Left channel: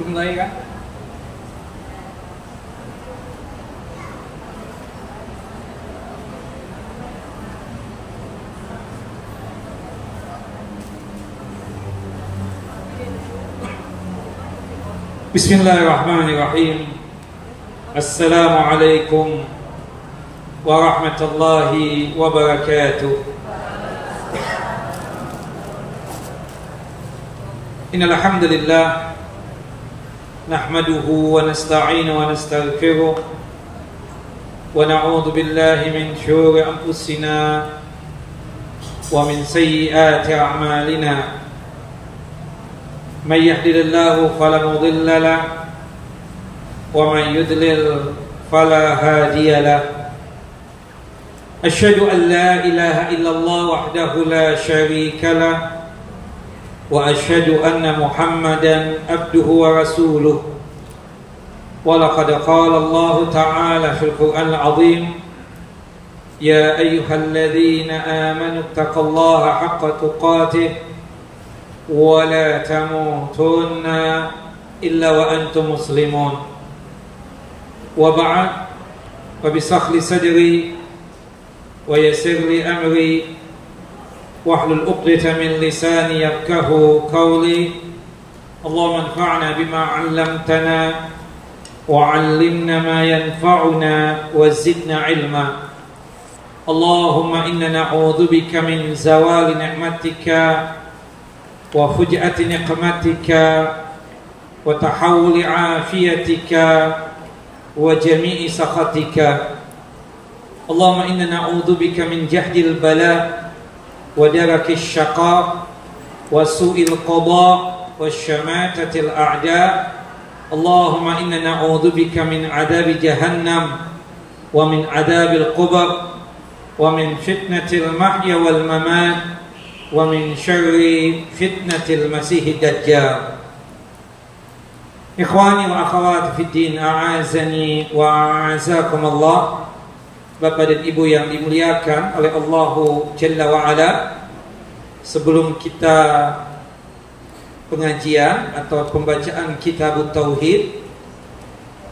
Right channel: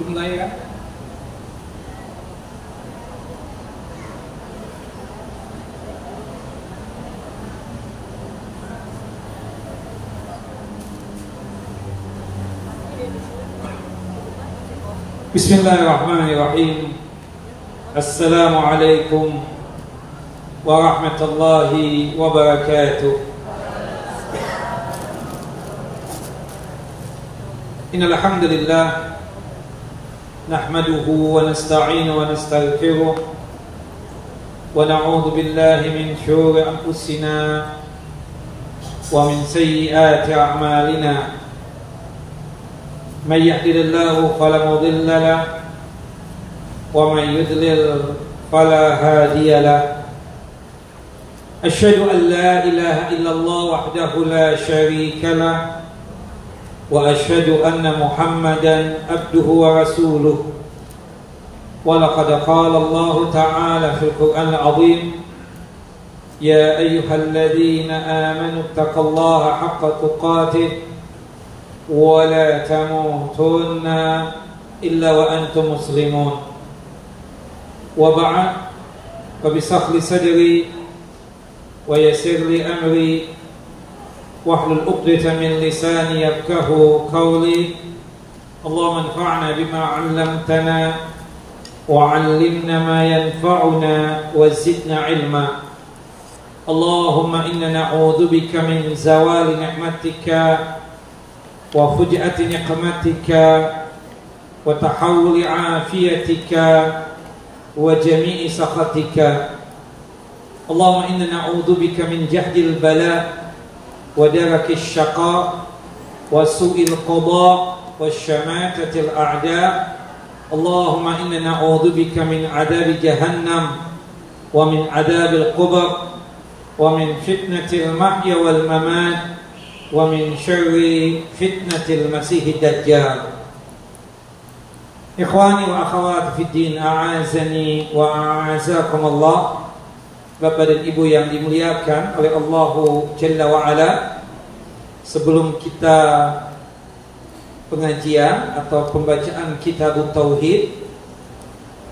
Dimulai kan? Bismillahirrahmanirrahim. Assalamualaikum warahmatullahi wabarakatuh. Innal hamdalillah nahmaduhu wa nasta'inu wa nastaghfiruh wa na'udzu billahi min shururi anfusina wa min sayyiati a'malina. Man yahdihillahu fala mudilla lahu wa man yudlil fala hadiya lahu. Asyhadu an la ilaha illallah wahdahu la syarika lahu wa asyhadu anna Muhammadan abduhu wa rasuluh. Wa laqad qala Allah ta'ala fil Qur'anil 'azim, ya ayyuhalladzina amanu taqullaha haqqa tuqatih wa la tamutunna illa wa antum muslimun. Wa ba'd, fa bisahli sadri wa yassir li amri wahlul 'uqdatam min lisani yafqahu qawli. Allahumma anfa'na bima 'allamtana wa 'allimna ma yanfa'una wa zidna 'ilma. Allahumma inna na'udzu bika min zawali ni'matika wa fuj'ati niqmatika wa tahawuli 'afiyatika wa jami'i sakhatika. Allahumma inna na'udzu bika min jahdil bala wa darakis syaqa wa su'il qada wa syamatatil a'da. Allahumma inna na'udzu bika min 'adzabi jahannam wa min 'adzabil qubur wa min fitnatil mahya wal mamat wa min syarri fitnatil masihid dajjal. Ikhwani wa akhawati fid din, a'azani wa a'azakum Allah. Bapak dan Ibu yang dimuliakan oleh Allahu Jalla wa Ala, sebelum kita pengajian atau pembacaan Kitab Tauhid,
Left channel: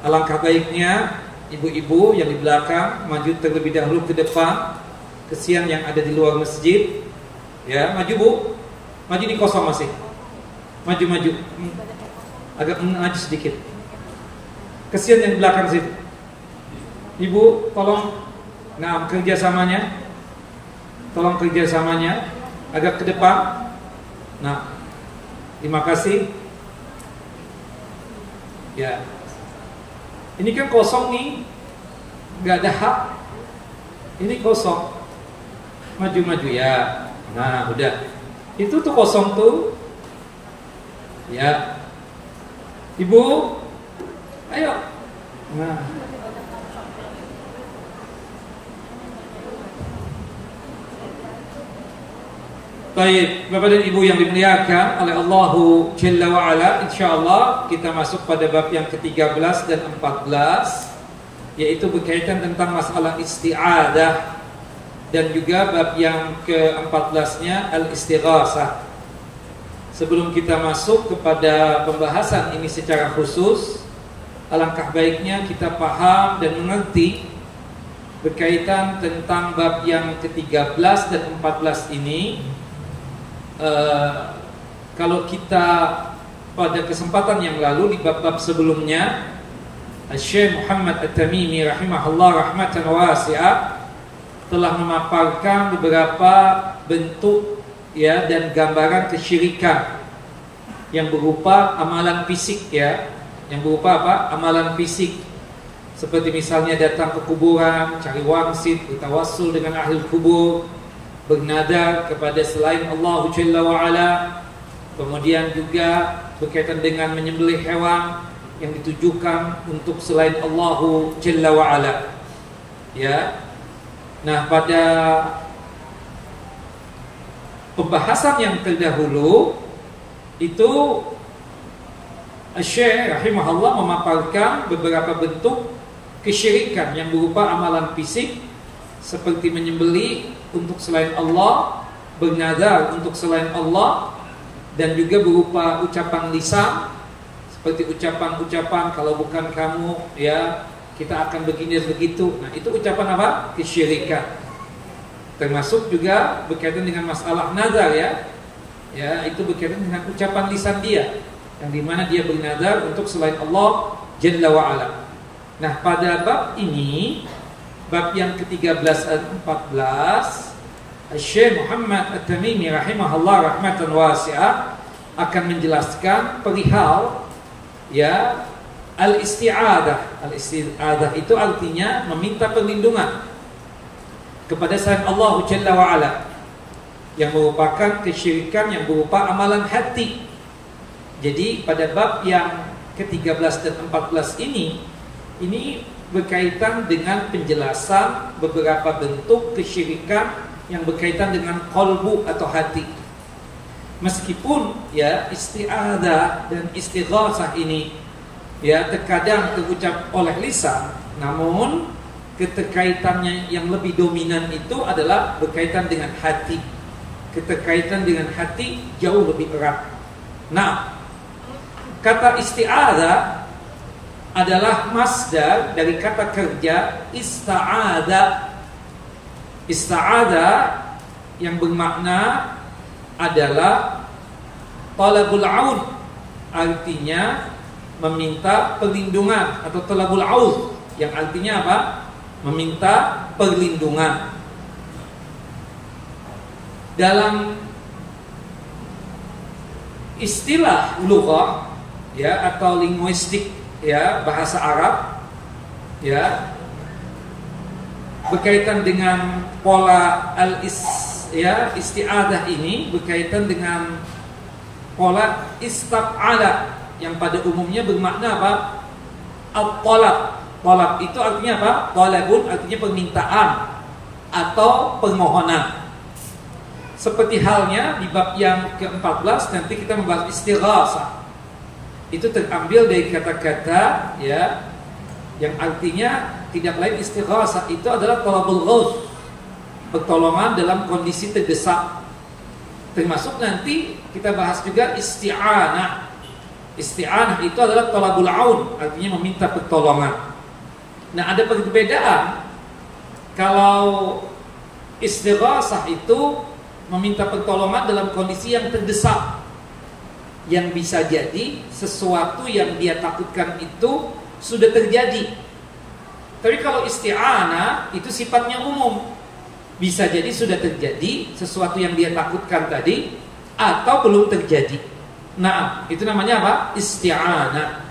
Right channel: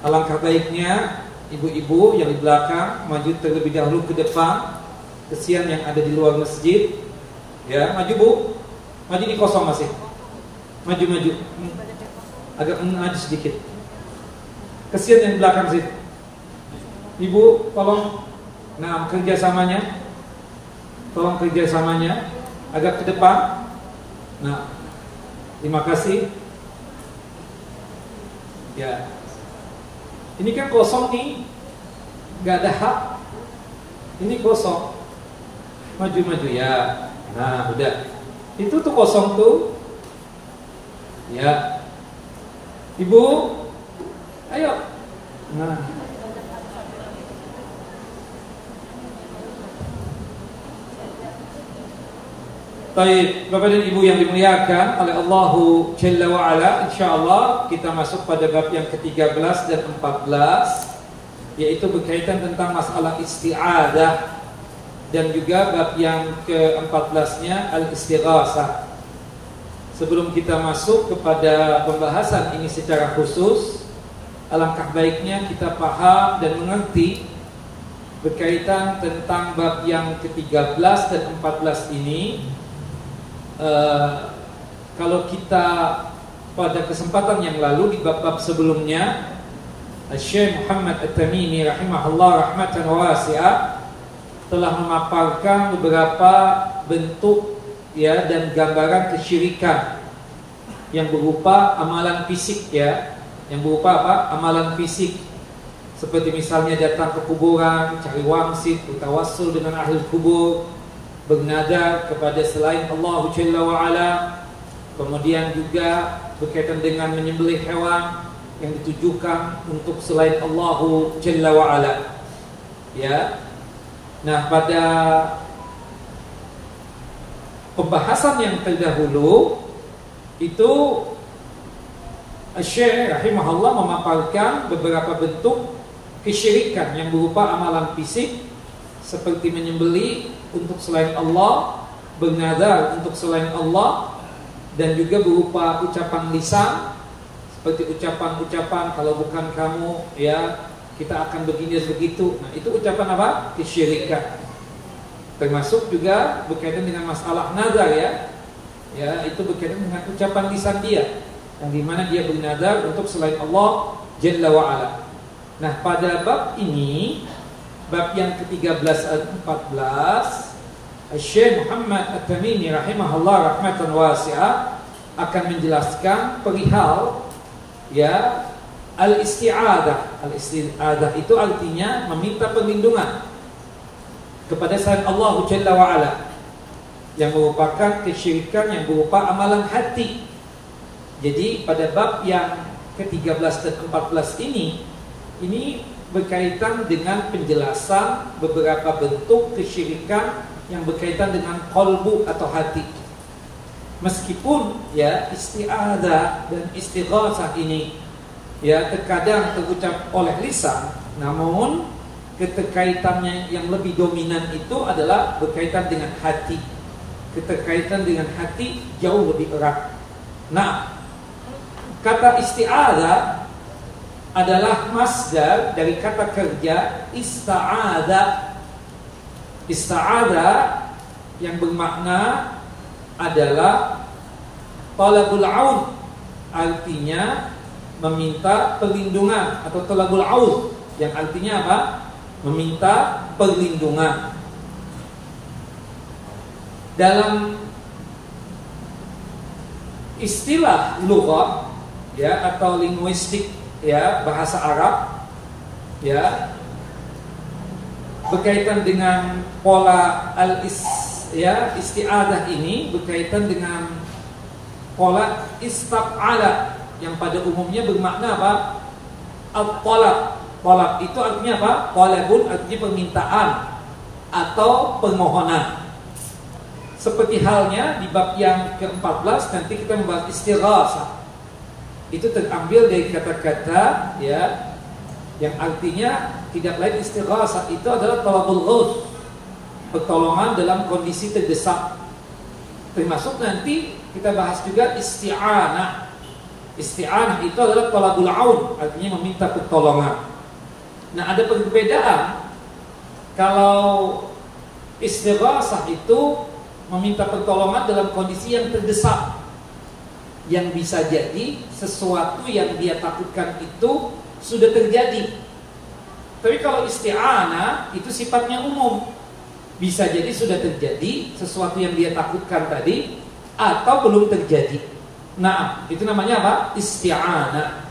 alangkah baiknya ibu-ibu yang di belakang maju terlebih dahulu ke depan. Kesian yang ada di luar masjid. Ya, maju Bu. Maju di kosong masih. Maju. Agak maju sedikit. Kesian yang di belakang situ. Ibu, tolong kerjasamanya. Tolong kerjasamanya agak ke depan. Nah, terima kasih. Ya. Ini kan kosong nih. Gak ada hak. Ini kosong. Maju ya. Nah, udah. Itu tuh kosong tuh. Ya. Ibu, ayo. Nah. Baik, Bapak dan Ibu yang dimuliakan oleh Allahu Jalla wa Ala, insyaallah kita masuk pada bab yang ke-13 dan 14, yaitu berkaitan tentang masalah isti'adah, dan juga bab yang ke-14-nya al-istighasah. Sebelum kita masuk kepada pembahasan ini secara khusus, alangkah baiknya kita paham dan mengerti berkaitan tentang bab yang ke-13 dan 14 ini. Kalau kita pada kesempatan yang lalu di bab-bab sebelumnya, Syekh Muhammad At-Tamimi rahimahullah rahmatan wasi'ah telah memaparkan beberapa bentuk ya dan gambaran kesyirikan yang berupa amalan fisik ya, yang berupa apa? Amalan fisik. Seperti misalnya datang ke kuburan, cari wangsit, bertawassul dengan ahli kubur, bernadar kepada selain Allah Jalla wa Ala. Kemudian juga berkaitan dengan menyembelih hewan yang ditujukan untuk selain Allah Jalla wa Ala. Ya. Nah, pada pembahasan yang terdahulu itu Syekh rahimahullah memaparkan beberapa bentuk kesyirikan yang berupa amalan fisik seperti menyembelih untuk selain Allah, bernadar untuk selain Allah, dan juga berupa ucapan lisan seperti ucapan-ucapan kalau bukan kamu ya kita akan begini begitu. Nah, itu ucapan apa? Kesyirikan. Termasuk juga berkaitan dengan masalah nazar ya. Ya, itu berkaitan dengan ucapan lisan dia yang dimana dia bernazar untuk selain Allah Jalla wa Ala. Nah, pada bab ini, bab yang ke-13 dan 14, Syekh Muhammad At-Tamimi rahimahullah rahmatan wasi'ah akan menjelaskan perihal ya al-isti'adah. Al-isti'adah itu artinya meminta perlindungan kepada selain Allah Jalla wa Ala, yang merupakan kesyirikan yang berupa amalan hati. Jadi pada bab yang ke-13 dan 14 ini berkaitan dengan penjelasan beberapa bentuk kesyirikan yang berkaitan dengan qalbu atau hati. Meskipun ya isti'adah dan istighasah ini ya terkadang terucap oleh lisan, namun keterkaitannya yang lebih dominan itu adalah berkaitan dengan hati. Keterkaitan dengan hati jauh lebih erat. Nah, kata isti'adah adalah masdar dari kata kerja ista'ada. Ista'ada yang bermakna adalah talabul aun, artinya meminta perlindungan, atau talabul aun yang artinya apa? Meminta perlindungan. Dalam istilah lughah ya atau linguistik ya bahasa Arab ya, berkaitan dengan pola isti'adah ini berkaitan dengan pola istaf'ala yang pada umumnya bermakna apa? Al-talab. Talab itu artinya apa? Talabun artinya permintaan atau permohonan. Seperti halnya di bab yang ke-14 nanti kita membahas istighasah. Itu terambil dari kata-kata ya yang artinya tidak lain istighasah itu adalah talabul ghauth, pertolongan dalam kondisi terdesak. Termasuk nanti kita bahas juga isti'anah. Isti'anah itu adalah talabul aun, artinya meminta pertolongan. Nah, ada perbedaan. Kalau istighasah itu meminta pertolongan dalam kondisi yang terdesak, yang bisa jadi sesuatu yang dia takutkan itu sudah terjadi. Tapi kalau isti'anah itu sifatnya umum, bisa jadi sudah terjadi sesuatu yang dia takutkan tadi atau belum terjadi. Nah, itu namanya apa? Isti'anah.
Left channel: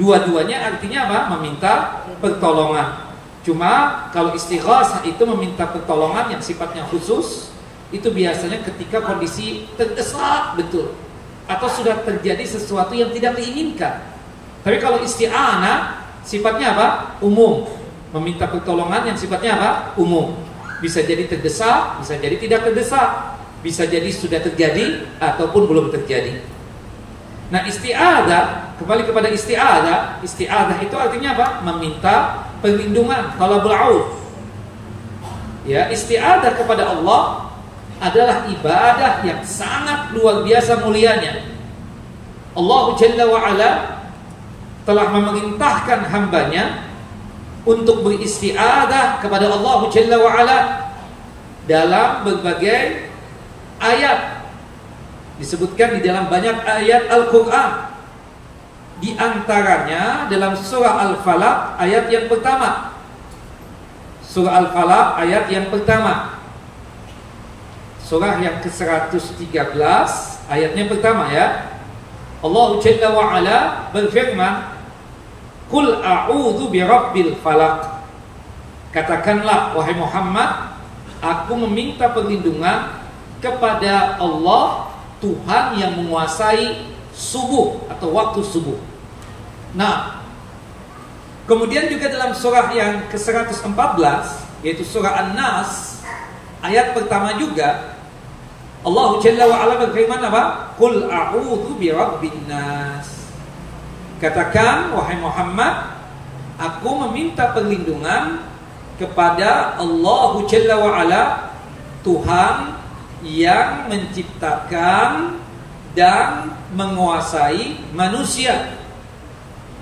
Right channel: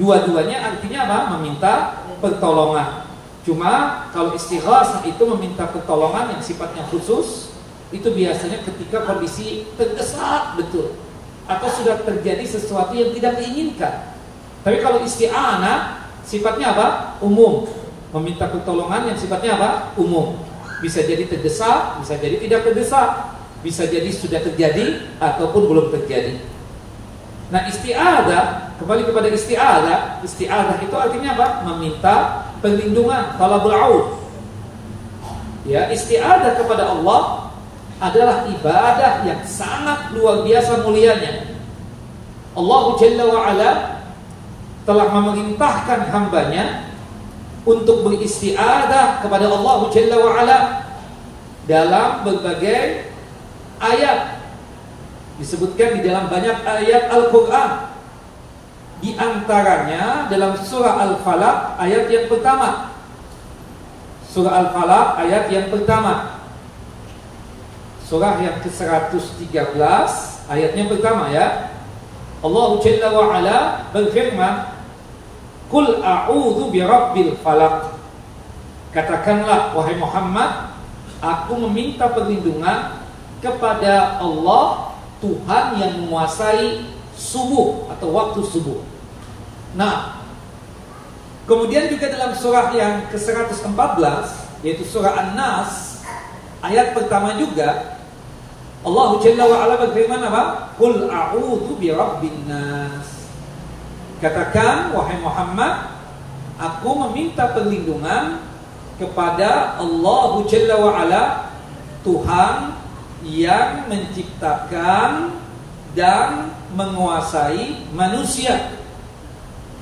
Dua-duanya artinya apa? Meminta pertolongan. Cuma kalau istighasah itu meminta pertolongan yang sifatnya khusus, itu biasanya ketika kondisi terdesak betul atau sudah terjadi sesuatu yang tidak diinginkan. Tapi kalau isti'anah sifatnya apa? Umum. Meminta pertolongan yang sifatnya apa? Umum. Bisa jadi terdesak, bisa jadi tidak terdesak, bisa jadi sudah terjadi ataupun belum terjadi. Nah, isti'adah, kembali kepada isti'adah. Isti'adah itu artinya apa? Meminta perlindungan, talabul aun. Ya, isti'adah kepada Allah adalah ibadah yang sangat luar biasa mulianya. Allah Jalla wa Ala telah memerintahkan hambanya untuk beristi'adah kepada Allah Jalla wa Ala dalam berbagai ayat. Disebutkan di dalam banyak ayat Al-Quran. Di antaranya dalam surah Al-Falaq ayat yang pertama. Surah Al-Falaq ayat yang pertama. Surah yang ke-113 ayatnya pertama ya. Allah Jalla wa Ala berfirman, "Qul a'udzu birabbil falaq." Katakanlah wahai Muhammad, aku meminta perlindungan kepada Allah, Tuhan yang menguasai subuh atau waktu subuh. Nah, kemudian juga dalam surah yang ke-114 yaitu surah An-Nas ayat pertama juga Allah Jalla wa Ala berfirman apa? Qul a'udzu birabbin nas. Katakan wahai Muhammad, aku meminta perlindungan kepada Allah Jalla wa Ala, Tuhan yang menciptakan dan menguasai manusia.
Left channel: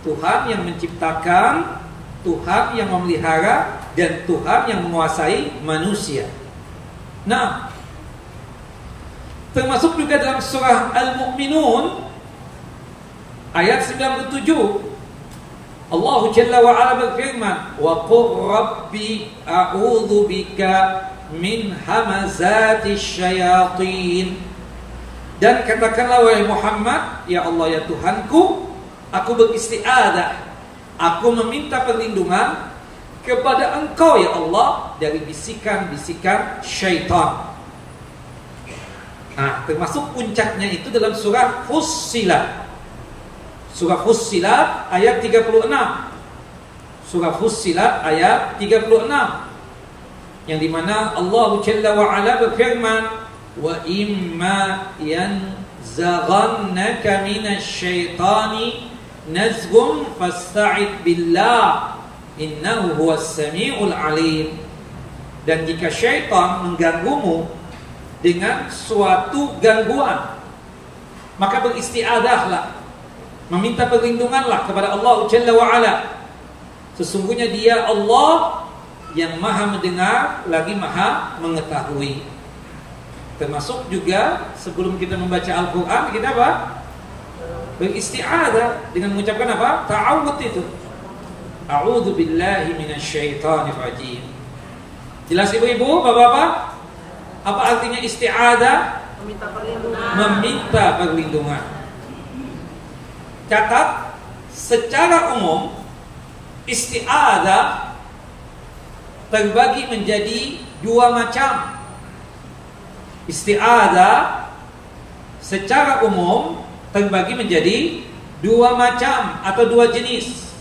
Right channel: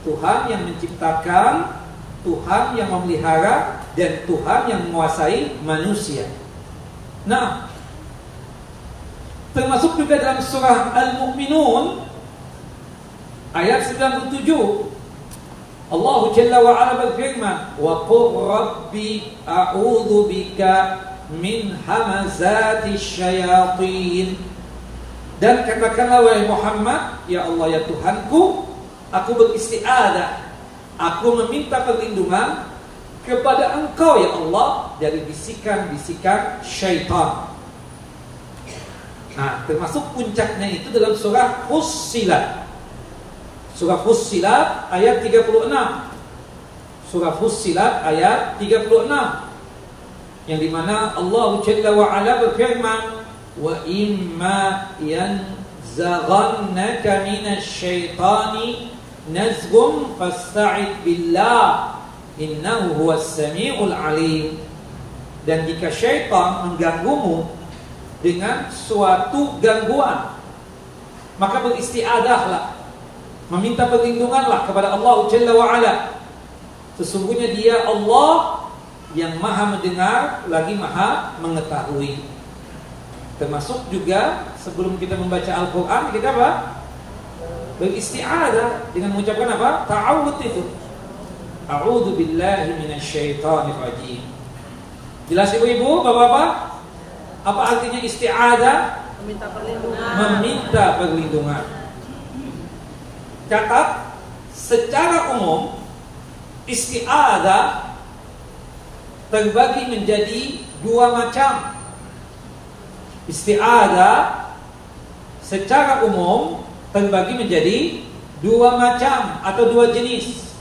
Tuhan yang menciptakan, Tuhan yang memelihara, dan Tuhan yang menguasai manusia. Nah, termasuk juga dalam surah Al-Mu'minun ayat 97, Allah Jalla wa Ala berfirman, "Wa qur rabbi a'udzu bika min hamazati syayatin." Dan katakanlah wahai Muhammad, ya Allah ya Tuhanku, aku beristiadah, aku meminta perlindungan kepada Engkau ya Allah dari bisikan-bisikan syaitan. Nah, termasuk puncaknya itu dalam surah Fussilat. Surah Fussilat ayat 36. Surah Fussilat ayat 36. Yang dimana Allah Jalla wa Ala berfirman, "Wa imma yanzaghannaka minasyaitani nazghun fasta'id billah innahu huwas samiul alim." Dan jika syaitan mengganggumu dengan suatu gangguan, maka beristiadahlah, meminta perlindunganlah kepada Allah Jalla wa Ala. Sesungguhnya Dia Allah yang Maha mendengar lagi Maha mengetahui. Termasuk juga sebelum kita membaca Al-Quran, kita apa? Beristiadah dengan mengucapkan apa? Ta'awud itu. A'udzu billahi minasyaitonir rajim. Jelas ibu-ibu, bapak-bapak? Apa artinya isti'adah? Meminta perlindungan. Meminta perlindungan. Catat, secara umum isti'adah terbagi menjadi dua macam. Isti'adah secara umum terbagi menjadi dua macam atau dua jenis.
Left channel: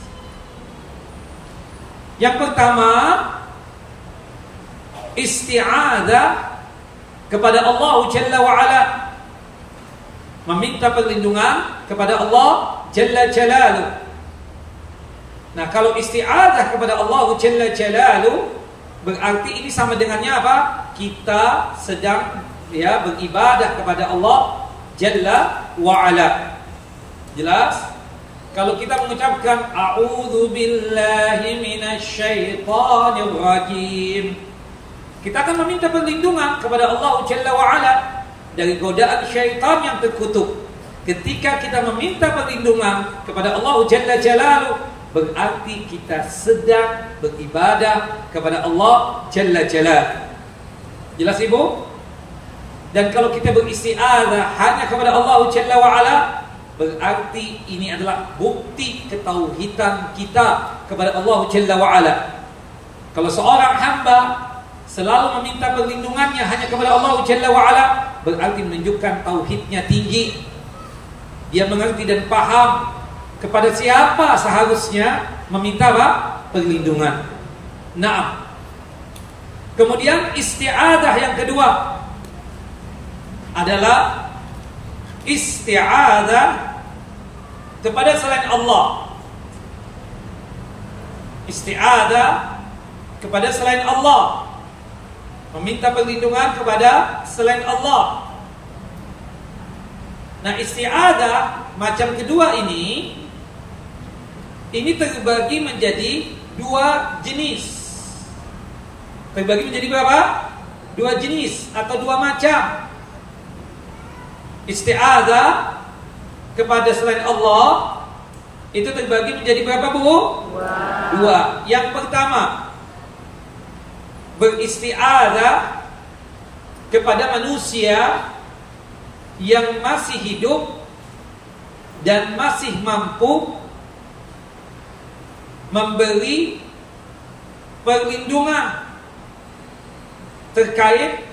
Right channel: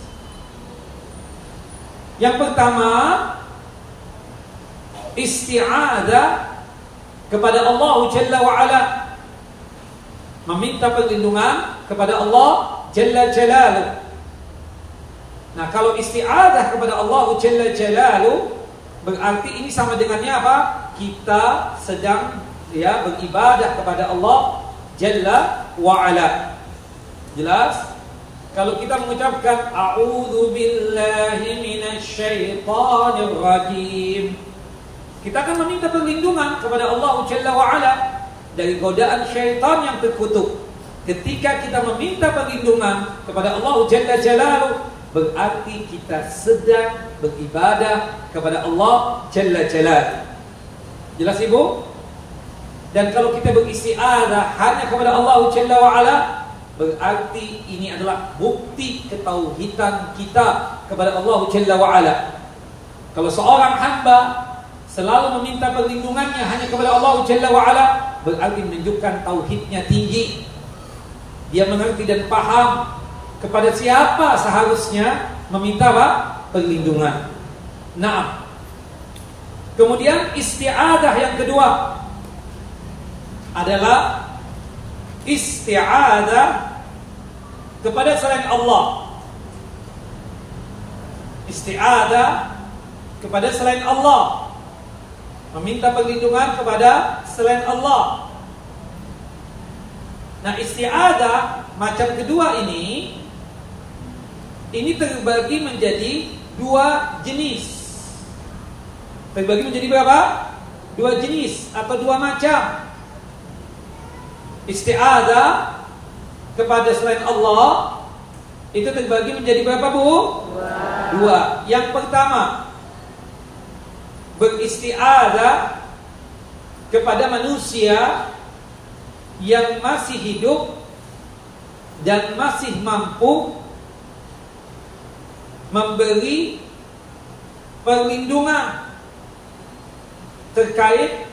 Yang pertama, isti'adah kepada Allah Jalla wa Ala, meminta perlindungan kepada Allah Jalla Jalaluh. Nah, kalau isti'adah kepada Allah Jalla Jalaluh, berarti ini sama dengannya apa? Kita sedang beribadah kepada Allah Jalla wa Ala. Jelas? Kalau kita mengucapkan a'udzu billahi minasyaitonir rajim, kita akan meminta perlindungan kepada Allah Jalla wa Ala dari godaan syaitan yang terkutuk. Ketika kita meminta perlindungan kepada Allah Jalla Jalaluh, berarti kita sedang beribadah kepada Allah Jalla Jalaluh. Jelas ibu? Dan kalau kita beristiadah hanya kepada Allah Jalla wa Ala, berarti ini adalah bukti ketauhidan kita kepada Allah Jalla wa Ala. Kalau seorang hamba selalu meminta perlindungannya hanya kepada Allah Jalla wa Ala, berarti menunjukkan tauhidnya tinggi. Dia mengerti dan paham kepada siapa seharusnya meminta perlindungan. Nah, kemudian isti'adah yang kedua adalah isti'adah kepada selain Allah. Isti'adah kepada selain Allah, meminta perlindungan kepada selain Allah. Nah, isti'adah macam kedua ini terbagi menjadi dua jenis. Terbagi menjadi berapa? Dua jenis atau dua macam. Isti'adah kepada selain Allah itu terbagi menjadi berapa, Bu? Dua. Yang pertama, beristi'adah kepada manusia yang masih hidup dan masih mampu memberi perlindungan terkait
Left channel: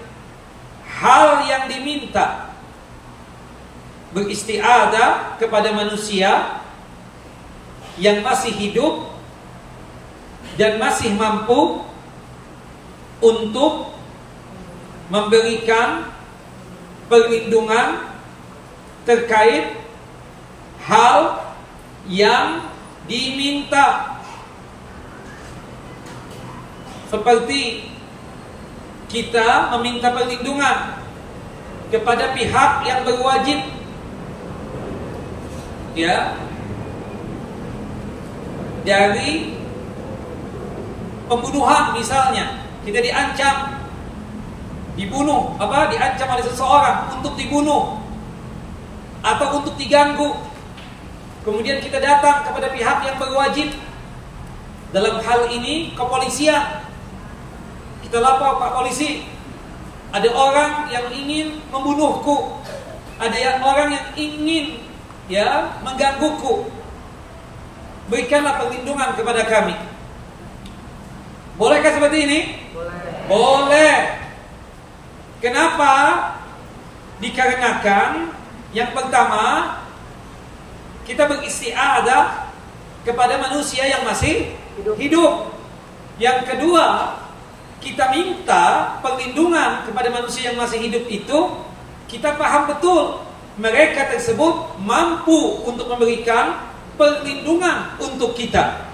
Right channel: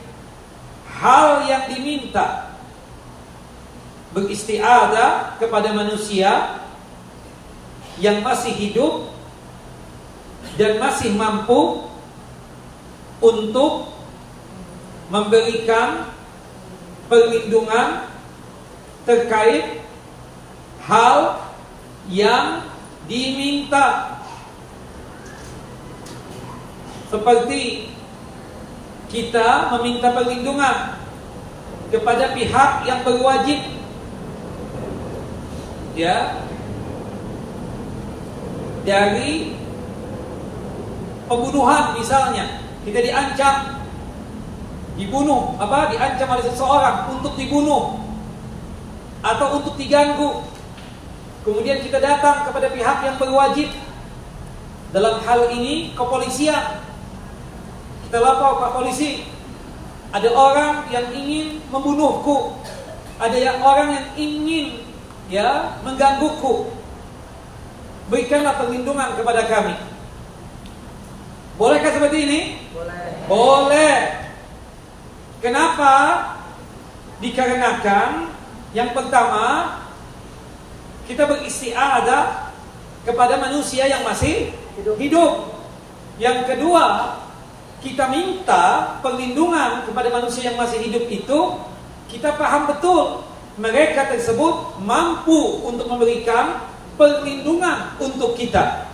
hal yang diminta. Beristiadah kepada manusia yang masih hidup dan masih mampu untuk memberikan perlindungan terkait hal yang diminta. Seperti kita meminta perlindungan kepada pihak yang berwajib, ya, dari pembunuhan misalnya, kita diancam dibunuh, diancam oleh seseorang untuk dibunuh atau untuk diganggu. Kemudian kita datang kepada pihak yang berwajib, dalam hal ini kepolisian. Kita lapor, Pak Polisi, ada orang yang ingin membunuhku, ada orang yang ingin menggangguku, berikanlah perlindungan kepada kami. Bolehkah seperti ini? Boleh. Boleh. Kenapa? Dikarenakan yang pertama, kita beristiadah kepada manusia yang masih hidup. Yang kedua, kita minta perlindungan kepada manusia yang masih hidup itu, kita paham betul mereka tersebut mampu untuk memberikan perlindungan untuk kita.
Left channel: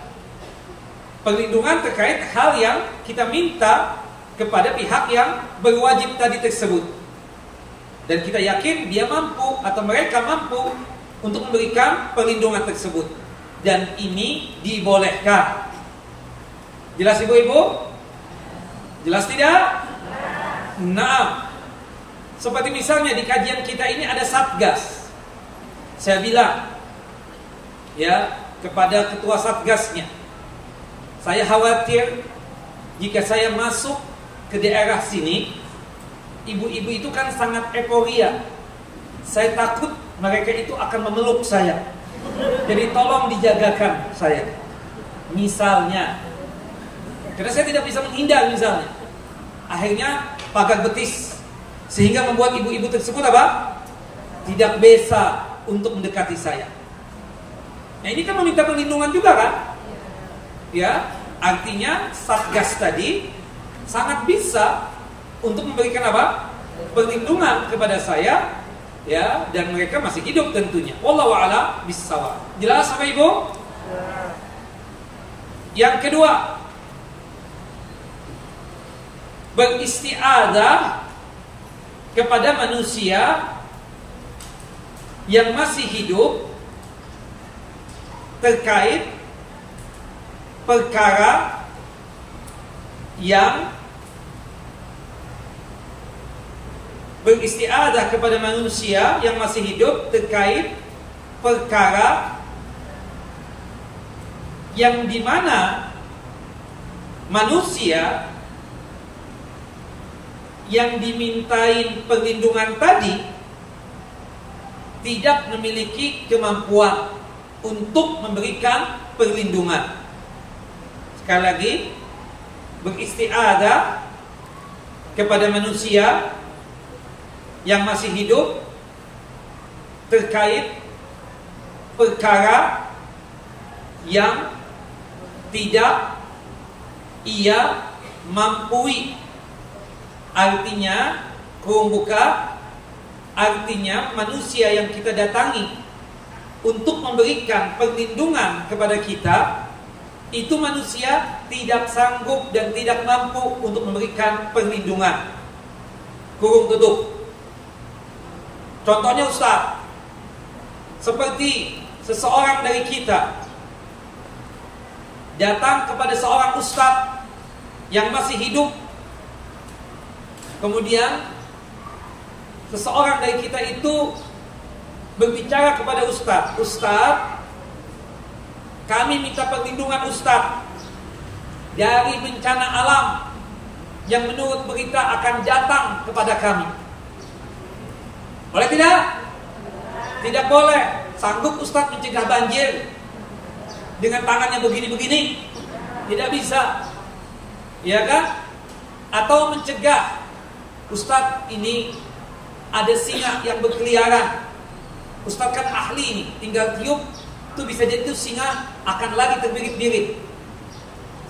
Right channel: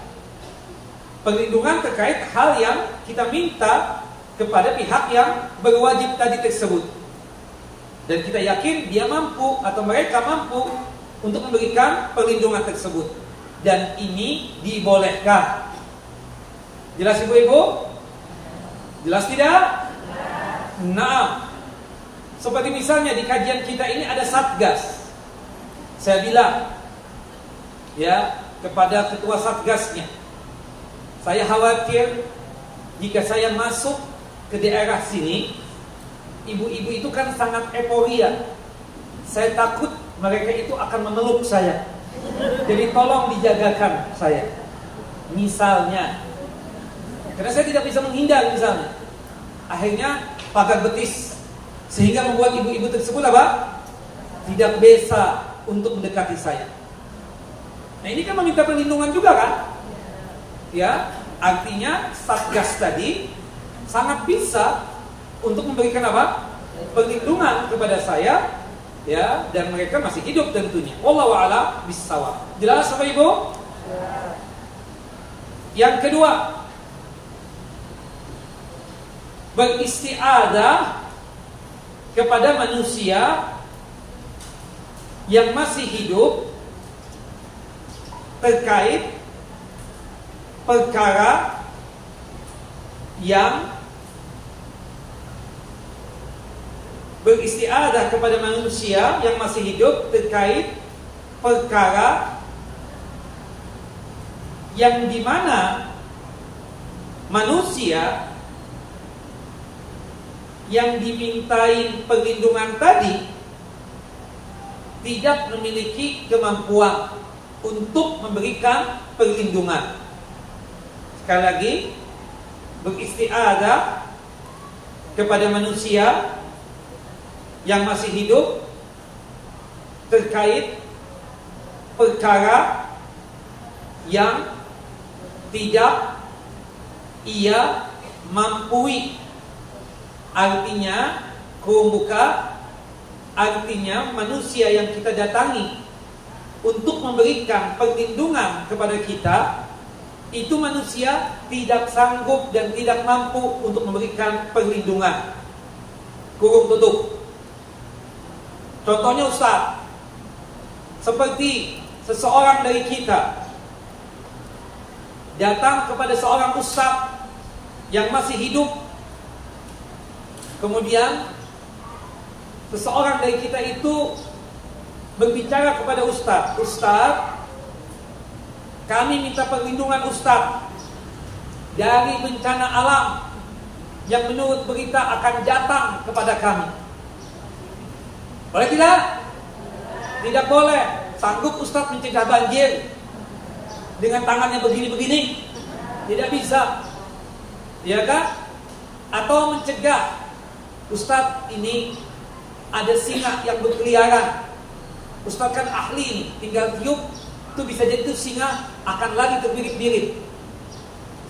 Perlindungan terkait hal yang kita minta kepada pihak yang berwajib tadi tersebut. Dan kita yakin dia mampu atau mereka mampu untuk memberikan perlindungan tersebut. Dan ini dibolehkan. Jelas ibu-ibu? Jelas tidak? Nah, seperti misalnya di kajian kita ini ada satgas. Saya bilang kepada ketua satgasnya, saya khawatir jika saya masuk ke daerah sini, ibu-ibu itu kan sangat euforia. Saya takut mereka itu akan memeluk saya. Jadi tolong dijagakan saya. Misalnya, karena saya tidak bisa menghindar misalnya. Akhirnya pagar betis, sehingga membuat ibu-ibu tersebut tidak bisa untuk mendekati saya. Nah, ini kan meminta perlindungan juga kan? Artinya satgas tadi sangat bisa untuk memberikan perlindungan kepada saya, dan mereka masih hidup tentunya. Wallahu a'lam bissawab. Jelas Bapak Ibu? Yang kedua, beristiadah kepada manusia yang masih hidup terkait perkara yang beristiadah kepada manusia yang masih hidup terkait perkara yang dimana manusia yang dimintain perlindungan tadi tidak memiliki kemampuan untuk memberikan perlindungan. Sekali lagi, beristiadah kepada manusia yang masih hidup terkait perkara yang tidak ia mampui. Artinya, kurung buka, artinya manusia yang kita datangi untuk memberikan perlindungan kepada kita, itu manusia tidak sanggup dan tidak mampu untuk memberikan perlindungan. Kurung tutup. Contohnya Ustaz, seperti seseorang dari kita datang kepada seorang Ustaz yang masih hidup, kemudian seseorang dari kita itu berbicara kepada Ustaz, Ustaz, kami minta perlindungan Ustaz dari bencana alam yang menurut berita akan datang kepada kami. Boleh tidak? Tidak boleh. Sanggup Ustaz mencegah banjir dengan tangannya begini-begini? Tidak bisa. Ya kan? Atau mencegah, Ustaz, ini ada singa yang berkeliaran. Ustaz kan ahli ini, tinggal tiup, itu bisa jadi itu singa akan lagi terbirit-birit.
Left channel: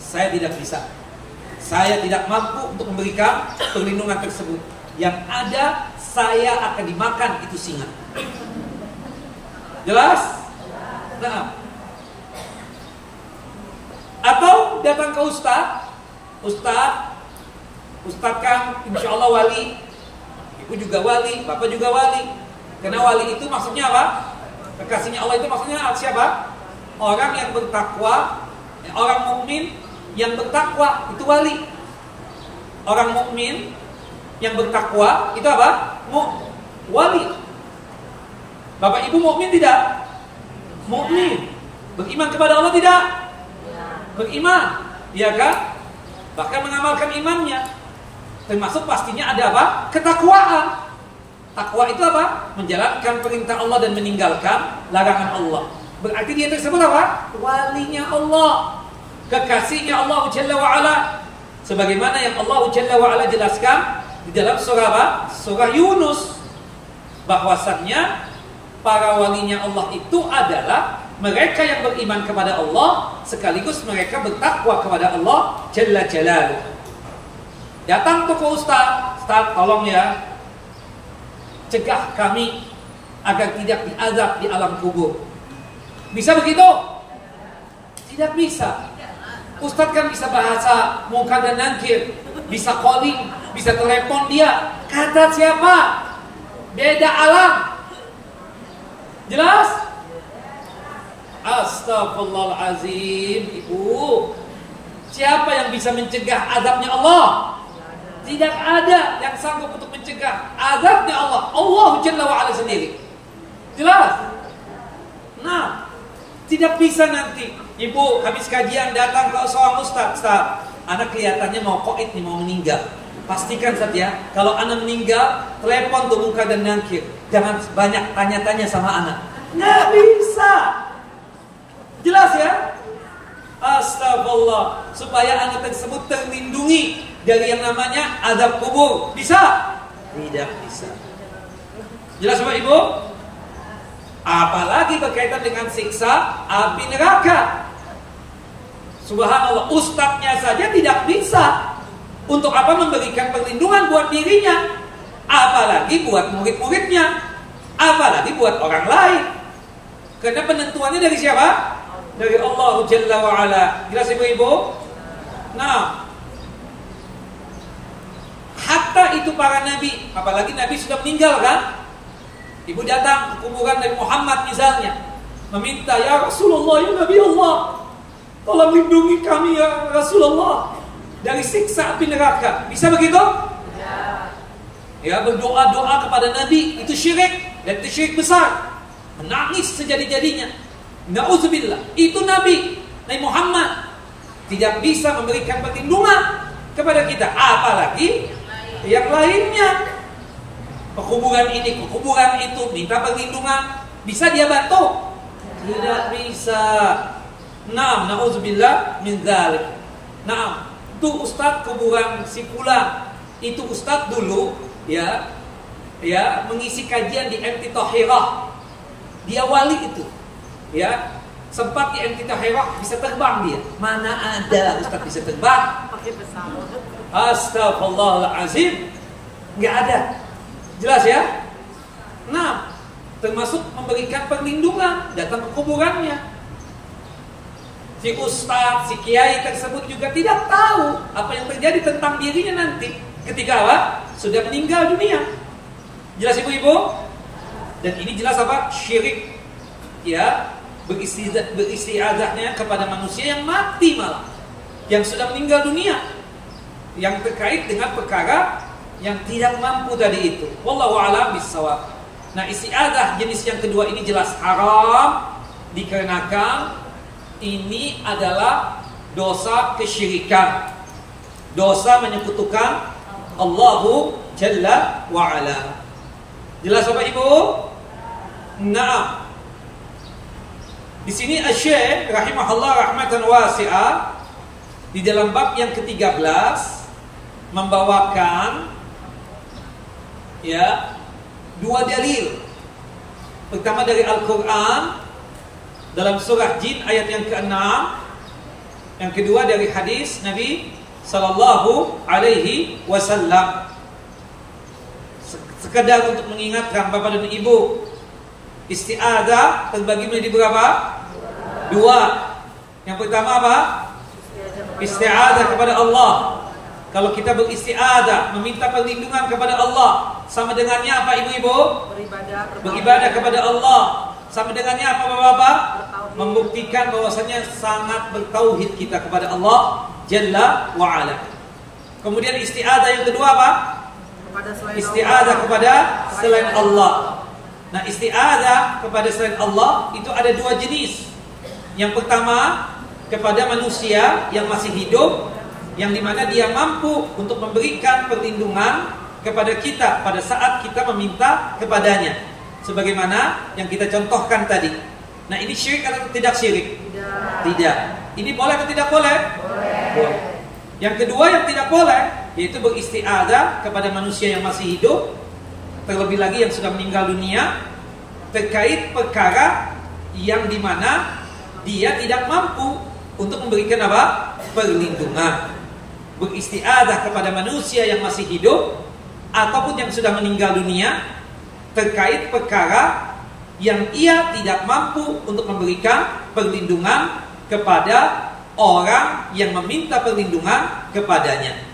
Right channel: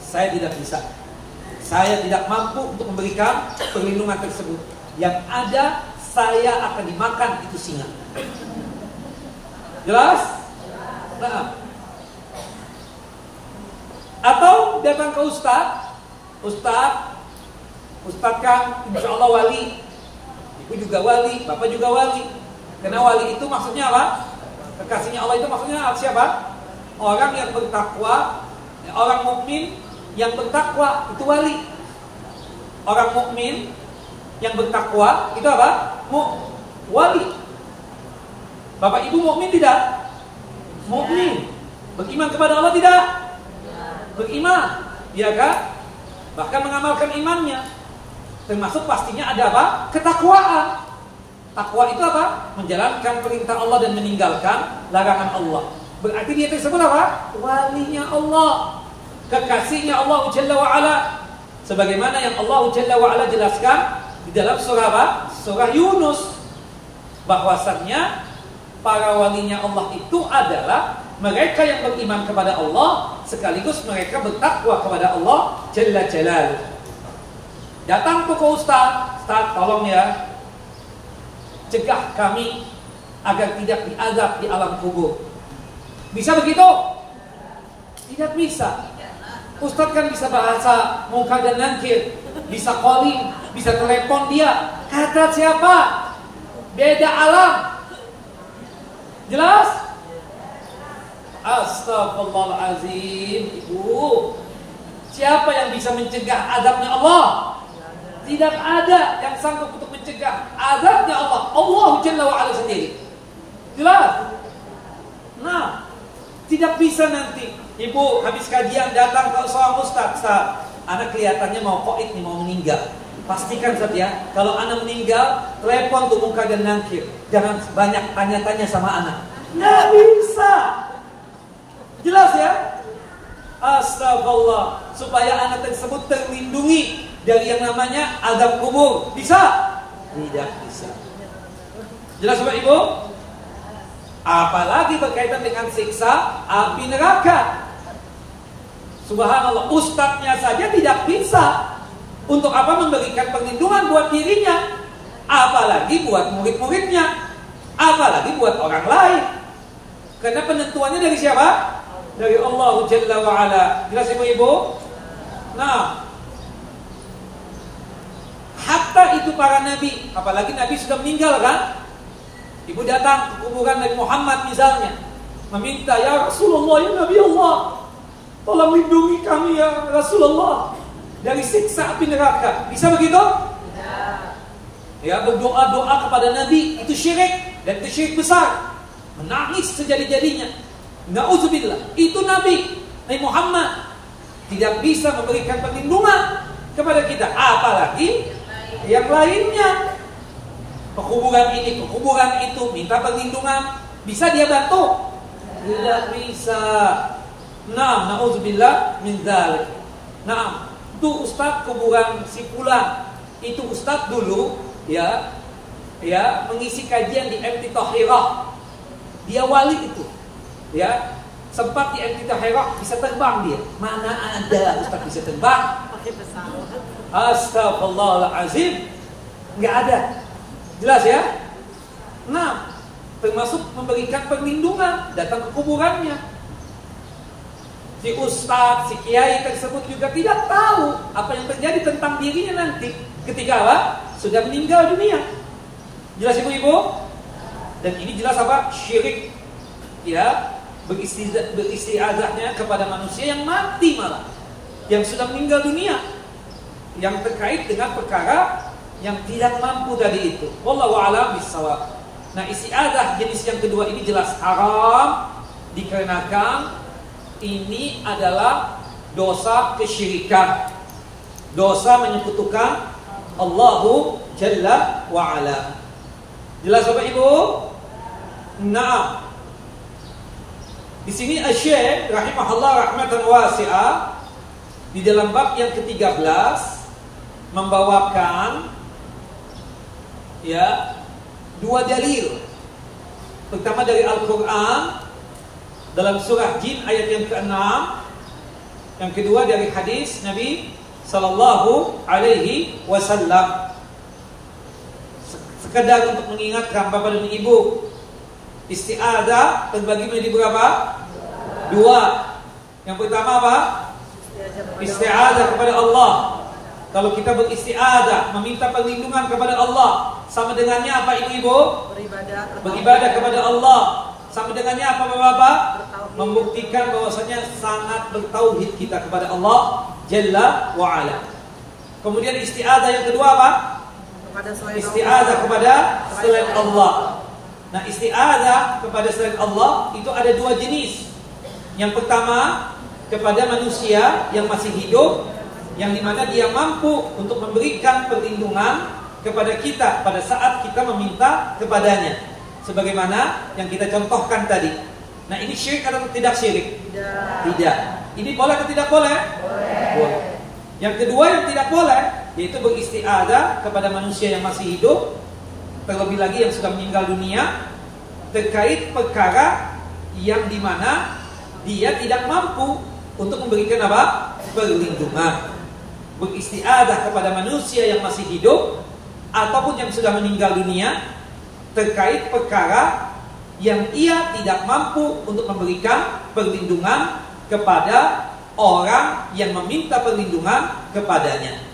Saya tidak bisa. Saya tidak mampu untuk memberikan perlindungan tersebut. Yang ada, saya akan dimakan itu singa. Jelas? Nah. Atau datang ke Ustaz, Ustaz kan insya Allah wali, ibu juga wali, bapak juga wali. Karena wali itu maksudnya apa? Kekasihnya Allah itu maksudnya siapa? Orang yang bertakwa Orang mukmin yang bertakwa itu wali. Orang mukmin yang bertakwa itu apa? Wali. Bapak Ibu mukmin tidak? Mukmin. Beriman kepada Allah tidak? Beriman, ya kan? Bahkan mengamalkan imannya. Termasuk pastinya ada apa? Ketakwaan. Takwa itu apa? Menjalankan perintah Allah dan meninggalkan larangan Allah. Berarti dia tersebut apa? Walinya Allah, kekasihnya Allah Jalla wa'ala. Sebagaimana yang Allah Jalla wa'ala jelaskan di dalam surah apa? Surah Yunus, bahwasannya para walinya Allah itu adalah mereka yang beriman kepada Allah sekaligus mereka bertakwa kepada Allah Jalla Jalaluhu. Datang ke Ustaz, tolong ya, cegah kami agar tidak diazab di alam kubur. Bisa begitu? Tidak bisa. Ustaz kan bisa bahasa muka dan nakir, bisa calling, bisa telepon dia. Kata siapa? Beda alam. Jelas? Astagfirullahaladzim, Ibu. Siapa yang bisa mencegah azabnya Allah? Tidak ada yang sanggup untuk mencegah azabnya Allah. Allah Jalla wa'ala sendiri. Jelas? Nah, tidak bisa nanti Ibu habis kajian datang ke seorang ustaz, anak kelihatannya mau qaid nih, mau meninggal. Pastikan Ustaz ya, kalau anak meninggal, telepon tuh muka dan nakir. Jangan banyak tanya-tanya sama anak. Nggak bisa. Jelas ya? Astagfirullah. Supaya anak tersebut terlindungi dari yang namanya azab kubur. Bisa? Tidak bisa. Jelas Bapak Ibu? Apalagi berkaitan dengan siksa api neraka. Subhanallah, ustadznya saja tidak bisa. Untuk apa memberikan perlindungan buat dirinya, apalagi buat murid-muridnya, apalagi buat orang lain. Karena penentuannya dari siapa? Dari Allah Jalla wa'ala. Jelas Ibu-Ibu? Nah, hatta itu para nabi, apalagi nabi sudah meninggal kan? Ibu datang ke kuburan Nabi Muhammad misalnya, meminta, ya Rasulullah, ya Nabi Allah, tolong lindungi kami ya Rasulullah dari siksa api neraka. Bisa begitu? Ya, berdoa-doa kepada Nabi itu syirik, dan itu syirik besar. Menangis sejadi-jadinya. Na'udzubillah. Itu Nabi Muhammad tidak bisa memberikan perlindungan kepada kita, apalagi yang lainnya. Kekuburan ini, kekuburan itu, minta perlindungan. Bisa dia bantu? Tidak bisa. Naam, na'udzubillah min dzalik. Naam, itu ustaz kuburan si fulan. Itu ustaz dulu ya mengisi kajian di MT Tahirah. Dia wali itu. Ya, sempat di MT Tahirah bisa terbang dia. Mana ada ustaz bisa terbang? Pakai pesawat. Astagfirullahalazim. Enggak ada. Jelas ya? Nah, termasuk memberikan perlindungan, datang ke kuburannya. Si ustaz, si kiai tersebut juga tidak tahu apa yang terjadi tentang dirinya nanti ketika apa? Sudah meninggal dunia. Jelas Ibu-Ibu? Dan ini jelas apa? Syirik. Ya, beristiazahnya kepada manusia yang mati malah, yang sudah meninggal dunia, yang terkait dengan perkara yang tidak mampu tadi itu. Wallahu a'lam bissawab. Nah, isti'adzah jenis yang kedua ini jelas haram dikarenakan ini adalah dosa kesyirikan. Dosa menyekutukan Allahu Jalla wa Ala. Jelas Bapak Ibu? Naam. Di sini Asy-Syaikh rahimahullah rahmatan wasi'ah di dalam bab yang ke-13 membawakan ya dua dalil. Pertama dari Al-Quran dalam surah Jin ayat yang ke-6, yang kedua dari hadis Nabi Sallallahu Alaihi Wasallam. Sekedar untuk mengingatkan Bapak dan Ibu, isti'adzah terbagi menjadi berapa? Dua. Yang pertama apa? Isti'adzah kepada Allah. Kalau kita beristi'adzah, meminta perlindungan kepada Allah, sama dengannya apa Ibu-Ibu? Beribadah kepada Allah. Sama dengannya apa Bapak-bapak? Membuktikan bahwasanya sangat bertauhid kita kepada Allah Jalla wa Ala. Kemudian isti'adzah yang kedua apa? Isti'adzah kepada selain Allah. Nah, isti'adzah kepada selain Allah itu ada dua jenis. Yang pertama kepada manusia yang masih hidup, yang dimana dia mampu untuk memberikan perlindungan kepada kita pada saat kita meminta kepadanya, sebagaimana yang kita contohkan tadi. Nah, ini syirik atau tidak syirik? Tidak. Ini boleh atau tidak boleh? Boleh. Yang kedua yang tidak boleh, yaitu beristi'adzah kepada manusia yang masih hidup, terlebih lagi yang sudah meninggal dunia, terkait perkara yang dimana dia tidak mampu untuk memberikan apa? Perlindungan. Beristi'adzah kepada manusia yang masih hidup ataupun yang sudah meninggal dunia terkait perkara yang ia tidak mampu untuk memberikan perlindungan kepada orang yang meminta perlindungan kepadanya.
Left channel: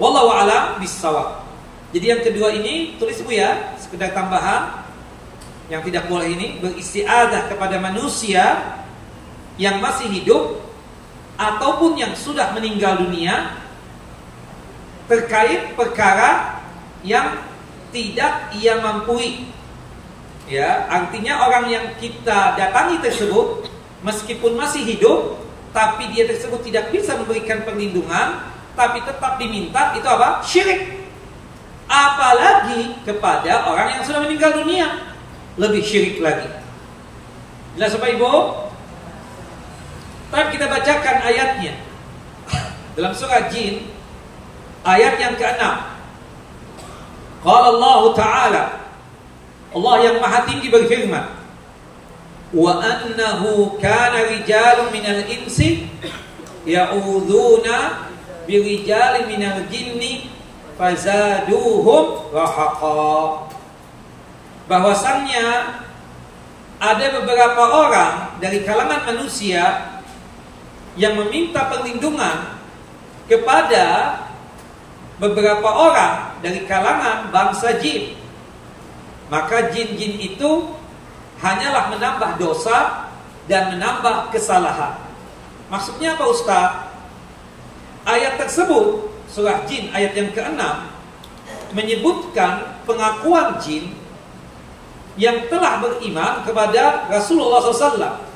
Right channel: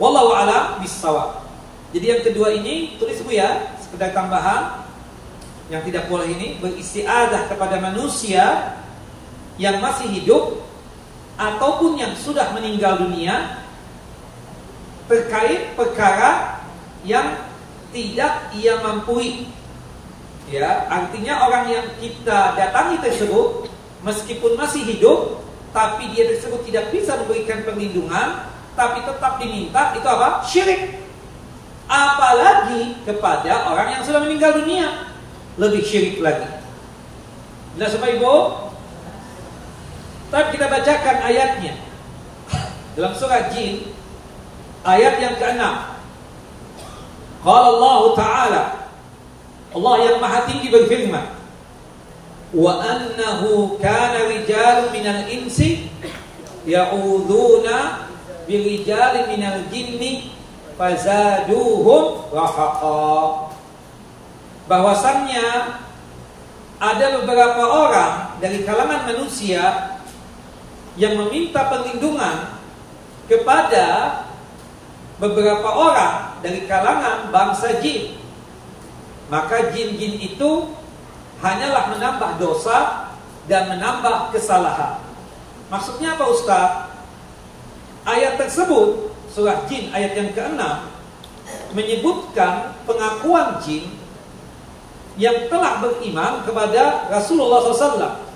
Wallahu a'lam bissawab. Jadi yang kedua ini tulis Bu ya, sekedar tambahan. Yang tidak boleh ini beristi'adzah kepada manusia yang masih hidup ataupun yang sudah meninggal dunia terkait perkara yang tidak ia mampu. Ya, artinya orang yang kita datangi tersebut meskipun masih hidup, tapi dia tersebut tidak bisa memberikan perlindungan, tapi tetap diminta, itu apa? Syirik. Apalagi kepada orang yang sudah meninggal dunia, lebih syirik lagi. Jelas Bapak Ibu? Tapi kita bacakan ayatnya dalam surah Jin ayat yang ke-6. Qala Allah Ta'ala, Allah yang Maha Tinggi berfirman, wa annahu kana rijalun minal insi ya'udzuuna birijalin minal jinni fazaduhum rahaqa. Bahwasannya ada beberapa orang dari kalangan manusia yang meminta perlindungan kepada beberapa orang dari kalangan bangsa jin. Maka jin-jin itu hanyalah menambah dosa dan menambah kesalahan. Maksudnya apa Ustaz? Ayat tersebut, surah Jin ayat yang ke-6, menyebutkan pengakuan jin yang telah beriman kepada Rasulullah SAW.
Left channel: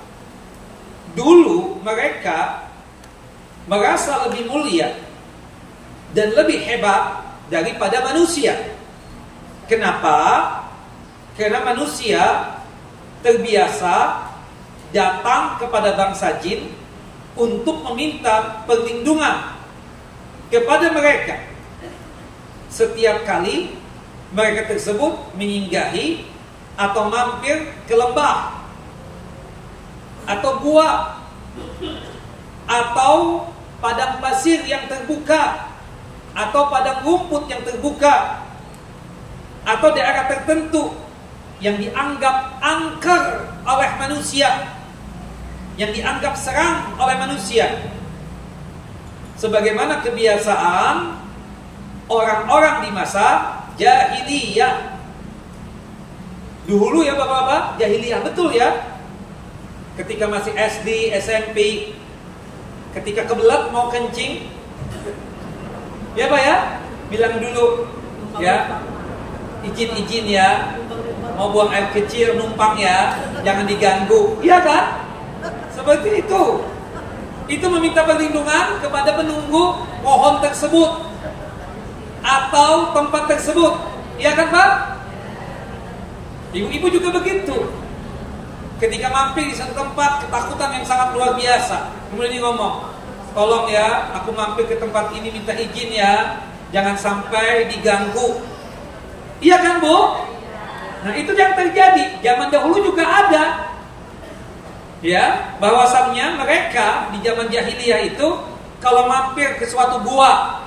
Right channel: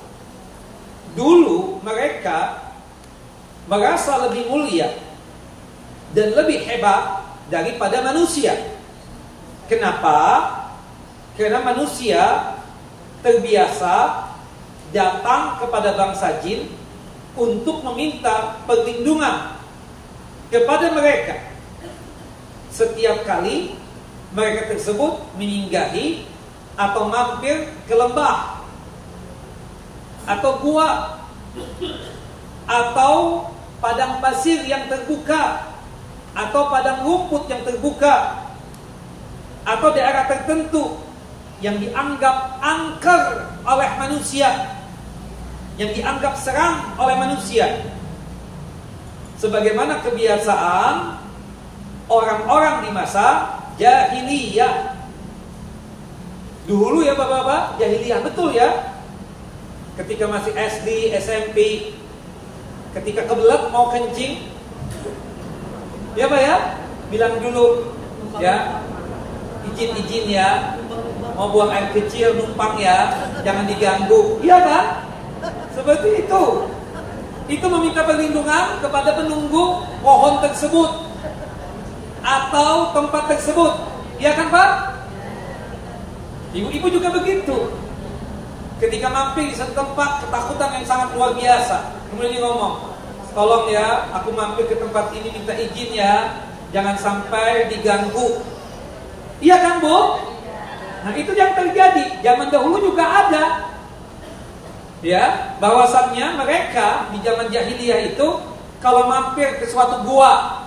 Dulu mereka merasa lebih mulia dan lebih hebat daripada manusia. Kenapa? Karena manusia terbiasa datang kepada bangsa jin untuk meminta perlindungan kepada mereka. Setiap kali mereka tersebut menyinggahi atau mampir ke lembah atau gua atau padang pasir yang terbuka atau padang rumput yang terbuka atau daerah tertentu yang dianggap angker oleh manusia, yang dianggap serang oleh manusia, sebagaimana kebiasaan orang-orang di masa jahiliyah. Dulu ya Bapak-bapak, jahiliyah betul ya. Ketika masih SD, SMP, ketika kebelet mau kencing, ya Pak ya, bilang dulu ya, izin ya, mau buang air kecil numpang ya, jangan diganggu. Iya kan? Seperti itu. Itu meminta perlindungan kepada penunggu pohon tersebut atau tempat tersebut. Iya kan Pak? Ibu-ibu juga begitu. Ketika mampir di satu tempat, ketakutan yang sangat luar biasa, kemudian dia ngomong, tolong ya, aku mampir ke tempat ini, minta izin ya, jangan sampai diganggu. Iya kan Bu? Nah itu yang terjadi. Zaman dahulu juga ada, ya, bahwasannya mereka di zaman jahiliyah itu kalau mampir ke suatu gua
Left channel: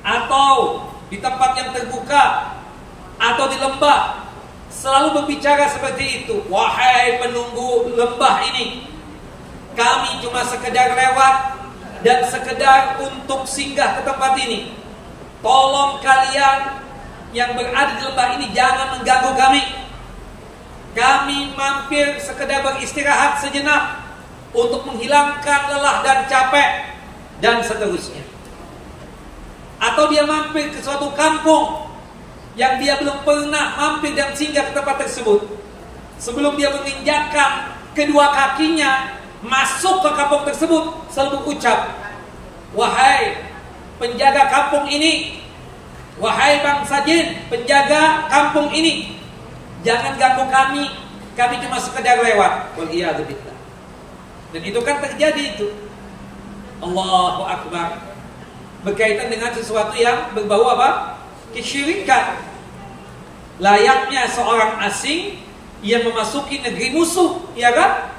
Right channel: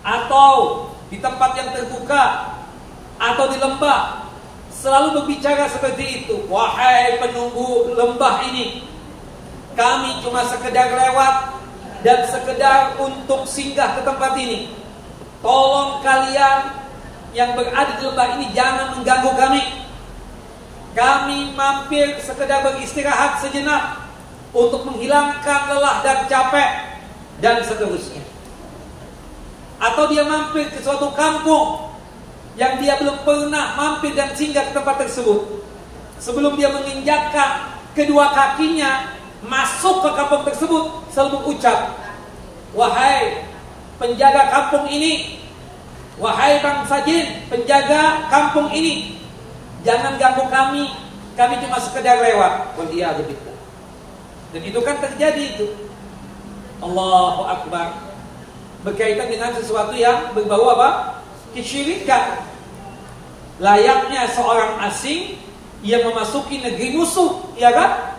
atau di tempat yang terbuka atau di lembah, selalu berbicara seperti itu. Wahai penunggu lembah ini, kami cuma sekedar lewat dan sekedar untuk singgah ke tempat ini. Tolong kalian yang berada di lembah ini jangan mengganggu kami. kami mampir sekedar beristirahat sejenak untuk menghilangkan lelah dan capek, dan seterusnya. Atau dia mampir ke suatu kampung yang dia belum pernah mampir dan singgah ke tempat tersebut. Sebelum dia menginjakkan kedua kakinya masuk ke kampung tersebut, selalu berucap, wahai penjaga kampung ini, wahai bangsa jin, penjaga kampung ini, jangan ganggu kami cuma sekedar lewat. Waliyadzubillah. Dan itu kan terjadi itu. Allahu Akbar. Berkaitan dengan sesuatu yang berbau apa? Kesyirikan. Layaknya seorang asing yang memasuki negeri musuh, ya kan?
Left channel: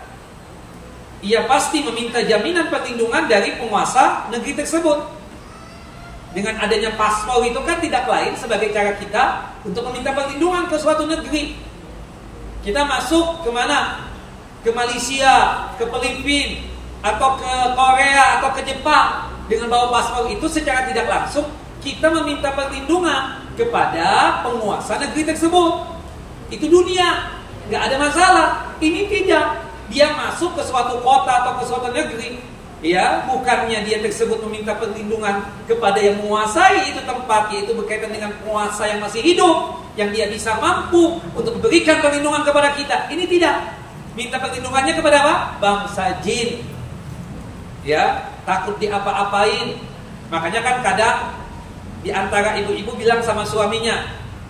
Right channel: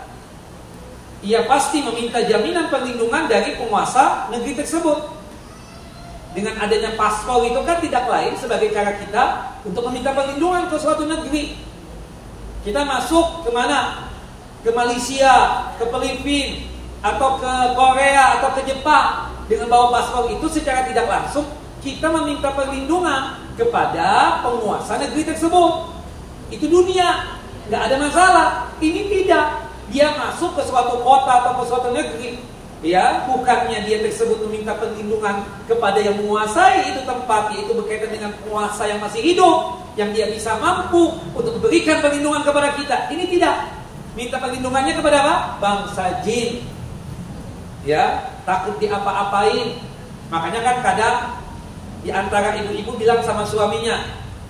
Ia pasti meminta jaminan perlindungan dari penguasa negeri tersebut. Dengan adanya paspor itu kan tidak lain sebagai cara kita untuk meminta perlindungan ke suatu negeri. Kita masuk kemana? Ke Malaysia, ke Filipina, atau ke Korea, atau ke Jepang. Dengan bawa paspor itu secara tidak langsung kita meminta perlindungan kepada penguasa negeri tersebut. Itu dunia, nggak ada masalah. Ini tidak. Dia masuk ke suatu kota atau ke suatu negeri, ya, bukannya dia tersebut meminta perlindungan kepada yang menguasai itu tempat, yaitu berkaitan dengan penguasa yang masih hidup, yang dia bisa mampu untuk memberikan perlindungan kepada kita. Ini tidak. Minta perlindungannya kepada apa? Bangsa jin. Ya, takut diapa-apain. Makanya kan kadang di antara ibu-ibu bilang sama suaminya,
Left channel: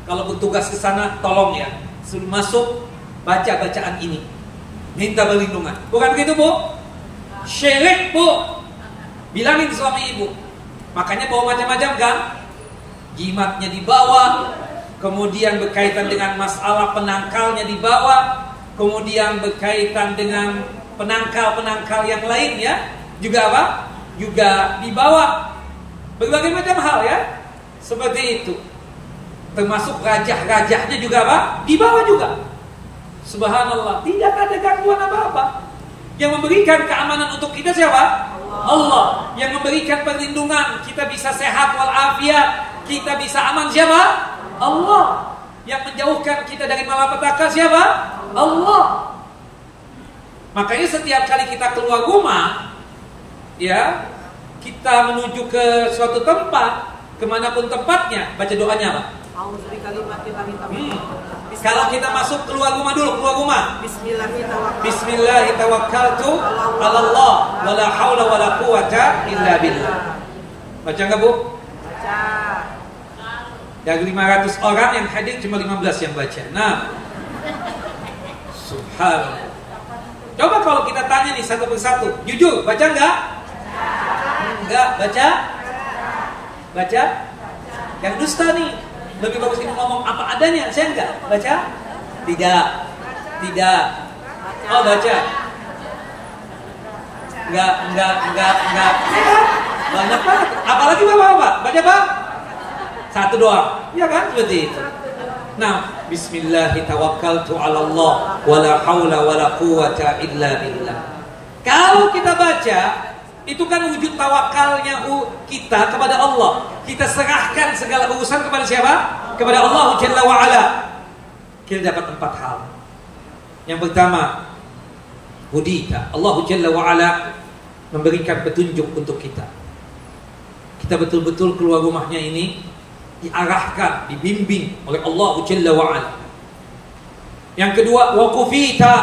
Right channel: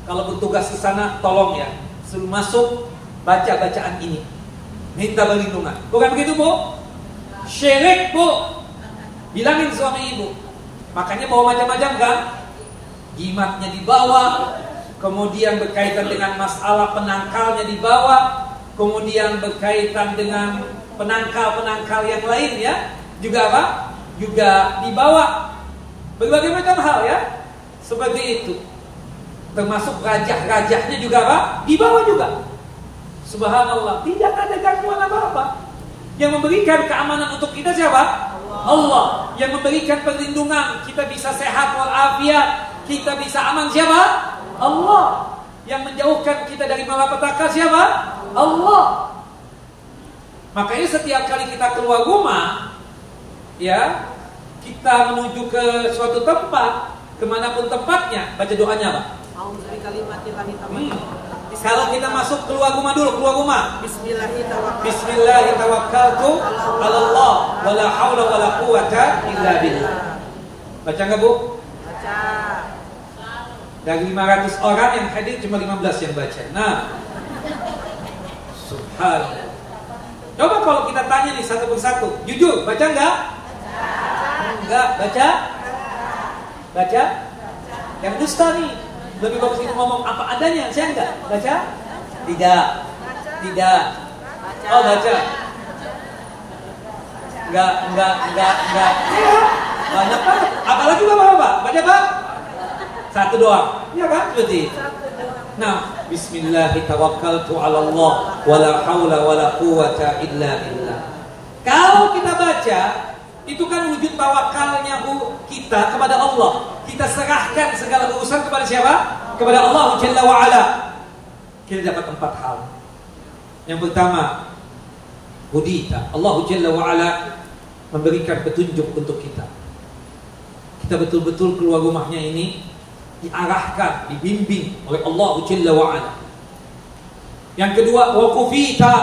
kalau bertugas ke sana tolong ya, sebelum masuk baca bacaan ini, minta perlindungan. Bukan begitu, Bu? Syirik, Bu. Bilangin suami ibu. Makanya bawa macam-macam kan? Jimatnya dibawa, kemudian berkaitan dengan masalah penangkalnya dibawa, kemudian berkaitan dengan penangkal-penangkal yang lain ya, juga apa? Juga dibawa. Berbagai macam hal ya, seperti itu. Termasuk rajah-rajahnya juga apa? Dibawa juga. Subhanallah, tidak ada gangguan apa-apa. Yang memberikan keamanan untuk kita siapa? Allah. Yang memberikan perlindungan, kita bisa sehat walafiat, kita bisa aman siapa? Allah. Yang menjauhkan kita dari malapetaka siapa? Allah. Makanya setiap kali kita keluar rumah, ya, kita menuju ke suatu tempat, kemanapun tempatnya, baca doanya apa? Kalau kita masuk keluar rumah dulu, keluar rumah. Bismillahirrahmanirrahim. Allah, wala haula wala quwata illa billah. Baca enggak, Bu? Baca. Dari 500 orang yang hadir cuma 15 yang baca. Nah, subhanallah. Coba kalau kita tanya nih satu persatu, jujur, baca enggak? Enggak, baca? Baca? Yang dusta nih, lebih bagus itu ngomong apa adanya, saya enggak baca? Tidak. Tidak. Oh, baca. Enggak. Banyak banget. Apalagi Bapak? Baca Pak? Satu doang. Iya kan? Seperti itu. Nah, bismillahirrahmanirrahim. Wala haula wala quwata illa billah. Kalau kita baca, itu kan wujud tawakalnya kita kepada Allah. Kita serahkan segala urusan kepada siapa? Kepada Allah Jalla wa'ala. Kita dapat 4 hal. Yang pertama, hudita. Allah Jalla wa'ala memberikan petunjuk untuk kita. Kita betul-betul keluar rumahnya ini diarahkan, dibimbing oleh Allah Jalla wa'ala. Yang kedua, waqufita.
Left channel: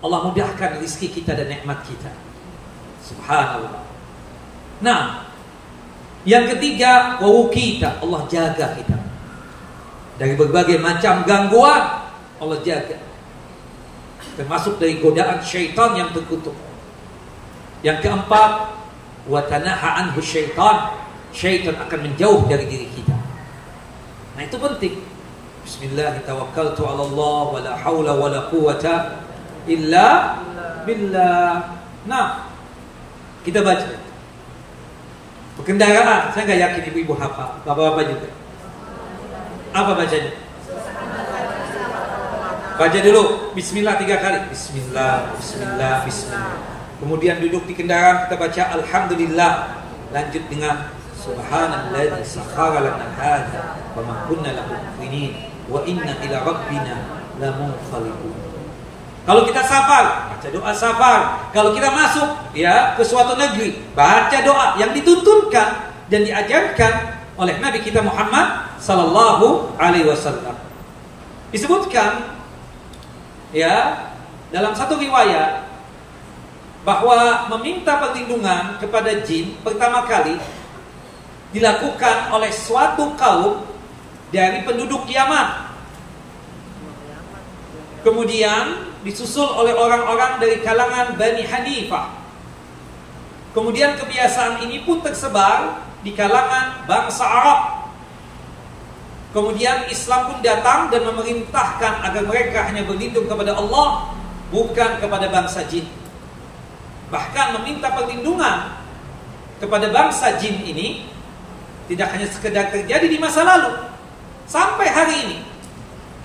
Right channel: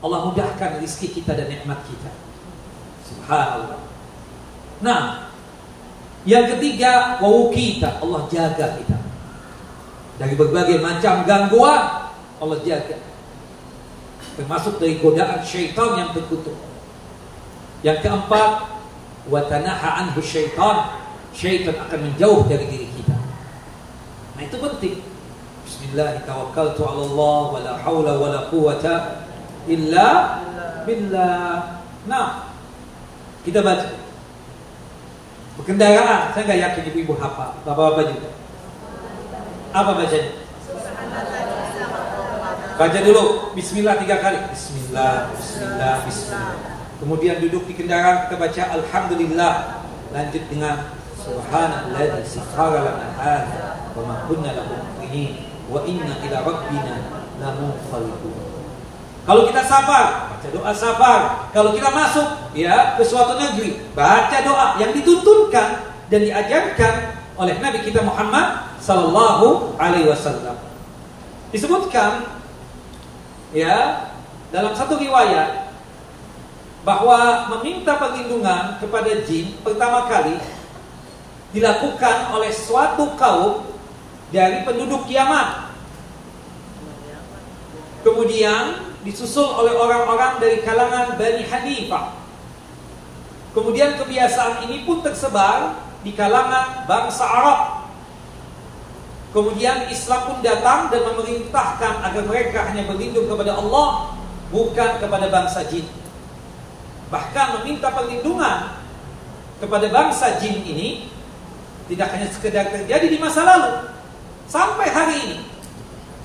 Allah mudahkan rezeki kita dan nikmat kita. Subhanallah. Nah, yang ketiga, wawukita. Allah jaga kita dari berbagai macam gangguan. Allah jaga, termasuk dari godaan syaitan yang terkutuk. Yang keempat, watanaha anhu syaitan. Syaitan akan menjauh dari diri kita. Nah, itu penting. Bismillahirrahmanirrahim. Wala haula wala quwata illa billah. Nah, kita baca. Berkendaraan, saya nggak yakin ibu-ibu hafal, bapak-bapak juga. Apa bacanya? Baca dulu, Bismillah 3 kali. Bismillah, Bismillah, Bismillah. Kemudian duduk di kendaraan, kita baca Alhamdulillah. Lanjut dengan Subhanalladzi sakhkhara lana hadza wa ma kunna lahu muqrinin wa inna ila rabbina lamunqalibun. Kalau kita safar, baca doa safar. Kalau kita masuk ya ke suatu negeri, baca doa yang dituntunkan dan diajarkan oleh Nabi kita Muhammad sallallahu alaihi wasallam. Disebutkan ya dalam satu riwayat bahwa meminta perlindungan kepada jin pertama kali dilakukan oleh suatu kaum dari penduduk Yaman. Kemudian disusul oleh orang-orang dari kalangan Bani Hanifah. Kemudian kebiasaan ini pun tersebar di kalangan bangsa Arab. Kemudian Islam pun datang dan memerintahkan agar mereka hanya berlindung kepada Allah, bukan kepada bangsa jin. Bahkan meminta perlindungan kepada bangsa jin ini tidak hanya sekedar terjadi di masa lalu, sampai hari ini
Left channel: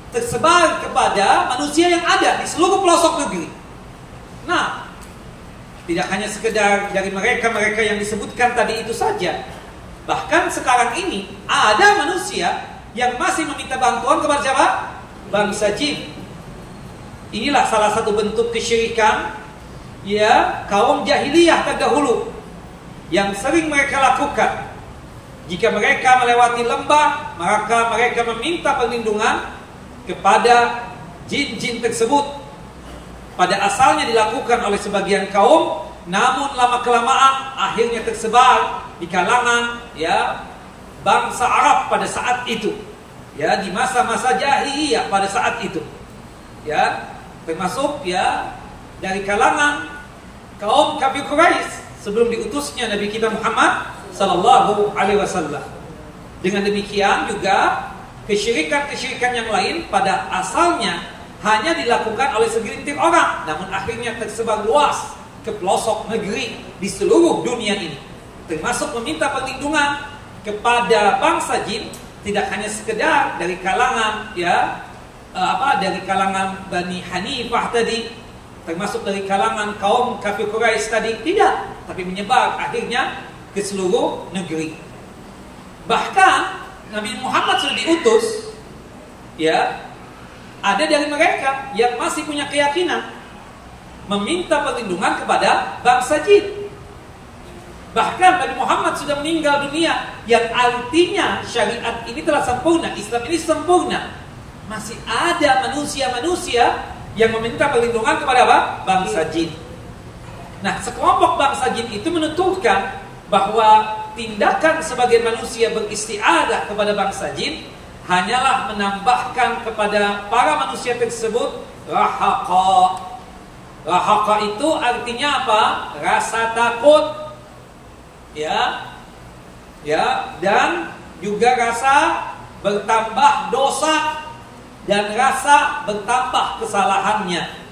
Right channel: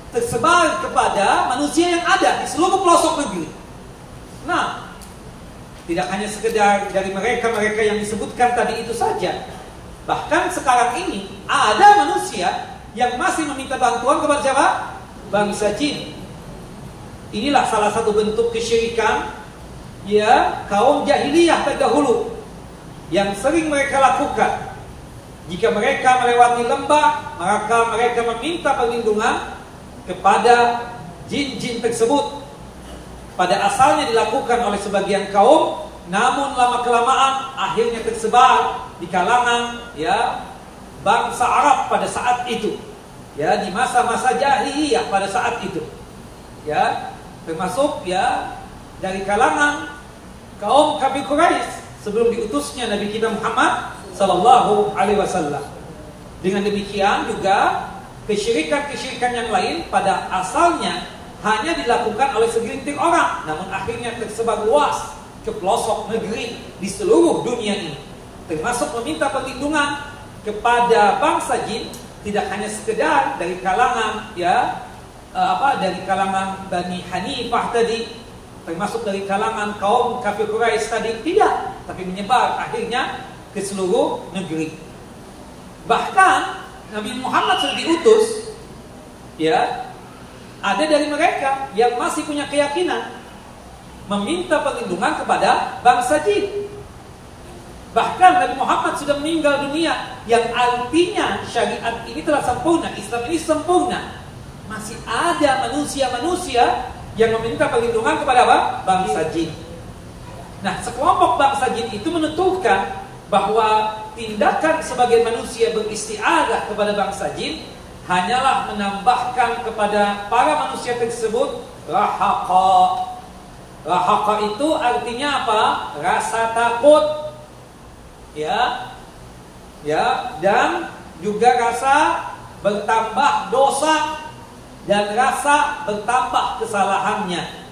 tersebar kepada manusia yang ada di seluruh pelosok negeri. Nah, tidak hanya sekedar dari mereka-mereka yang disebutkan tadi itu saja. Bahkan sekarang ini ada manusia yang masih meminta bantuan kepada siapa? Bangsa jin. Inilah salah satu bentuk kesyirikan ya kaum jahiliyah terdahulu yang sering mereka lakukan. Jika mereka melewati lembah, maka mereka meminta perlindungan kepada jin-jin tersebut. Pada asalnya dilakukan oleh sebagian kaum, namun lama-kelamaan akhirnya tersebar di kalangan ya bangsa Arab pada saat itu. Ya, di masa-masa jahiliyah pada saat itu. Ya, termasuk ya dari kalangan kaum kafir Quraisy sebelum diutusnya Nabi kita Muhammad sallallahu alaihi wasallam. Dengan demikian juga kesyirikan-kesyirikan yang lain pada asalnya hanya dilakukan oleh segelintir orang, namun akhirnya tersebar luas ke pelosok negeri di seluruh dunia ini. Termasuk meminta perlindungan kepada bangsa jin tidak hanya sekedar dari kalangan ya dari kalangan Bani Hanifah tadi, termasuk dari kalangan kaum kafir Quraisy tadi, tidak, tapi menyebar akhirnya ke seluruh negeri. Bahkan Nabi Muhammad sudah diutus ya, ada dari mereka yang masih punya keyakinan meminta perlindungan kepada bangsa jin. Bahkan Nabi Muhammad sudah meninggal dunia, yang artinya syariat ini telah sempurna, Islam ini sempurna. Masih ada manusia-manusia yang meminta perlindungan kepada apa? Bangsa jin. Nah, sekelompok bangsa jin itu menuturkan bahwa tindakan sebagian manusia beristiadah kepada bangsa jin hanyalah menambahkan kepada para manusia tersebut rahaqa. Rahaqa itu artinya apa? Rasa takut. Dan juga rasa bertambah dosa dan rasa bertambah kesalahannya.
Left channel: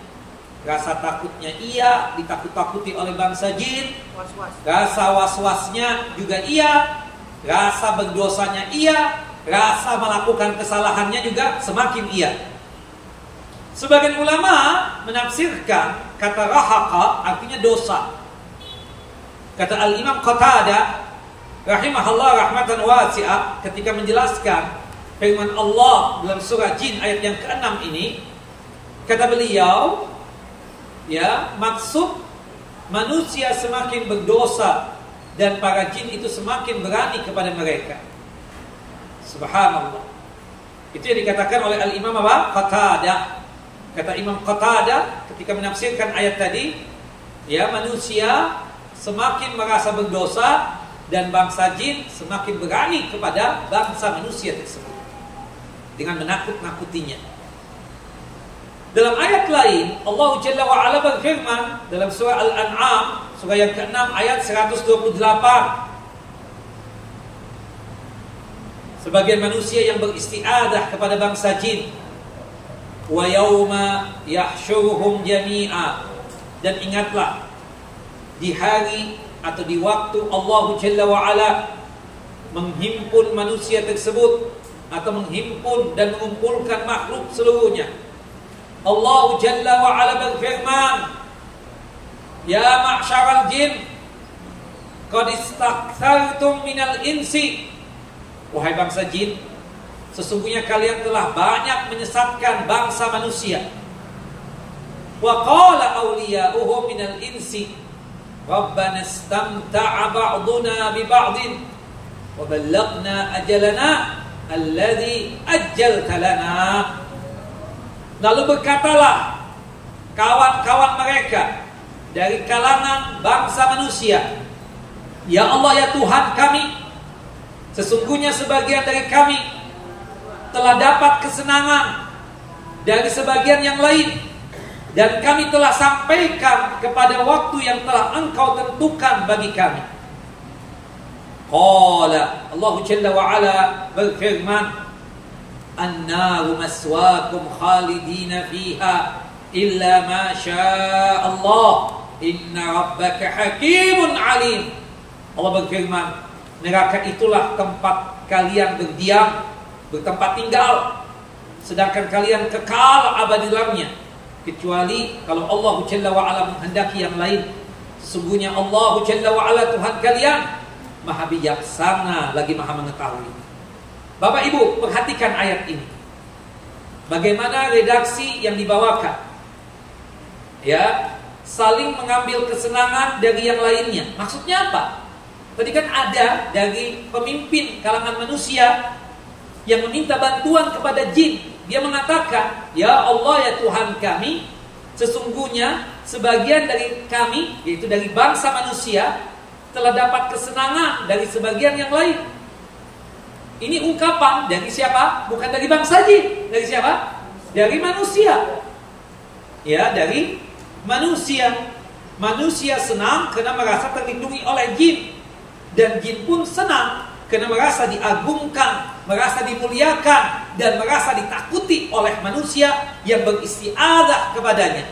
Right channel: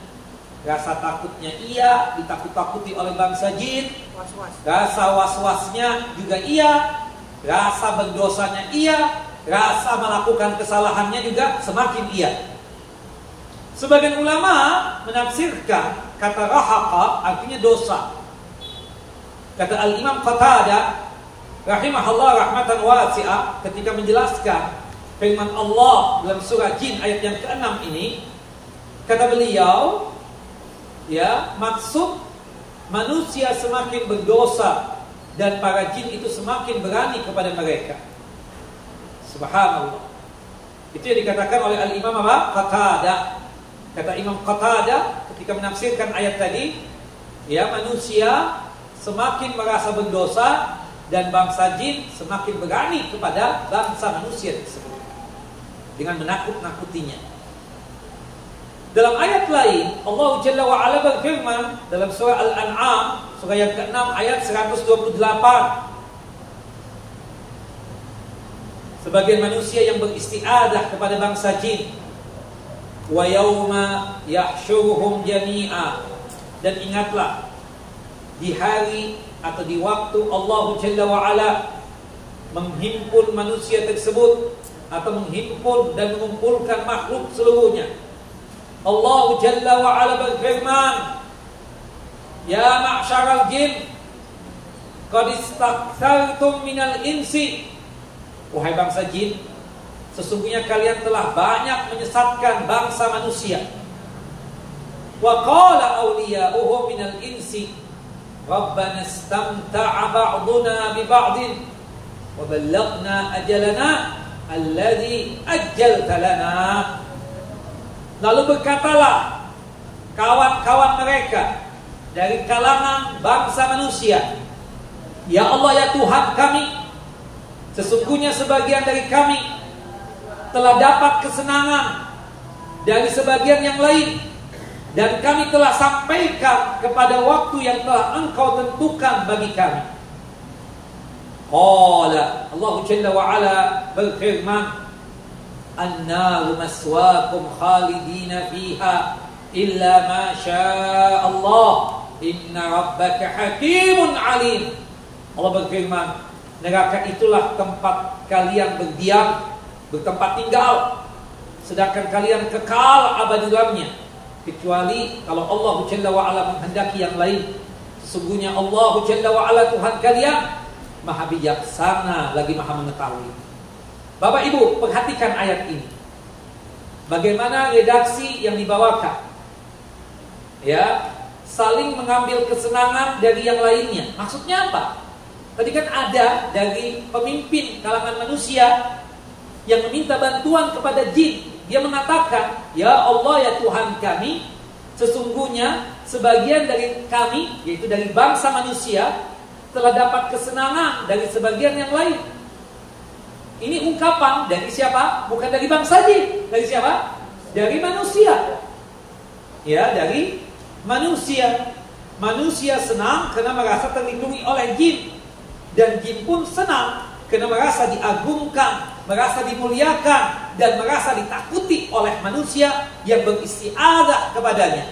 Rasa takutnya iya, ditakut-takuti oleh bangsa jin. Rasa was-wasnya juga iya. Rasa berdosanya iya. Rasa melakukan kesalahannya juga semakin iya. Sebagian ulama menafsirkan kata rahaqa artinya dosa. Kata Al-Imam Qatadah rahimahullah rahmatan wasi'ah ketika menjelaskan firman Allah dalam surah Jin ayat yang ke-6 ini, kata beliau, ya, maksud manusia semakin berdosa dan para jin itu semakin berani kepada mereka. Subhanallah. Itu yang dikatakan oleh Al-Imam Qatadah. Kata Imam Qatadah ketika menafsirkan ayat tadi, ya, manusia semakin merasa berdosa dan bangsa jin semakin berani kepada bangsa manusia tersebut dengan menakut-nakutinya. Dalam ayat lain Allah Jalla wa Ala berfirman dalam surah Al-An'am surah yang ke-6 ayat 128, sebagian manusia yang beristiadah kepada bangsa jin, wa yauma yahsyuruhum jami'a, dan ingatlah di hari atau di waktu Allah Jalla wa Ala menghimpun manusia tersebut atau menghimpun dan mengumpulkan makhluk seluruhnya. Allah Jalla wa Ala berfirman, ya ma'syaral jin qad istakthartum minal insi, wahai bangsa jin, sesungguhnya kalian telah banyak menyesatkan bangsa manusia. Wa qala awliya'uhum minal insi Rabbana istamta'a ba'duna bi ba'din wa ballaghna ajalana alladhi ajjalta lana. Lalu berkatalah kawan-kawan mereka dari kalangan bangsa manusia, ya Allah, ya Tuhan kami, sesungguhnya sebagian dari kami telah dapat kesenangan dari sebagian yang lain, dan kami telah sampaikan kepada waktu yang telah Engkau tentukan bagi kami. Qala Allah Jalla wa Ala berfirman, An-naru maswaakum khalidina fiha illa ma syaa Allah inna rabbaka hakimun alim. Allah berfirman, neraka itulah tempat kalian berdiam, bertempat tinggal, sedangkan kalian kekal abadi dalamnya, kecuali kalau Allah Jalla wa Ala menghendaki yang lain. Sesungguhnya Allah Jalla wa Ala Tuhan kalian Maha bijaksana lagi Maha mengetahui. Bapak Ibu, perhatikan ayat ini. Bagaimana redaksi yang dibawakan? Ya, saling mengambil kesenangan dari yang lainnya. Maksudnya apa? Tadi kan ada dari pemimpin kalangan manusia yang meminta bantuan kepada jin. Dia mengatakan, ya Allah, ya Tuhan kami, sesungguhnya sebagian dari kami, yaitu dari bangsa manusia, telah dapat kesenangan dari sebagian yang lain. Ini ungkapan dari siapa? Bukan dari bangsa jin. Dari siapa? Dari manusia. Ya, dari manusia. Manusia senang karena merasa terlindungi oleh jin, dan jin pun senang karena merasa diagungkan, merasa dimuliakan, dan merasa ditakuti oleh manusia yang beristiadah kepadanya.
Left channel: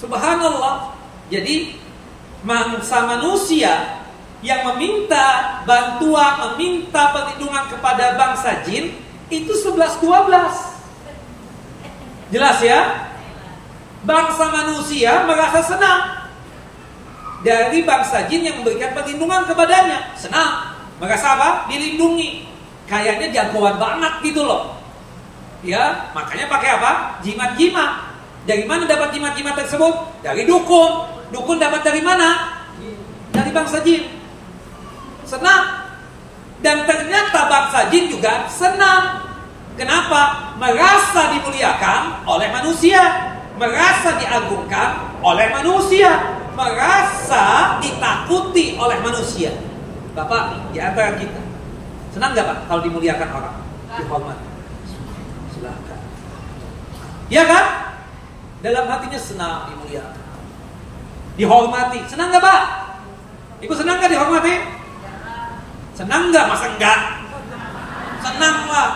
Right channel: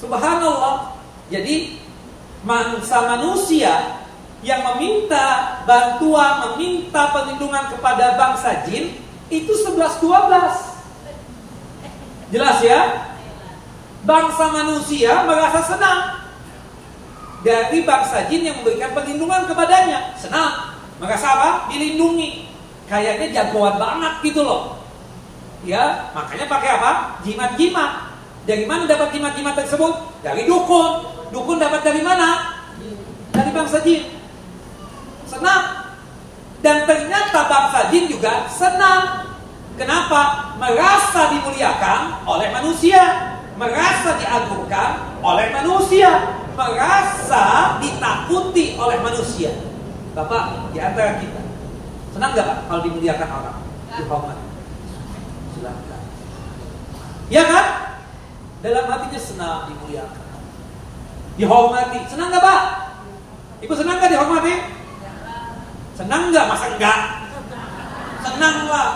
Subhanallah. Jadi bangsa manusia yang meminta bantuan, meminta perlindungan kepada bangsa jin itu 11-12. Jelas ya? Bangsa manusia merasa senang dari bangsa jin yang memberikan perlindungan kepadanya. Senang, merasa apa? Dilindungi. Kayaknya jagoan banget gitu loh. Ya, makanya pakai apa? Jimat-jimat. Dari mana dapat jimat-jimat tersebut? Dari dukun. Dukun dapat dari mana? Dari bangsa jin. Senang. Dan ternyata bangsa jin juga senang. Kenapa? Merasa dimuliakan oleh manusia, merasa diagungkan oleh manusia, merasa ditakuti oleh manusia. Bapak, di antara kita senang gak Pak kalau dimuliakan orang? Dihormati. Silakan. Ya kan? Dalam hatinya senang dimuliakan, dihormati. Senang gak Pak? Ibu senang gak dihormati? Senang gak? Masa enggak? Senang lah.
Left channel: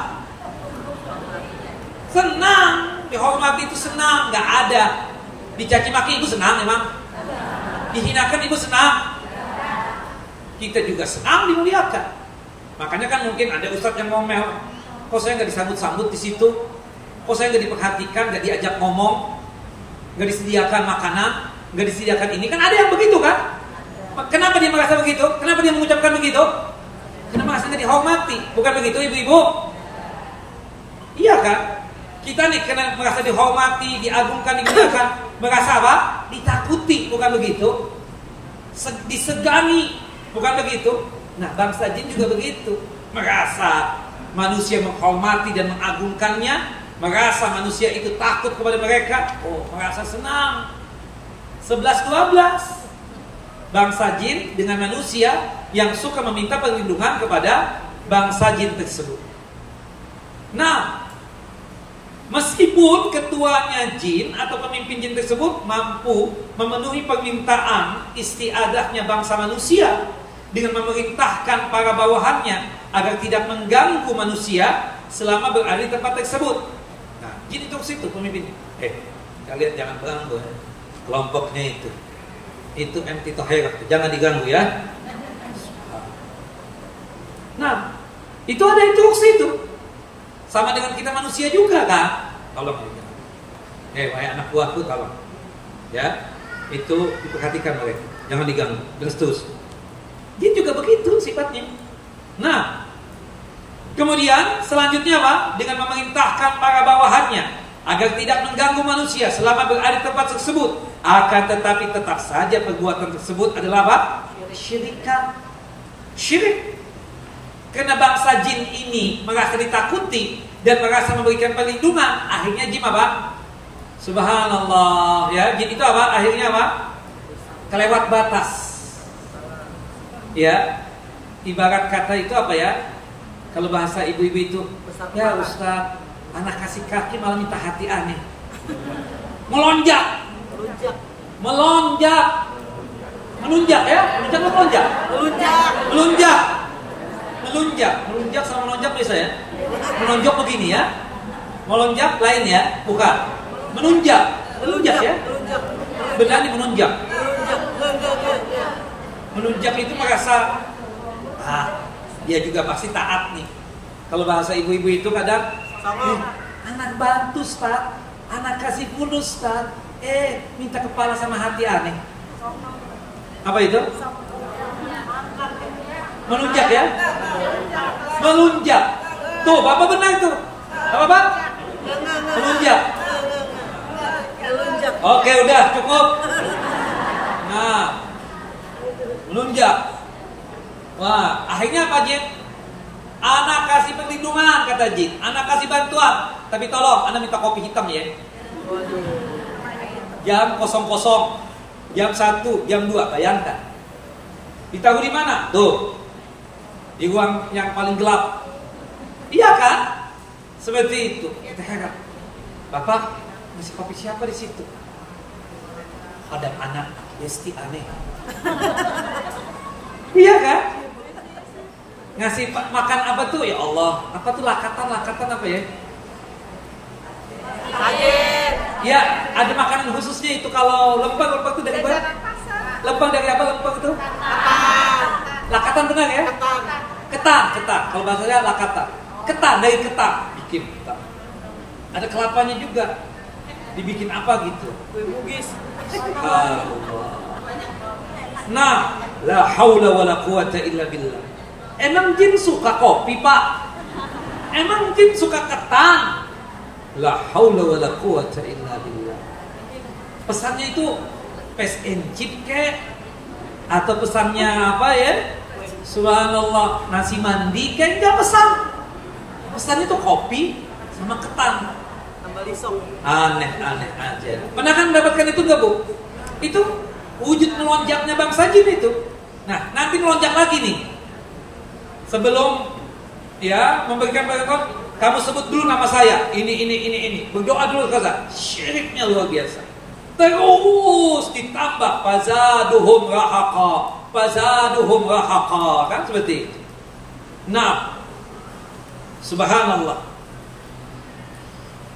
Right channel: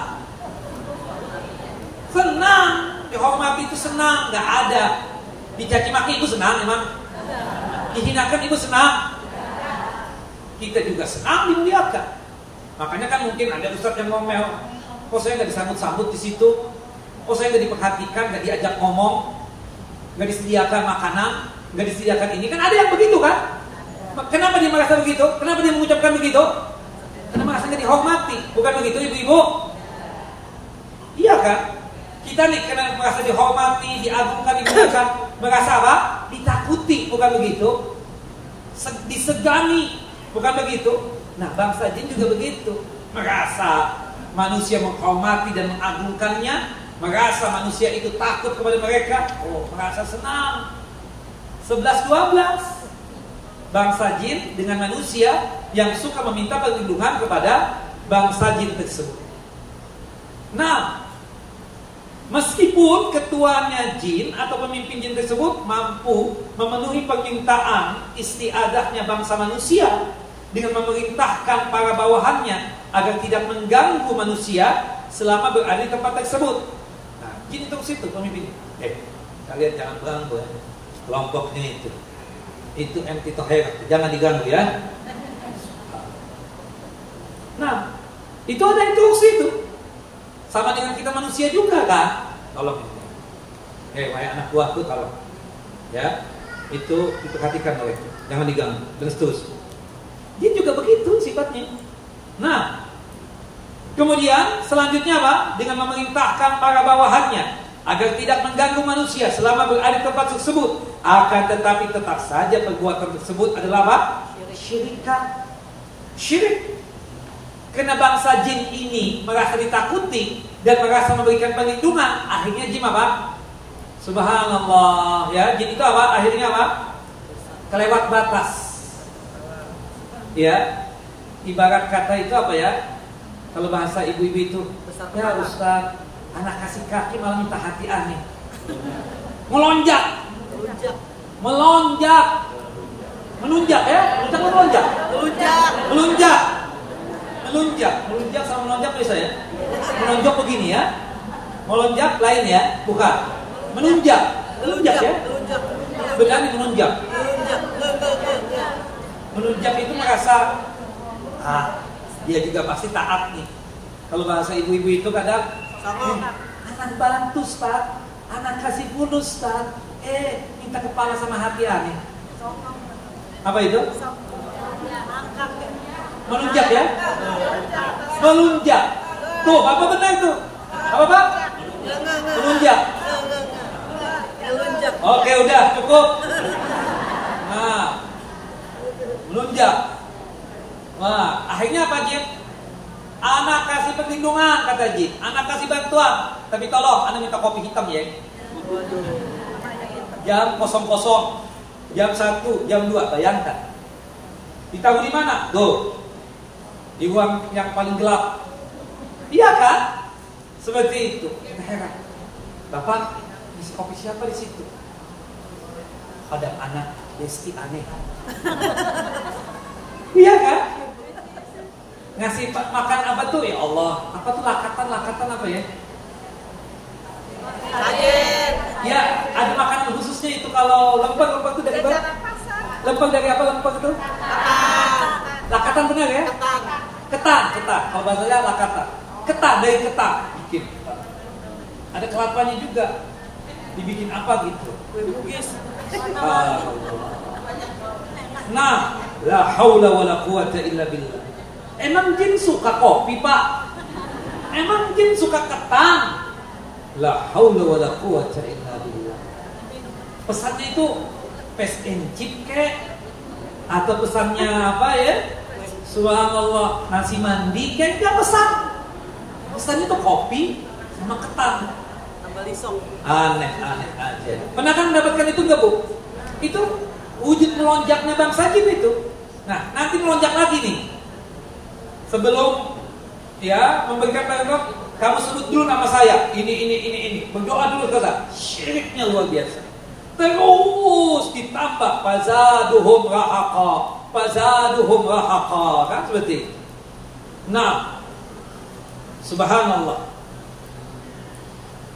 Senang. Dihormati itu senang. Gak ada. Dicaci maki ibu senang emang? Dihinakan ibu senang? Kita juga senang dimuliakan. Makanya kan mungkin ada ustadz yang ngomel, kok saya gak disambut-sambut di situ? Kok saya gak diperhatikan, gak diajak ngomong, gak disediakan makanan, gak disediakan ini? Kan ada yang begitu kan? Kenapa dia merasa begitu? Kenapa dia mengucapkan begitu? Karena merasa gak dihormati. Bukan begitu ibu-ibu? Iya kan? Kita nih karena merasa dihormati, diagungkan, dimuliakan, merasa apa? Ditakuti. Bukan begitu? Disegani. Bukan begitu? Nah, bangsa jin juga begitu. Merasa manusia menghormati dan mengagungkannya, merasa manusia itu takut kepada mereka. Oh, merasa senang. 11-12. Bangsa jin dengan manusia yang suka meminta perlindungan kepada bangsa jin tersebut. Nah, meskipun ketuanya jin atau pemimpin jin tersebut mampu memenuhi permintaan istiadahnya bangsa manusia dengan memerintahkan para bawahannya agar tidak mengganggu manusia selama berada di tempat tersebut. Nah, jin itu situ pemimpinnya. Kalian jangan beranggu ya. Kelompoknya itu anti tohir, jangan diganggu ya. Nah, itu ada instruksi itu. Sama dengan kita manusia juga kan. Tolong ya. Wahai anak buahku tolong. Ya, itu diperhatikan oleh. Jangan diganggu. Dan seterusnya. Jin juga begitu sifatnya. Nah, Kemudian selanjutnya apa? Dengan memerintahkan para bawahannya agar tidak mengganggu manusia selama berada di tempat tersebut. Akan tetapi tetap saja perbuatan tersebut adalah apa? Syirikan. Syirik. Karena bangsa jin ini merasa ditakuti dan merasa memberikan perlindungan, akhirnya jin apa? Subhanallah, ya, jin itu apa? Akhirnya apa? Kelewat batas. Ya. Ibarat kata itu apa ya? Kalau bahasa ibu-ibu itu, ya Ustaz, anak kasih kaki malah minta hati aneh. Melonjak. Melunjak ya? Melunjak sama melonjak bisa ya? Melonjak begini ya? Melonjak lain ya? Bukan. Menunjak ya? Benar nih menunjak. Menunjak itu merasa dia juga pasti taat nih. Kalau bahasa ibu-ibu itu kadang anak bantu Ustaz, anak kasih bonus Ustaz, minta kepala sama hati aneh. Apa itu? Melunjak ya? Melunjak. Tuh, Bapak benar tuh. Apa Pak? Melunjak. Oke, udah cukup. Nah, melunjak. Wah, akhirnya apa Jin? Anak kasih perlindungan kata Jin, anak kasih bantuan, tapi tolong anak minta kopi hitam ya. Jam 00, jam 1, jam 2, bayangkan. Ditaruh di mana? Tuh, di ruang yang paling gelap. Iya kan? Seperti itu. Kita heran. Bapak, ngasih kopi siapa di situ? Ada anak Yesti aneh. Iya kan? Ngasih makan apa tuh? Ya Allah, apa tuh lakatan apa ya? Sajen. Ya, ada makanan khususnya itu kalau lempeng itu dari mana? Lempeng dari apa lempeng itu? Ketan. Lakatan benar ya? Ketan. Ketan. Kalau bahasanya lakatan. Ketan dari ketan. Bikin ketan. Ada kelapanya juga. Dibikin apa gitu? Kue bugis. Nah, la haula wala quwata illa billah. Emang jin suka kopi, Pak? Emang jin suka ketan? La haula wala quwata illa billah. Pesannya itu paste and chip kek? Atau pesannya apa ya? Subhanallah, nasi mandi kek? Enggak pesan. Pesannya itu kopi sama ketan. Tambah lisong. Aneh aja. Pernah kan mendapatkan itu enggak, Bu? Itu wujud melonjaknya bangsa jin itu. Nah, nanti melonjak lagi nih. Sebelum ya memberikan barang, kamu sebut dulu nama saya. Ini. Berdoa dulu kaza. Syiriknya luar biasa. Terus ditambah fazaduhum rahaqa. Kan seperti itu. Nah, subhanallah.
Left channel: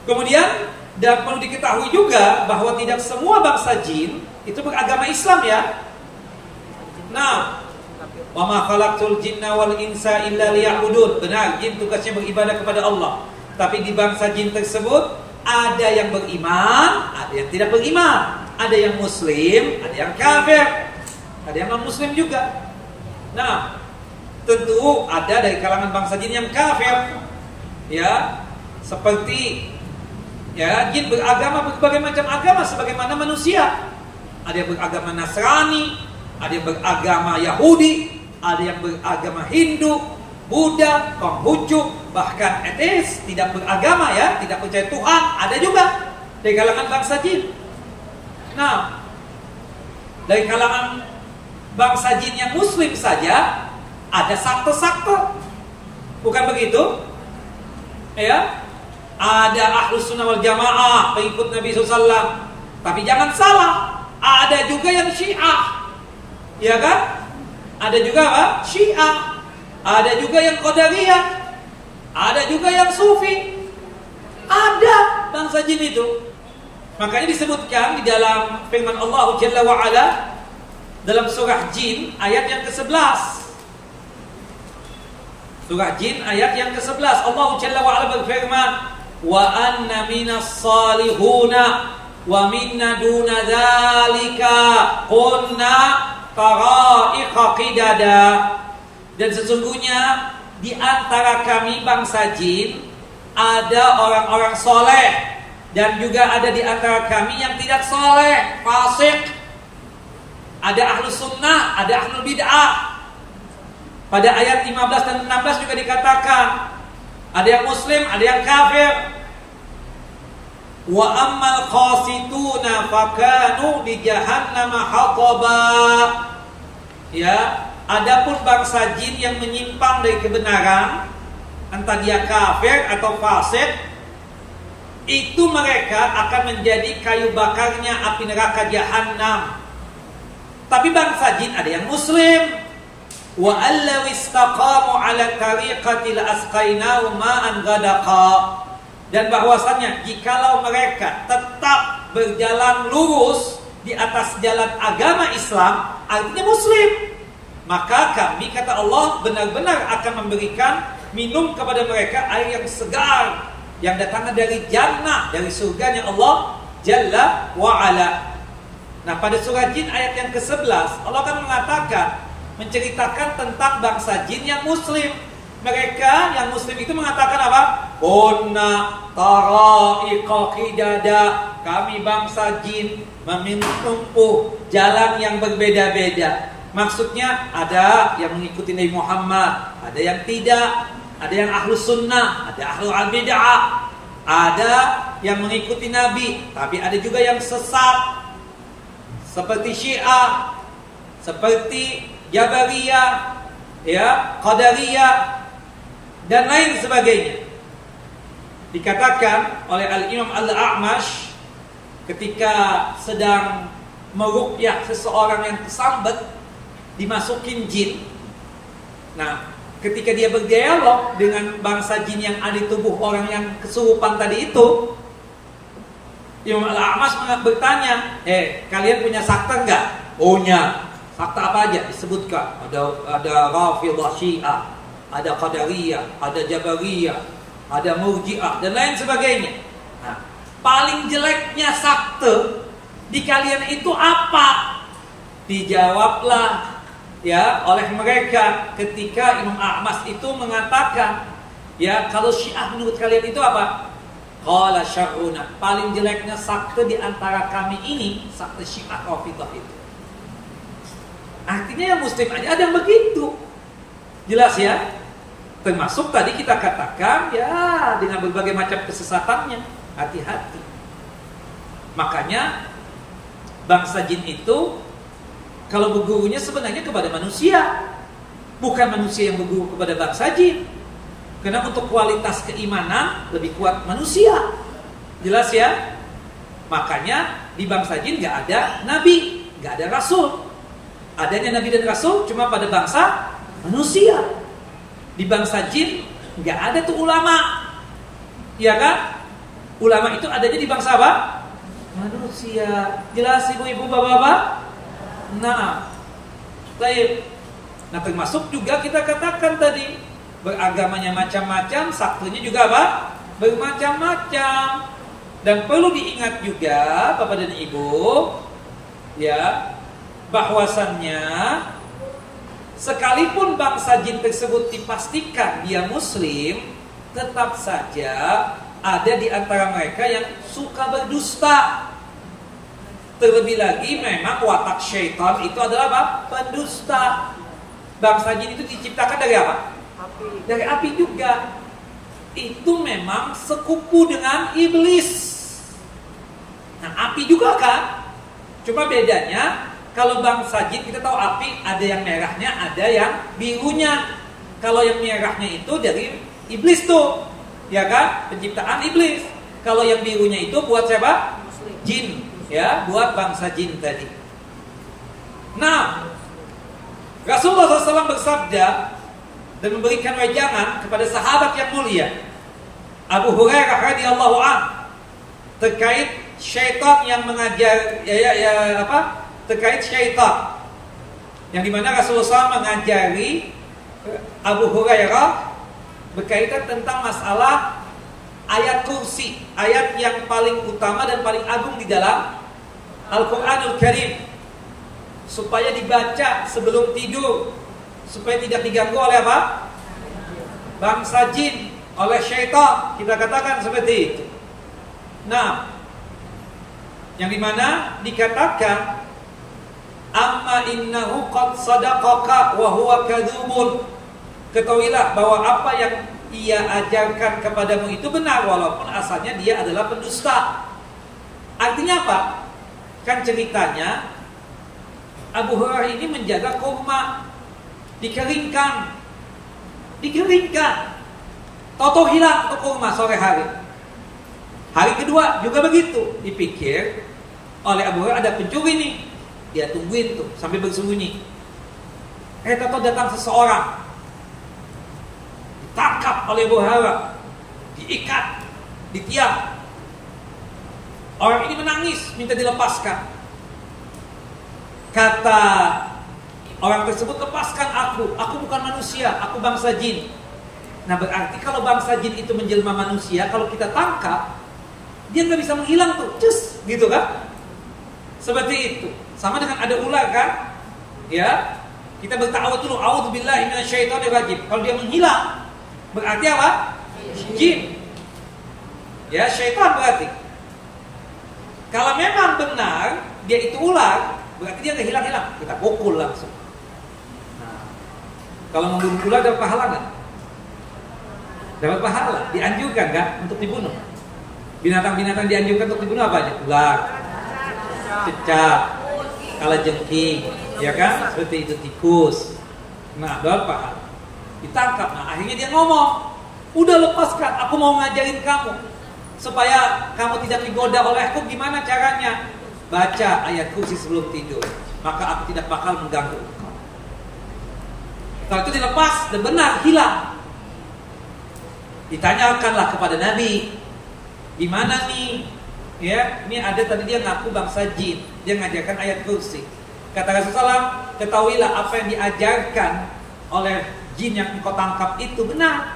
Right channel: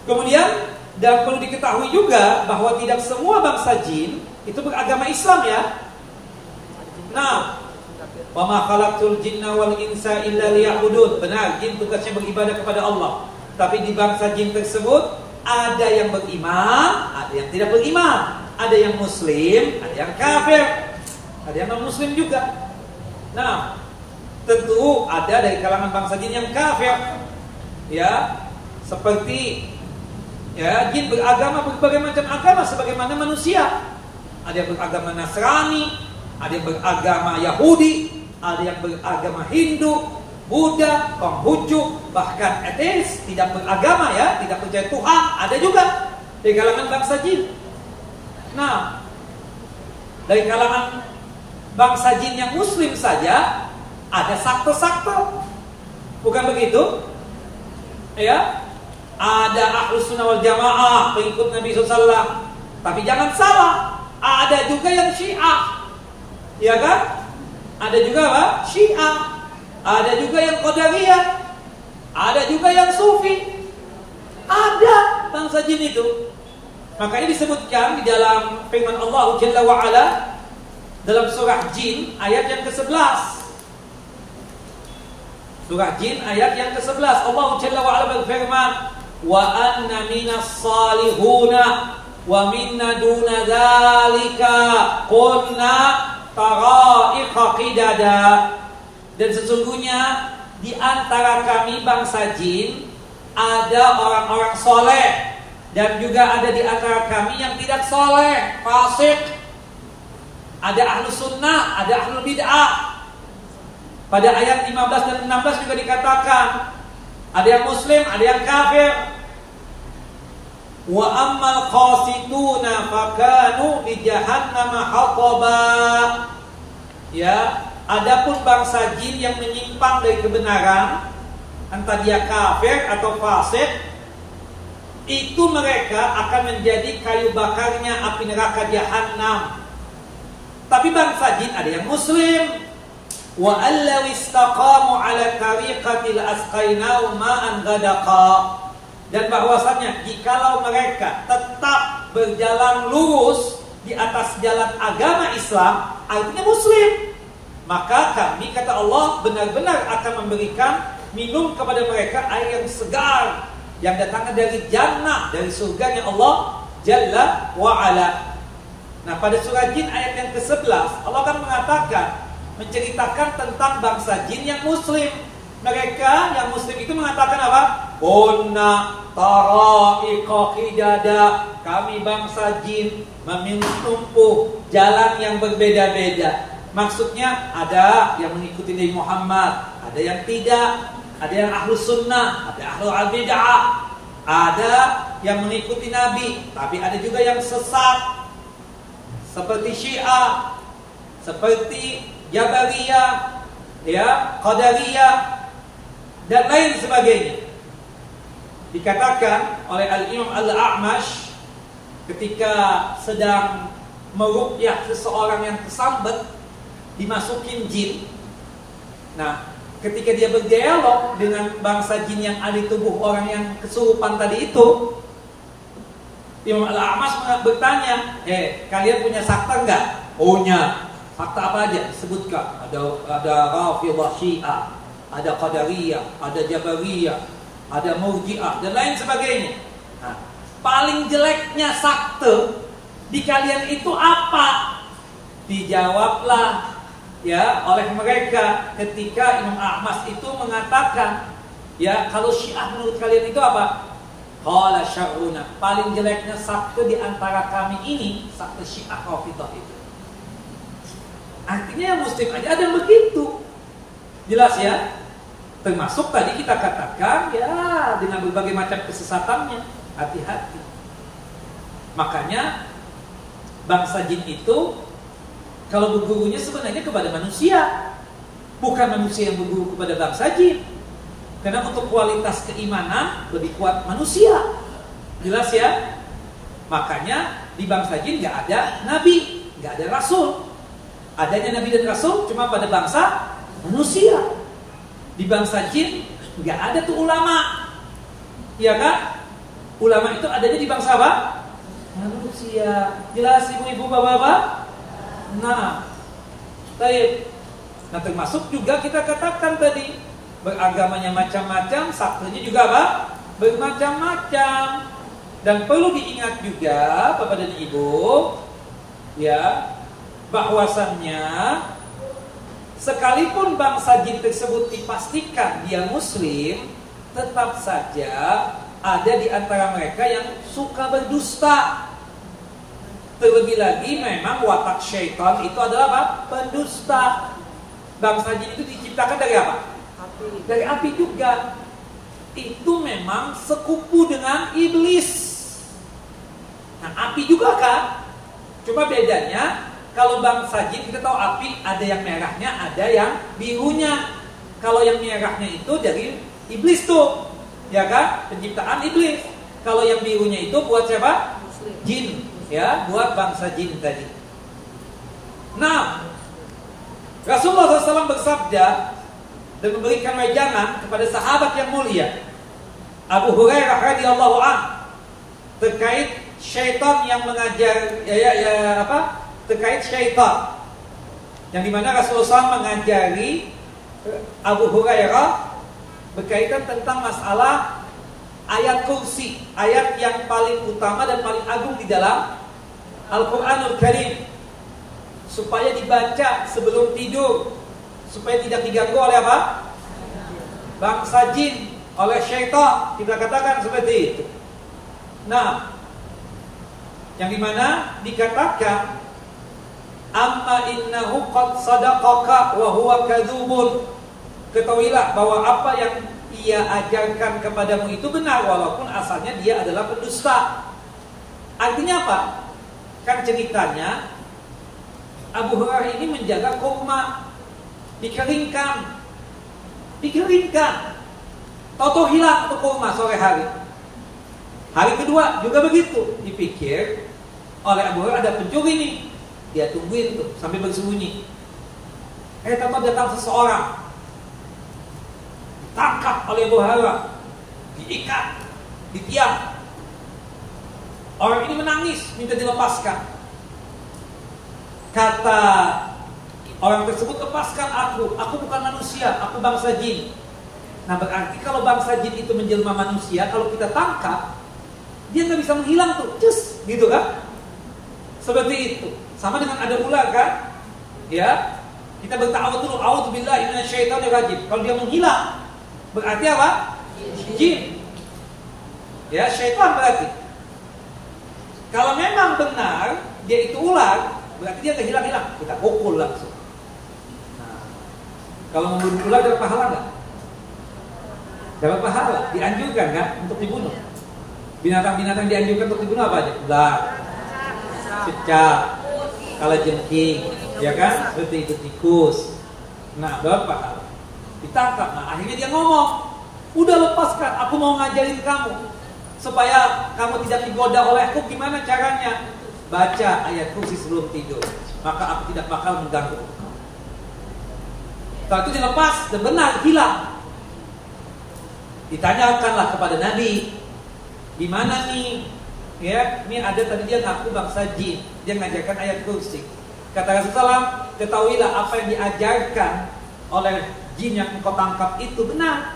Kemudian dan perlu diketahui juga bahwa tidak semua bangsa jin itu beragama Islam ya. Nah, wa ma khalaqtul jinna wal insa illa liya'budun. Benar, jin tugasnya beribadah kepada Allah. Tapi di bangsa jin tersebut ada yang beriman, ada yang tidak beriman, ada yang muslim, ada yang kafir, ada yang non muslim juga. Nah, tentu ada dari kalangan bangsa jin yang kafir. Ya, seperti ya, jin beragama berbagai macam agama sebagaimana manusia. Ada yang beragama Nasrani, ada yang beragama Yahudi, ada yang beragama Hindu, Buddha, Konghucu, bahkan ateis, tidak beragama ya, tidak percaya Tuhan, ada juga dari kalangan bangsa jin. Nah, dari kalangan bangsa jin yang muslim saja ada sakte-sakte. Bukan begitu? Ya. Ada Ahlus Sunnah wal Jamaah, pengikut Nabi SAW. Tapi jangan salah, ada juga yang Syiah. Ya kan? Ada juga apa? Syiah. Ada juga yang Qadariyah. Ada juga yang Sufi. Ada bangsa jin itu. Makanya disebutkan di dalam firman Allah Jalla wa Ala dalam surah Jin ayat yang ke-11. Surah Jin ayat yang ke-11, Allah Jalla wa Ala berfirman, "Wa anna minas salihuna wa minna duna dzalika kunna tara'iqa qidada." Dan sesungguhnya di antara kami bangsa jin ada orang-orang soleh dan juga ada di antara kami yang tidak soleh, fasik. Ada ahlu sunnah, ada ahlu bid'ah. Pada ayat 15 dan 16 juga dikatakan ada yang muslim, ada yang kafir. Wa ammal qasituna fakanu li jahannam hataba. Ya, adapun bangsa jin yang menyimpang dari kebenaran, entah dia kafir atau fasik, itu mereka akan menjadi kayu bakarnya api neraka jahanam. Tapi bangsa jin ada yang muslim. Wa allaw istaqamu ala tariqatil asqainahum ma'an ghadaqa. Dan bahwasanya jikalau mereka tetap berjalan lurus di atas jalan agama Islam, artinya muslim, maka kami, kata Allah, benar-benar akan memberikan minum kepada mereka air yang segar yang datangnya dari jannah, dari surganya Allah Jalla wa Ala. Nah, pada surah Jin ayat yang ke-11 Allah akan mengatakan, menceritakan tentang bangsa jin yang muslim. Mereka yang muslim itu mengatakan apa? Kunna tara'iqa qidada. Kami bangsa jin menempuh jalan yang berbeda-beda. Maksudnya ada yang mengikuti Nabi Muhammad, ada yang tidak, ada yang ahlu sunnah, ada ahlu al-bid'ah, ada yang mengikuti Nabi, tapi ada juga yang sesat seperti Syiah, seperti Jabariyah, ya, Qadariyah dan lain sebagainya. Dikatakan oleh Al-Imam Al-A'mash ketika sedang meruqyah seseorang yang kesambet, dimasukin jin. Nah, ketika dia berdialog dengan bangsa jin yang ada di tubuh orang yang kesurupan tadi itu, Imam Al-A'mash bertanya, kalian punya sakta enggak? Punya. Sakta apa aja? Disebutkan. Ada Rafidhah Syiah, ada Qadariyah, ada Jabariyah, ada Murji'ah dan lain sebagainya. Nah, paling jeleknya sakte di kalian itu apa? Dijawablah ya oleh mereka ketika Imam Ahmad itu mengatakan, ya, kalau Syiah menurut kalian itu apa? Qala syarruna, paling jeleknya sakte di antara kami ini sakte Syiah Rafidhah itu. Artinya yang muslim aja ada yang begitu. Jelas ya? Termasuk tadi kita katakan ya dengan berbagai macam kesesatannya. Hati-hati. Makanya bangsa jin itu kalau bergurunya sebenarnya kepada manusia, bukan manusia yang berguru kepada bangsa jin. Karena untuk kualitas keimanan lebih kuat manusia. Jelas ya? Makanya di bangsa jin gak ada nabi, gak ada rasul. Adanya nabi dan rasul cuma pada bangsa manusia. Di bangsa jin gak ada tuh ulama. Iya kan? Ulama itu adanya di bangsa apa? Manusia. Jelas ibu-ibu, bapak-bapak? Nah, baik. Nah, termasuk juga kita katakan tadi, beragamanya macam-macam, saktenya juga apa? Bermacam-macam. Dan perlu diingat juga Bapak dan Ibu, ya, bahwasannya sekalipun bangsa jin tersebut dipastikan dia muslim, tetap saja ada di antara mereka yang suka berdusta. Terlebih lagi memang watak syaitan itu adalah apa? Pendusta. Bangsa jin itu diciptakan dari apa? Api. Dari api juga. Itu memang sekupu dengan iblis. Nah, api juga kan? Cuma bedanya kalau bangsa jin kita tahu api ada yang merahnya, ada yang birunya. Kalau yang merahnya itu dari iblis tuh, ya kan? Penciptaan iblis. Kalau yang birunya itu buat siapa? Muslim. Jin, ya, buat bangsa jin tadi. Nah, Rasulullah SAW bersabda dan memberikan wejangan kepada sahabat yang mulia Abu Hurairah radhiyallahu anhu terkait syaitan yang mengajar terkait syaitan yang dimana Rasulullah SAW mengajari Abu Hurairah berkaitan tentang masalah ayat kursi, ayat yang paling utama dan paling agung di dalam Al-Quranul Karim, supaya dibaca sebelum tidur, supaya tidak diganggu oleh apa? bangsa jin oleh syaitan, kita katakan seperti itu. Nah, yang dimana dikatakan amma innahu qad sadaqaka wa huwa kadzubun. Ketahuilah bahwa apa yang ia ajarkan kepadamu itu benar walaupun asalnya dia adalah pendusta. Artinya apa? Kan ceritanya Abu Hurairah ini menjaga kurma, dikeringkan. Tahu-tahu hilang tuh kurma sore hari. Hari kedua juga begitu. Dipikir oleh Abu Hurairah ada pencuri nih. Dia tungguin tuh sampai bersembunyi. Tahu-tahu datang seseorang, ditangkap oleh Abu Hurairah, diikat di tiang. Orang ini menangis, minta dilepaskan. Kata orang tersebut, lepaskan aku bukan manusia, aku bangsa jin. Nah berarti kalau bangsa jin itu menjelma manusia, kalau kita tangkap, dia nggak bisa menghilang tuh, cus, gitu kan? Seperti itu. Sama dengan ada ular kan? Ya, kita berta'awudz dulu, a'udzubillahi minasyaitonirrajim. Kalau dia menghilang, berarti apa? Jin. Ya, syaitan berarti. Kalau memang benar dia itu ular, berarti dia nggak hilang-hilang, kita pukul langsung. Nah, kalau membunuh ular dapat pahala nggak? Dapat pahala, dianjurkan kan untuk dibunuh. Binatang-binatang dianjurkan untuk dibunuh apa aja? Ular, cicak, kalajengking, ya kan? Seperti itu tikus. Nah, dapat pahala. Ditangkap. Nah, akhirnya dia ngomong, udah lepaskan, aku mau ngajarin kamu supaya kamu tidak digoda olehku. Gimana caranya? Baca ayat kursi sebelum tidur, maka aku tidak bakal mengganggu. Setelah itu dilepas dan benar hilang. Ditanyakanlah kepada Nabi, di mana nih? Ya, ini ada tadi dia ngaku bangsa jin, dia ngajarkan ayat kursi. Kata Rasulullah, ketahuilah apa yang diajarkan oleh jin yang engkau tangkap itu benar.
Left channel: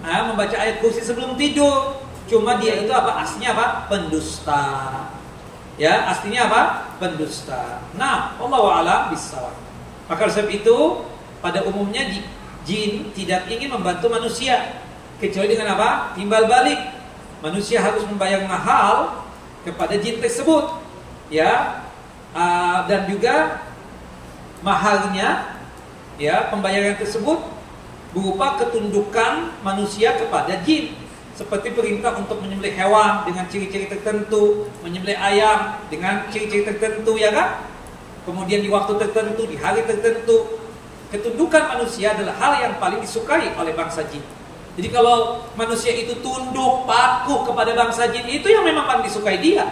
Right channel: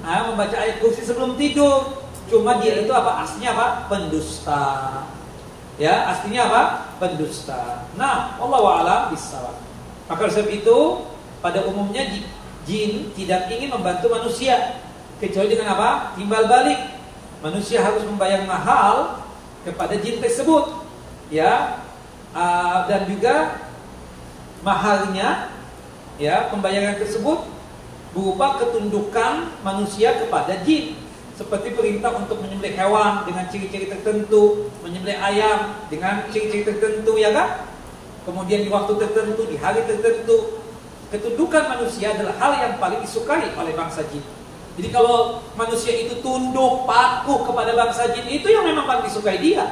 Nah, membaca ayat kursi sebelum tidur. Cuma dia itu apa? Aslinya apa? Pendusta. Ya, aslinya apa? Pendusta. Nah, wallahu a'lam bishawab. Maka sebab itu pada umumnya jin tidak ingin membantu manusia kecuali dengan apa? Timbal balik. Manusia harus membayar mahal kepada jin tersebut. Ya. Dan juga mahalnya, ya, pembayaran tersebut berupa ketundukan manusia kepada jin. Seperti perintah untuk menyembelih hewan dengan ciri-ciri tertentu, menyembelih ayam dengan ciri-ciri tertentu, ya kan? Kemudian di waktu tertentu, di hari tertentu. Ketundukan manusia adalah hal yang paling disukai oleh bangsa jin. Jadi kalau manusia itu tunduk, patuh kepada bangsa jin, itu yang memang paling disukai dia.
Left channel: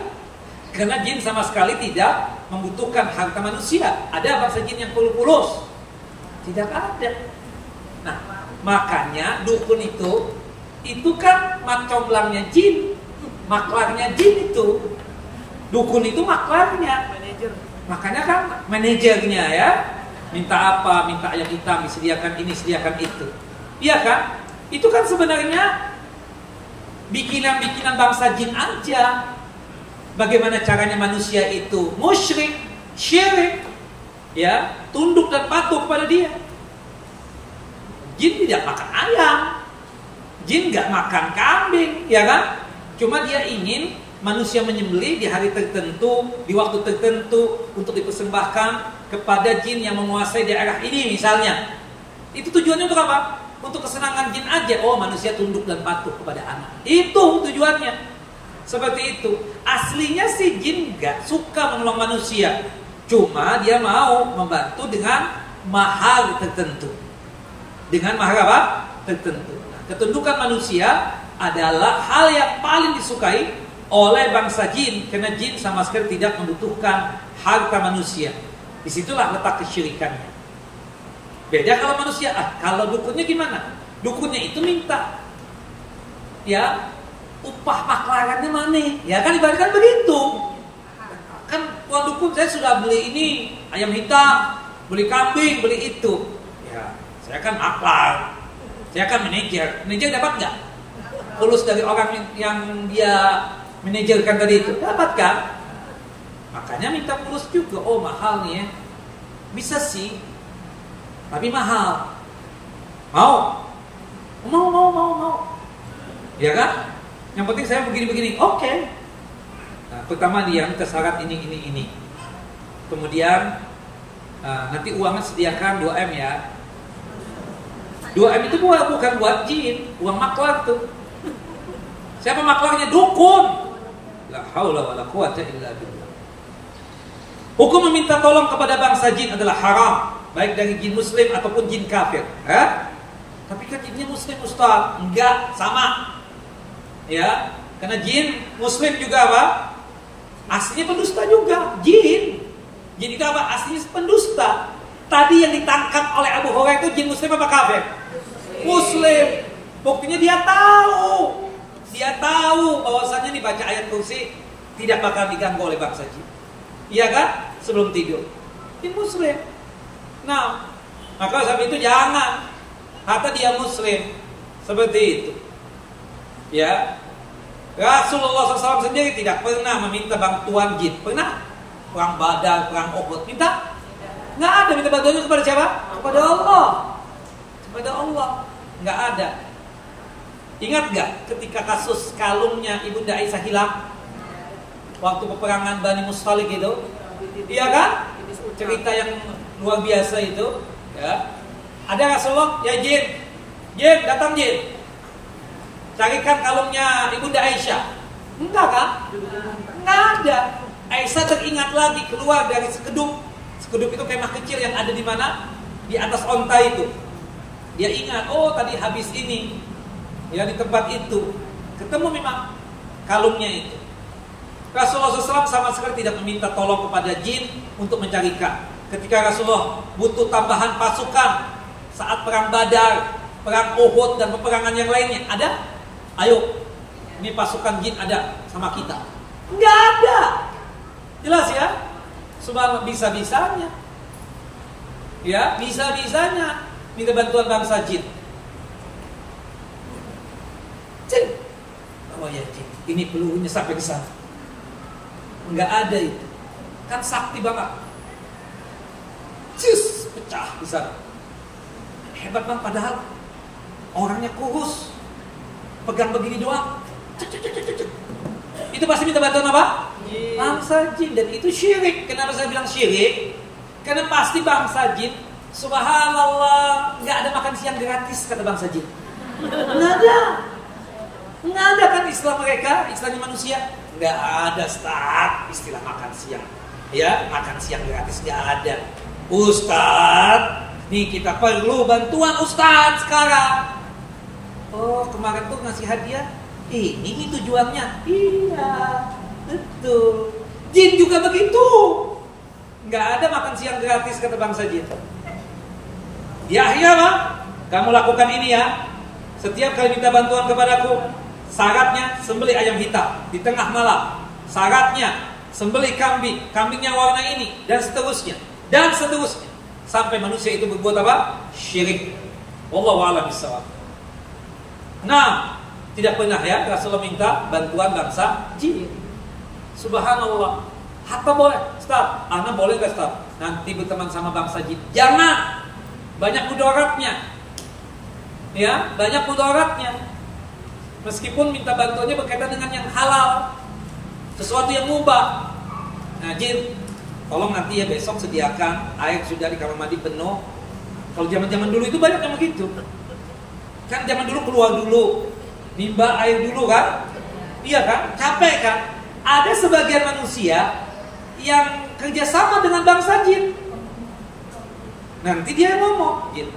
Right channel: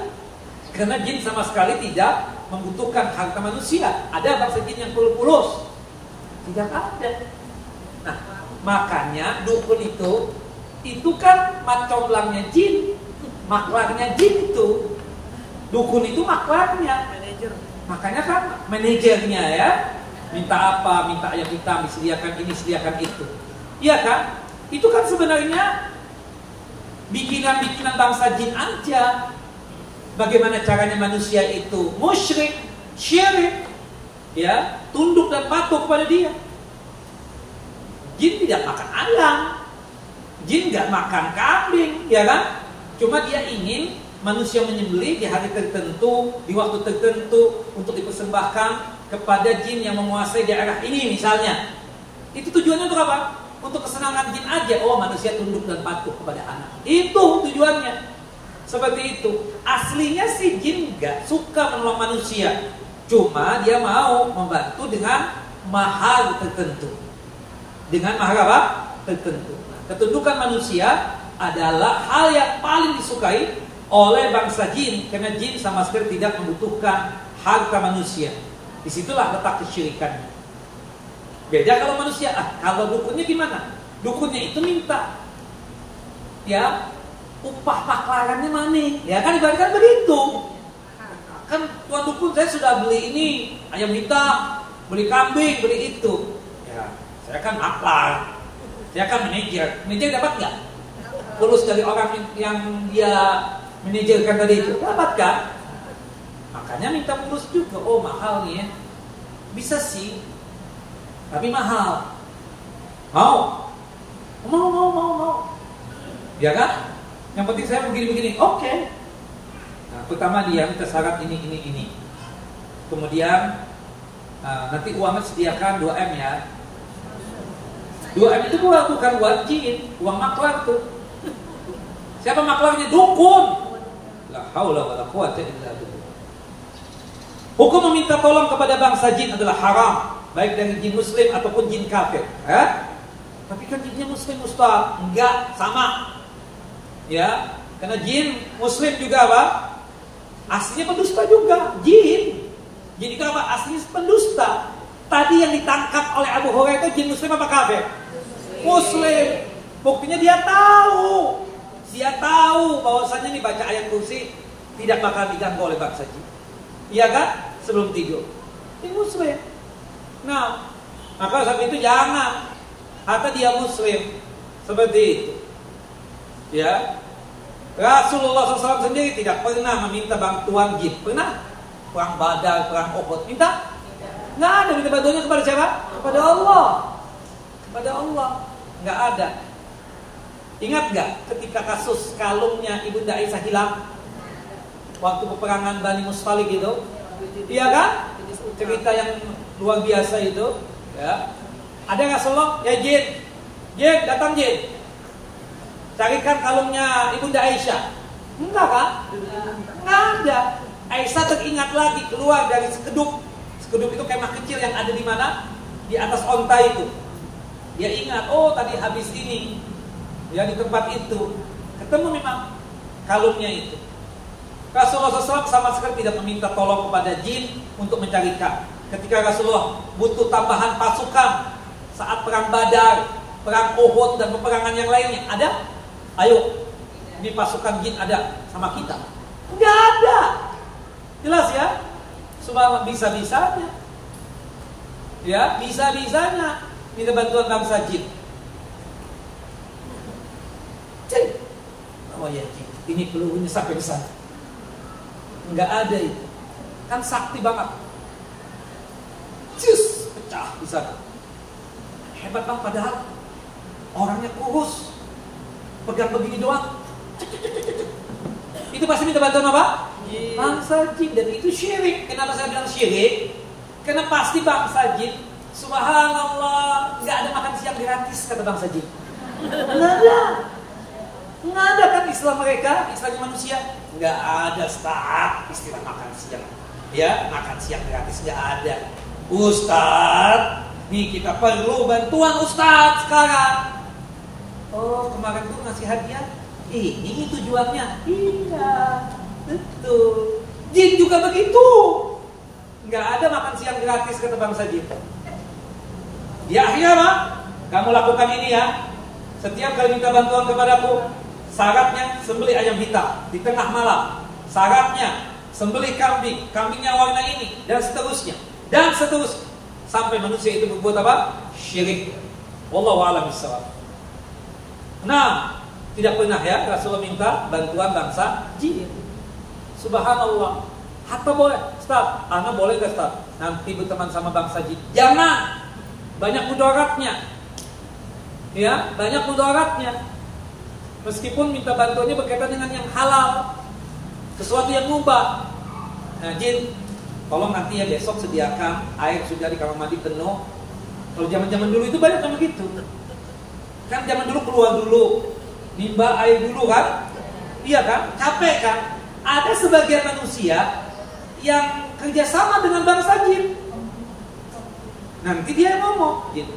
Karena jin sama sekali tidak membutuhkan harta manusia. Ada bangsa jin yang pulus? Tidak ada. Nah, makanya dukun itu kan macomblangnya jin, maklarnya jin itu. Dukun itu maklarnya, Manajer. makanya kan manajernya ya. Minta apa, minta ayam hitam, disediakan ini, sediakan itu. Iya kan? Itu kan sebenarnya bikinan-bikinan bangsa jin aja. Bagaimana caranya manusia itu musyrik, syirik, ya, tunduk dan patuh kepada dia. Jin tidak makan ayam, jin nggak makan kambing, ya kan? Cuma dia ingin manusia menyembelih di hari tertentu, di waktu tertentu untuk dipersembahkan kepada jin yang menguasai daerah ini misalnya. Itu tujuannya untuk apa? Untuk kesenangan jin aja. Oh, manusia tunduk dan patuh kepada anak. Itu tujuannya. Seperti itu. Aslinya sih jin nggak suka menolong manusia. Cuma dia mau membantu dengan mahar tertentu. Dengan mahar apa? Tertentu. Nah, ketundukan manusia adalah hal yang paling disukai oleh bangsa jin. Karena jin sama sekali tidak membutuhkan harta manusia. Disitulah letak kesyirikannya. Beda kalau manusia. Kalau dukunnya gimana? Dukunnya itu minta, ya, upah maklarannya mana? Ya kan ibaratkan begitu. Kan tuan dukun, saya sudah beli ini ayam hitam, beli kambing, beli itu. Ya, saya kan maklar, saya kan manajer. Manajer dapat nggak? Tulus dari orang yang dia manajerkan tadi itu dapat kan? Makanya minta fulus juga. Oh, mahal nih ya. Bisa sih, tapi mahal. Mau? Mau. Ya kan? Yang penting saya begini. Oke. Nah, pertama dia minta syarat ini. Kemudian nanti uangnya sediakan 2M ya. 2M itu bukan buat jin, uang maklar tuh. Siapa maklarnya? Dukun. La haula wala quwata illa billah. Hukum meminta tolong kepada bangsa jin adalah haram, baik dari jin muslim ataupun jin kafir. Tapi kan jinnya muslim, Ustaz. Enggak, sama. Ya, karena jin muslim juga apa? Aslinya pendusta juga. Jin itu apa? Aslinya pendusta. Tadi yang ditangkap oleh Abu Hurairah itu jin muslim apa kafir? Muslim. Buktinya dia tahu bahwasanya nih baca ayat kursi tidak bakal diganggu oleh bangsa jin. Iya kan? Sebelum tidur. Jin muslim. Nah, maka saat itu jangan. Hatta dia muslim. Seperti itu. Ya. Rasulullah SAW sendiri tidak pernah meminta bantuan jin. Pernah? Perang Badar, perang Uhud. Minta? Nggak ada. Minta bantuannya kepada siapa? Kepada Allah. Kepada Allah. Nggak ada. Ingat nggak ketika kasus kalungnya Ibunda Aisyah hilang? Waktu peperangan Bani Mustalik itu? Iya kan? Cerita yang luar biasa itu. Ya. Ada Rasulullah, ya jin, datang jin. Carikan kalungnya Ibunda Aisyah. Enggak kan? Enggak ada. Aisyah teringat lagi keluar dari sekedup. Sekedup itu kemah kecil yang ada di mana? Di atas onta itu. Dia ingat, oh tadi habis ini. Ya di tempat itu. Ketemu memang kalungnya itu. Rasulullah SAW sama sekali tidak meminta tolong kepada jin untuk mencarikan. Ketika Rasulullah butuh tambahan pasukan saat perang Badar, perang Uhud dan peperangan yang lainnya, ada? Ayo, ini pasukan jin ada sama kita. Enggak ada. Jelas ya? Subhanallah, bisa-bisanya. Ya, bisa-bisanya minta bantuan bangsa jin. Jin. Oh ya jin, ini pelurunya sampai ke sana. Enggak ada itu. Kan sakti banget. Cus, pecah di sana. Hebat bang, padahal orangnya kurus. Pegang begini doang. Itu pasti minta bantuan apa? Bangsa jin. Dan itu syirik. Kenapa saya bilang syirik? Karena pasti bangsa jin, subhanallah, nggak ada makan siang gratis kata bangsa jin. Nggak ada kan istilah mereka, istilahnya manusia. Nggak ada start istilah makan siang. Ya, makan siang gratis nggak ada. Ustaz, nih kita perlu bantuan Ustaz sekarang. Oh, kemarin tuh ngasih hadiah. Ini tujuannya. Iya, betul. Jin juga begitu. Nggak ada makan siang gratis kata bangsa jin. Di akhirnya apa? Kamu lakukan ini ya. Setiap kali minta bantuan kepadaku, syaratnya sembelih ayam hitam di tengah malam. Syaratnya sembelih kambing, kambingnya warna ini dan seterusnya. Sampai manusia itu berbuat apa? Syirik. Wallahu a'lam bishawab. Nah, tidak pernah ya Rasulullah minta bantuan bangsa jin. Subhanallah. Hatta boleh, Ustaz. Ana boleh gak Ustaz? Nanti berteman sama bangsa jin. Jangan. Banyak mudaratnya. Ya, banyak mudaratnya. Meskipun minta bantuannya berkaitan dengan yang halal, sesuatu yang mubah. Nah, jin, tolong nanti ya besok sediakan air sudah di kamar mandi penuh. Kalau zaman-zaman dulu itu banyak yang begitu. Kan zaman dulu keluar dulu, nimba air dulu kan? Iya kan? Capek kan? Ada sebagian manusia yang kerjasama dengan bangsa jin. Nanti dia ngomong, jin,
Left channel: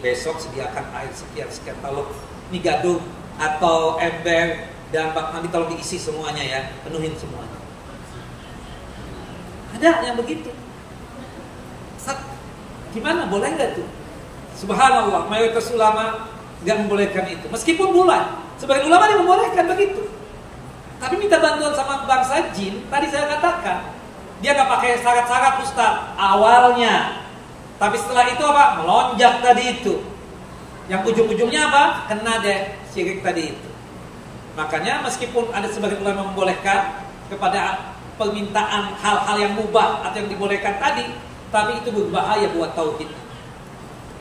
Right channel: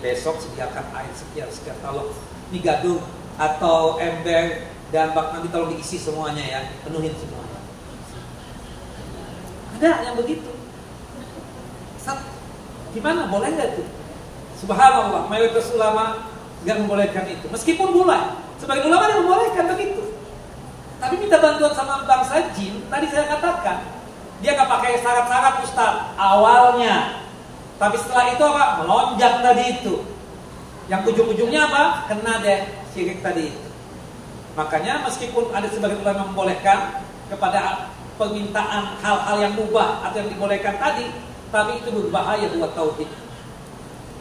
besok sediakan air sekian tolong ini gaduh atau ember dan bak nanti tolong diisi semuanya ya, penuhin semuanya. Ada yang begitu. Gimana? Boleh nggak tuh? Subhanallah, mayoritas ulama nggak membolehkan itu. Meskipun boleh, sebagian ulama yang membolehkan begitu. Tapi minta bantuan sama bangsa jin, tadi saya katakan, dia nggak pakai syarat-syarat Ustaz awalnya. Tapi setelah itu apa? Melonjak tadi itu. Yang ujung-ujungnya apa? Kena deh syirik tadi itu. Makanya meskipun ada sebagian ulama membolehkan kepada permintaan hal-hal yang mubah atau yang dibolehkan tadi, tapi itu berbahaya buat tauhid.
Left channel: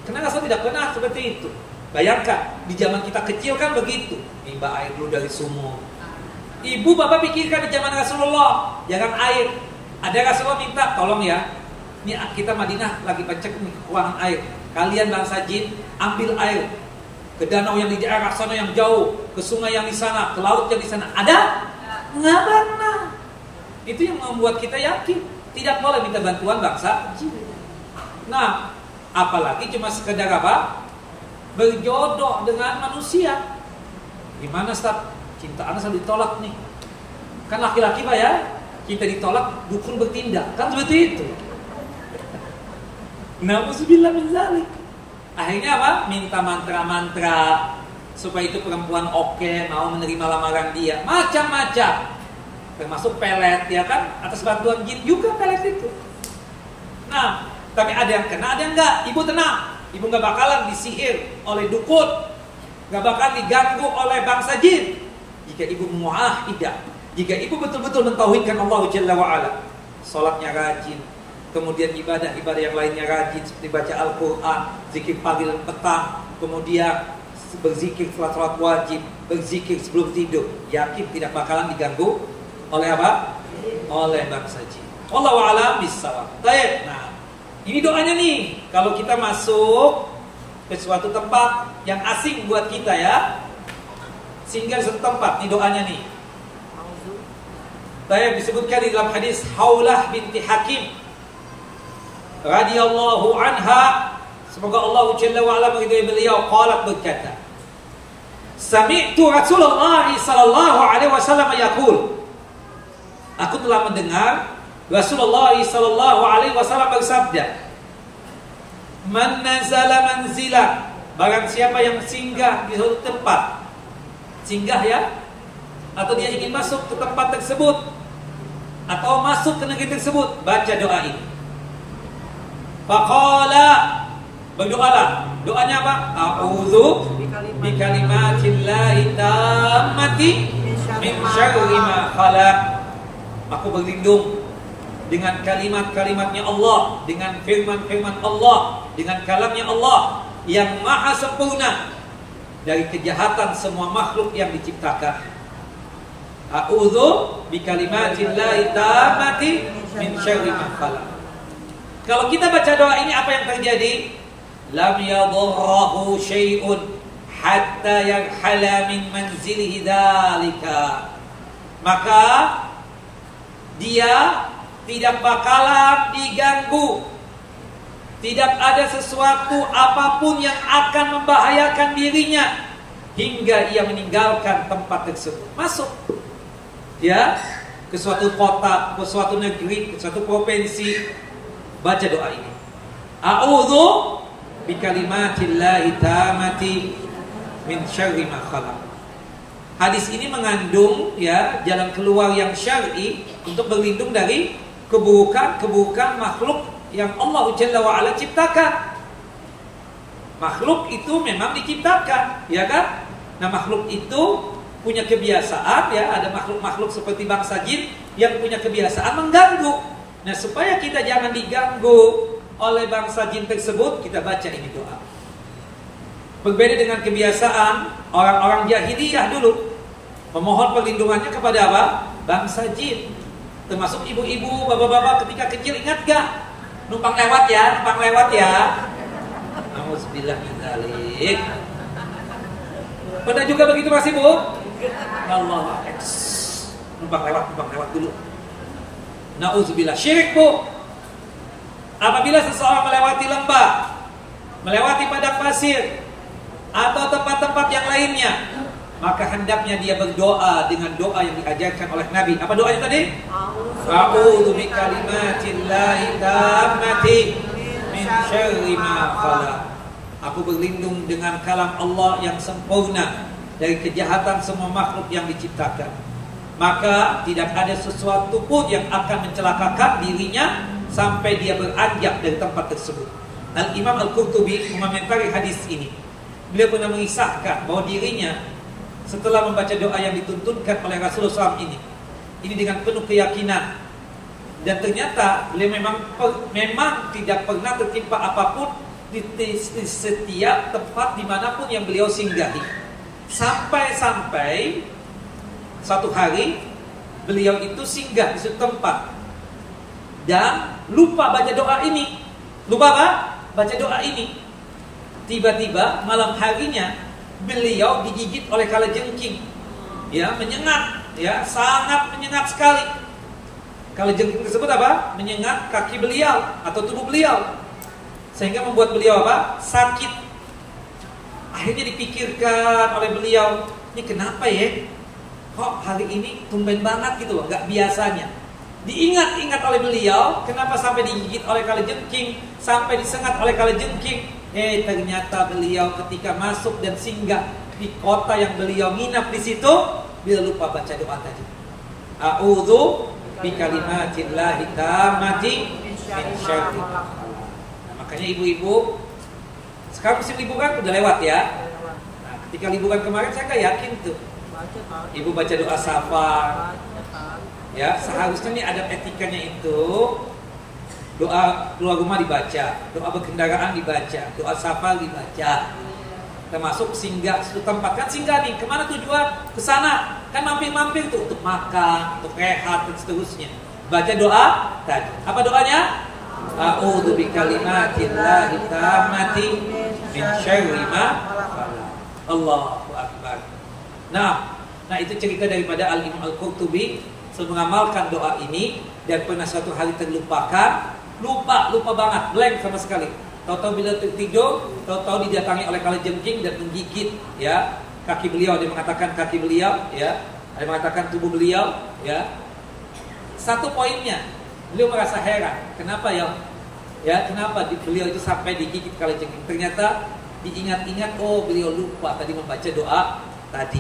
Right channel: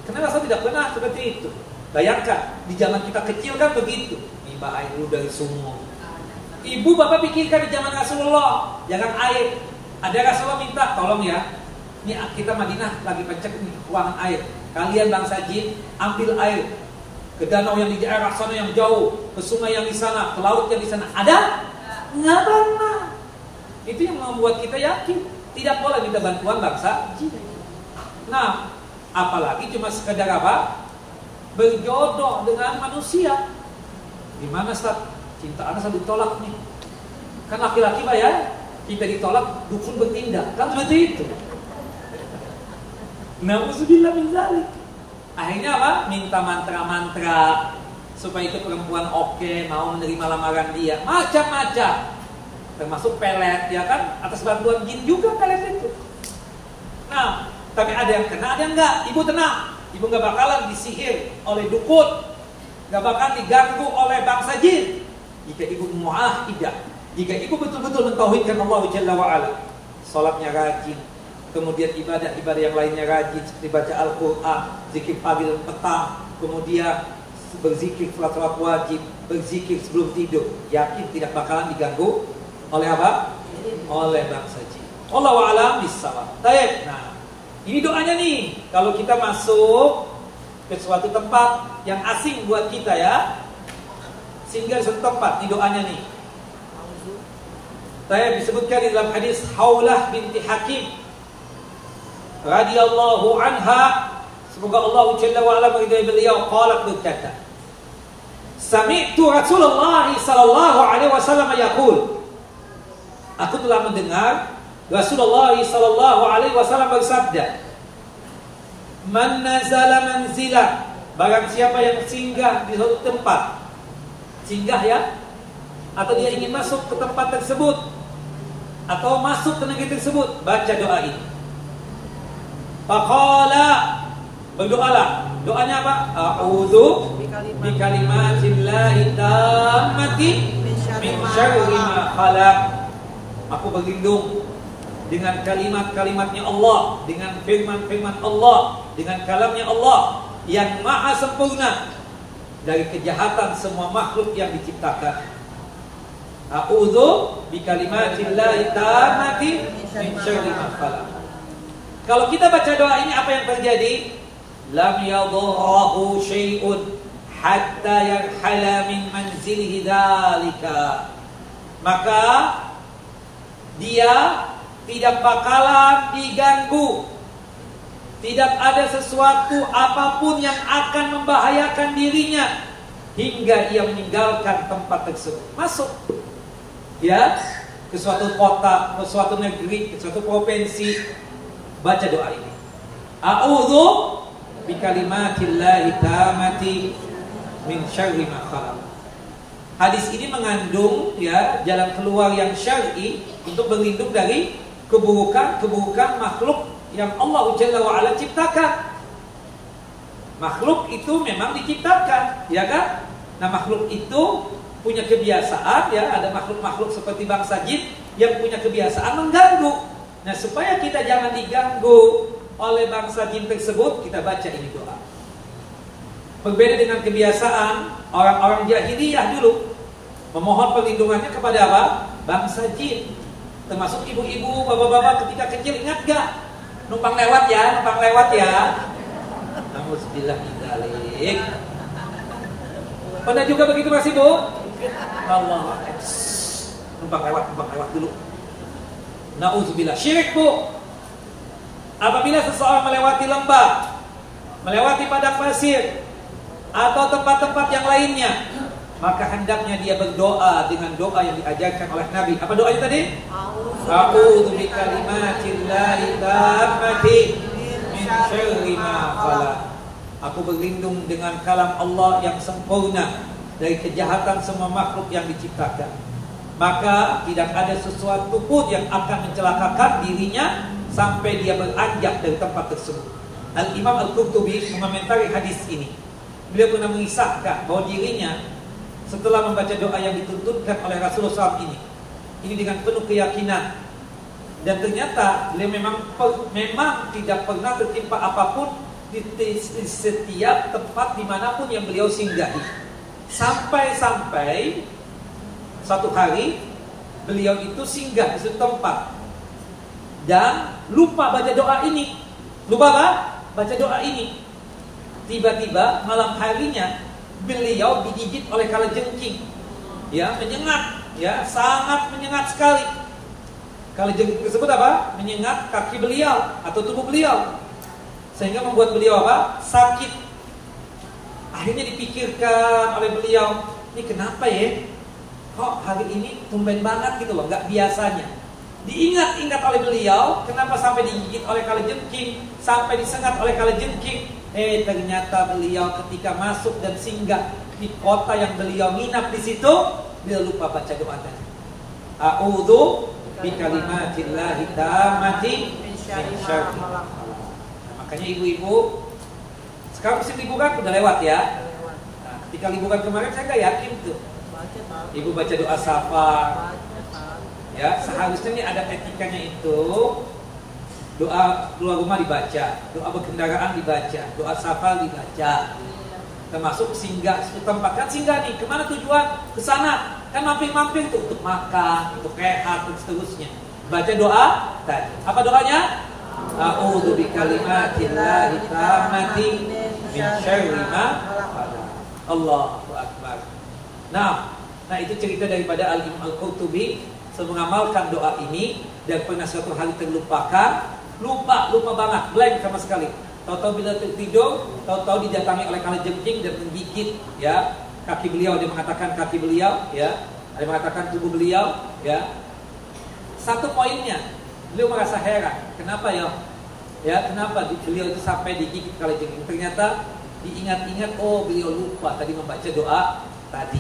Karena Rasul tidak pernah seperti itu. Bayangkan, di zaman kita kecil kan begitu. Nimba air dulu dari sumur. Ibu bapak pikirkan di zaman Rasulullah, jangan air. Ada Rasulullah minta, tolong ya. Ini kita Madinah lagi pecek nih kekurangan air. Kalian bangsa jin, ambil air ke danau yang di daerah sana yang jauh, ke sungai yang di sana, ke laut yang di sana. Ada? Nggak pernah. Itu yang membuat kita yakin tidak boleh minta bantuan bangsa jin. Nah, apalagi cuma sekedar apa? Berjodoh dengan manusia. Gimana Ustaz? Cinta anak selalu ditolak nih. Kan laki-laki Pak ya, kita ditolak, dukun bertindak. Kan seperti itu. Na'udzubillah min zalik. Akhirnya apa? Minta mantra-mantra supaya itu perempuan oke, mau menerima lamaran dia. Macam-macam. Termasuk pelet, ya kan? Atas bantuan jin juga pelet itu. Nah, tapi ada yang kena, ada yang enggak. Ibu tenang. Ibu gak bakalan disihir oleh dukun, gak bakalan diganggu oleh bangsa jin. Jika ibu muahidah, jika ibu betul-betul mentauhidkan Allah Jalla wa'ala, salatnya rajin, kemudian ibadah-ibadah yang lainnya rajin, seperti baca Al-Quran, zikir pagi dan petang, kemudian berzikir setelah salat wajib, berzikir sebelum tidur, yakin tidak bakalan diganggu oleh apa? Oleh bangsa jin. Wallahu a'lam bishawab. Baik. Nah, ini doanya nih, kalau kita masuk ke suatu tempat yang asing buat kita ya, singgah suatu tempat, ini doanya nih. Saya disebutkan di dalam hadis Haulah binti Hakim radhiyallahu anha, semoga Allah Jalla wa ala meridai beliau, qalat berkata, sami'tu Rasulullah sallallahu alaihi wasallam yaqul, aku telah mendengar Rasulullah sallallahu alaihi wasallam bersabda, man nazala manzila, barang siapa yang singgah di suatu tempat, singgah ya, atau dia ingin masuk ke tempat tersebut atau masuk ke negeri tersebut, baca doa ini. Faqala, berdoalah. Doanya apa? A'udzu bikalimatillahi tammati min syarri ma khalaq. Aku berlindung dengan kalimat-kalimatnya Allah, dengan firman-firman Allah, dengan kalamnya Allah yang maha sempurna dari kejahatan semua makhluk yang diciptakan. A'udzu bikalimatillahi tammati min syarri ma khalaq. Kalau kita baca doa ini, apa yang terjadi? Lam yadurruhu syai'un hatta yarhala min manzilihi dzalika. Maka dia tidak bakalan diganggu. Tidak ada sesuatu apapun yang akan membahayakan dirinya hingga ia meninggalkan tempat tersebut. Masuk ya ke suatu kota, ke suatu negeri, ke suatu provinsi, baca doa ini. A'udzu bikalimatillahi tammati min syarri ma khalaq. Hadis ini mengandung ya jalan keluar yang syar'i untuk berlindung dari keburukan makhluk yang Allah Jalla wa ala ciptakan. Makhluk itu memang diciptakan, ya kan? Nah, makhluk itu punya kebiasaan ya, ada makhluk-makhluk seperti bangsa jin yang punya kebiasaan mengganggu. Nah, supaya kita jangan diganggu oleh bangsa jin tersebut, kita baca ini doa. Berbeda dengan kebiasaan orang-orang jahiliyah dulu, memohon perlindungannya kepada apa? Bangsa jin. Termasuk ibu-ibu, bapak-bapak ketika kecil, ingat gak? Numpang lewat ya, numpang lewat ya. Alhamdulillah min dzalik. Pada juga begitu masih Bu? Allah, numpang lewat dulu. Nauzubillah, syirik Bu. Apabila seseorang melewati lembah, melewati padang pasir, atau tempat-tempat yang lainnya, maka hendaknya dia berdoa dengan doa yang diajarkan oleh Nabi. Apa doanya tadi? A'udzu bikalimatillahi tammati min syarri ma khalaq. Aku berlindung dengan kalam Allah yang sempurna dari kejahatan semua makhluk yang diciptakan. Maka tidak ada sesuatu pun yang akan mencelakakan dirinya sampai dia beranjak dari tempat tersebut. Al-Imam Al-Qurtubi mengomentari hadis ini. Beliau pernah mengisahkan bahwa dirinya setelah membaca doa yang dituntunkan oleh Rasulullah SAW ini dengan penuh keyakinan, dan ternyata beliau memang tidak pernah tertimpa apapun di setiap tempat dimanapun yang beliau singgahi. Sampai-sampai satu hari beliau itu singgah di suatu tempat dan lupa baca doa ini. Lupa apa? Baca doa ini. Tiba-tiba malam harinya beliau digigit oleh kalajengking. Ya, menyengat, ya, sangat menyengat sekali. Kalajengking tersebut apa? Menyengat kaki beliau atau tubuh beliau. Sehingga membuat beliau apa? Sakit. Akhirnya dipikirkan oleh beliau, ini kenapa ya? Kok hari ini tumben banget gitu loh, nggak biasanya. Diingat-ingat oleh beliau, kenapa sampai digigit oleh kalajengking, sampai disengat oleh kalajengking. Ternyata beliau ketika masuk dan singgah di kota yang beliau nginap di situ, beliau lupa baca doa tadi. A'udzu bikalimatillahi tammati min syarri. Makanya ibu-ibu, sekarang musim liburan udah lewat ya. Nah, ketika liburan kemarin saya nggak yakin tuh. Ibu baca doa safar. Ya, seharusnya nih ada etikanya itu. Doa keluar rumah dibaca, doa berkendaraan dibaca, doa safar dibaca. Termasuk singgah suatu tempat, kan singgah nih, kemana tujuan? Ke sana. Kan mampir-mampir tuh untuk makan, untuk rehat dan seterusnya. Baca doa tadi. Apa doanya? A'udzu bikalimatillahi tammati min syarri ma khalaq. Allahu akbar. Nah itu cerita daripada Al-Imam Al-Qurtubi mengamalkan doa ini dan pernah suatu hari terlupakan, lupa banget, blank sama sekali. Tahu-tahu bila tertidur, tahu-tahu didatangi oleh kalajengking dan menggigit ya kaki beliau. Ada yang mengatakan kaki beliau, ya, ada yang mengatakan tubuh beliau, ya. Satu poinnya, beliau merasa heran, kenapa ya? Ya, kenapa beliau itu sampai digigit kalajengking? Ternyata diingat-ingat, oh beliau lupa tadi membaca doa tadi.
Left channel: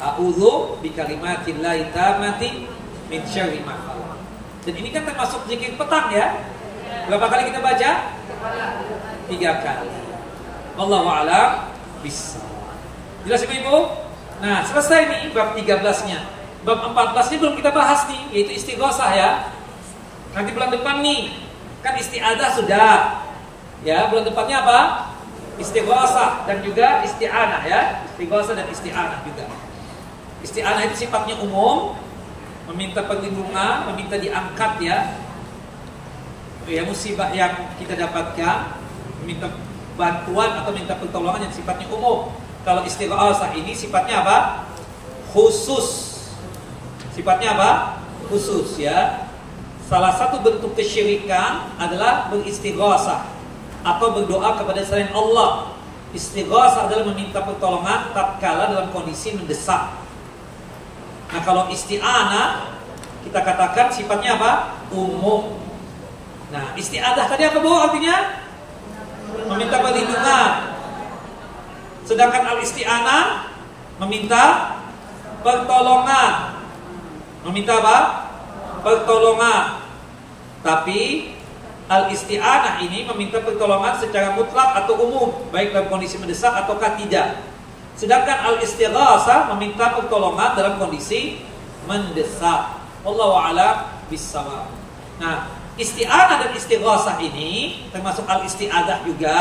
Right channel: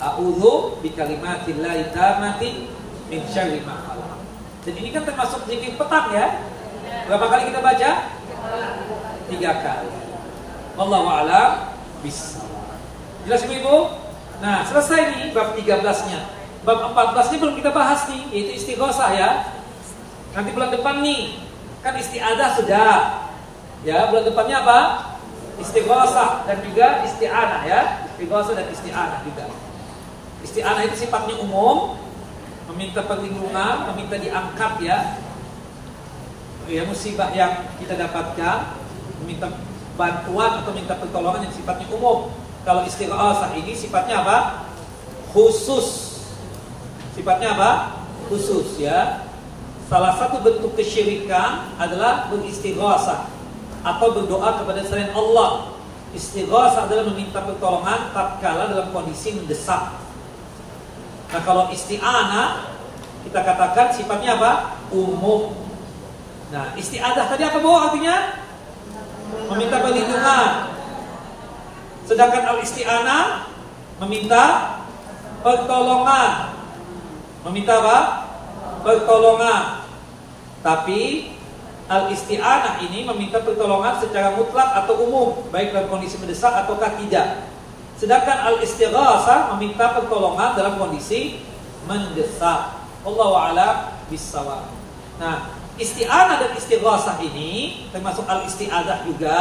A'udzu bikalimatillahi tammati min syarri ma khalaq. Dan ini kan termasuk zikir petang ya. Berapa kali kita baca? 3 kali. Wallahu a'lam bishawab. Jelas Ibu? Nah, selesai nih bab 13-nya. Bab 14 ini belum kita bahas nih, yaitu istighosah ya. Nanti bulan depan nih, kan isti'adzah sudah. Ya, bulan depannya apa? Istighosah dan juga isti'anah ya. Istighosah dan isti'anah juga. Isti'anah itu sifatnya umum, meminta perlindungan, meminta diangkat ya. Ya, musibah yang kita dapatkan, meminta bantuan atau minta pertolongan yang sifatnya umum. Kalau istighosah ini sifatnya apa? Khusus. Sifatnya apa? Khusus ya. Salah satu bentuk kesyirikan adalah beristighosah atau berdoa kepada selain Allah. Istighosah adalah meminta pertolongan tatkala dalam kondisi mendesak. Nah, kalau isti'anah kita katakan sifatnya apa? Umum. Nah, isti'adzah tadi apa Bu artinya? Meminta perlindungan. Sedangkan al-isti'anah meminta pertolongan. Meminta apa? Pertolongan. Tapi al-isti'anah ini meminta pertolongan secara mutlak atau umum, baik dalam kondisi mendesak ataukah tidak. Sedangkan al-istighasah meminta pertolongan dalam kondisi mendesak. Wallahu a'lam bishawab. Nah, isti'anah dan istighasah ini termasuk al-isti'adzah juga,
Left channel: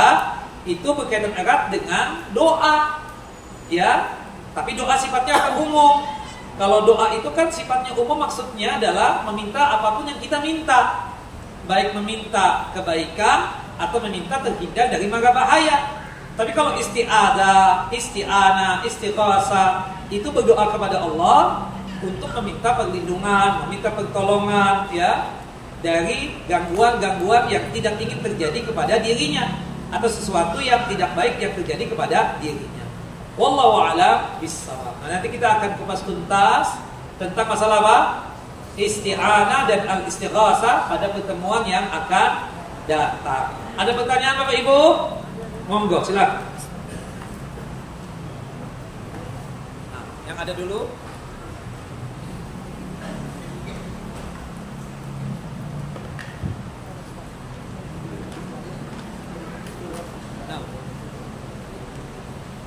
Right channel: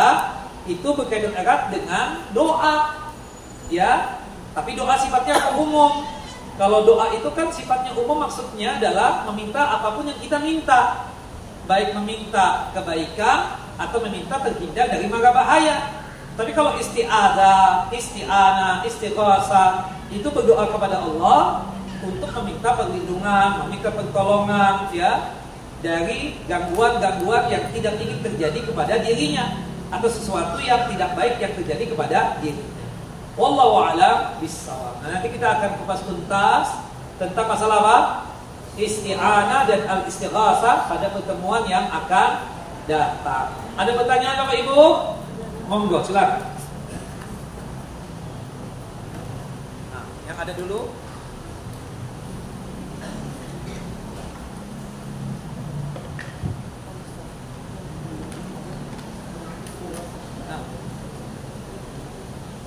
itu berkaitan erat dengan doa. Ya, tapi doa sifatnya akan umum. Kalau doa itu kan sifatnya umum, maksudnya adalah meminta apapun yang kita minta. Baik meminta kebaikan atau meminta terhindar dari mara bahaya. Tapi kalau isti'adzah, isti'anah, istighasah itu berdoa kepada Allah untuk meminta perlindungan, meminta pertolongan ya dari gangguan-gangguan yang tidak ingin terjadi kepada dirinya atau sesuatu yang tidak baik yang terjadi kepada dirinya. Wallahu a'lam bishawab. Nah, nanti kita akan kupas tuntas tentang masalah apa? Isti'anah dan al-istighasah pada pertemuan yang akan datang. Ada pertanyaan Bapak Ibu? Monggo, silakan. Nah, yang ada dulu.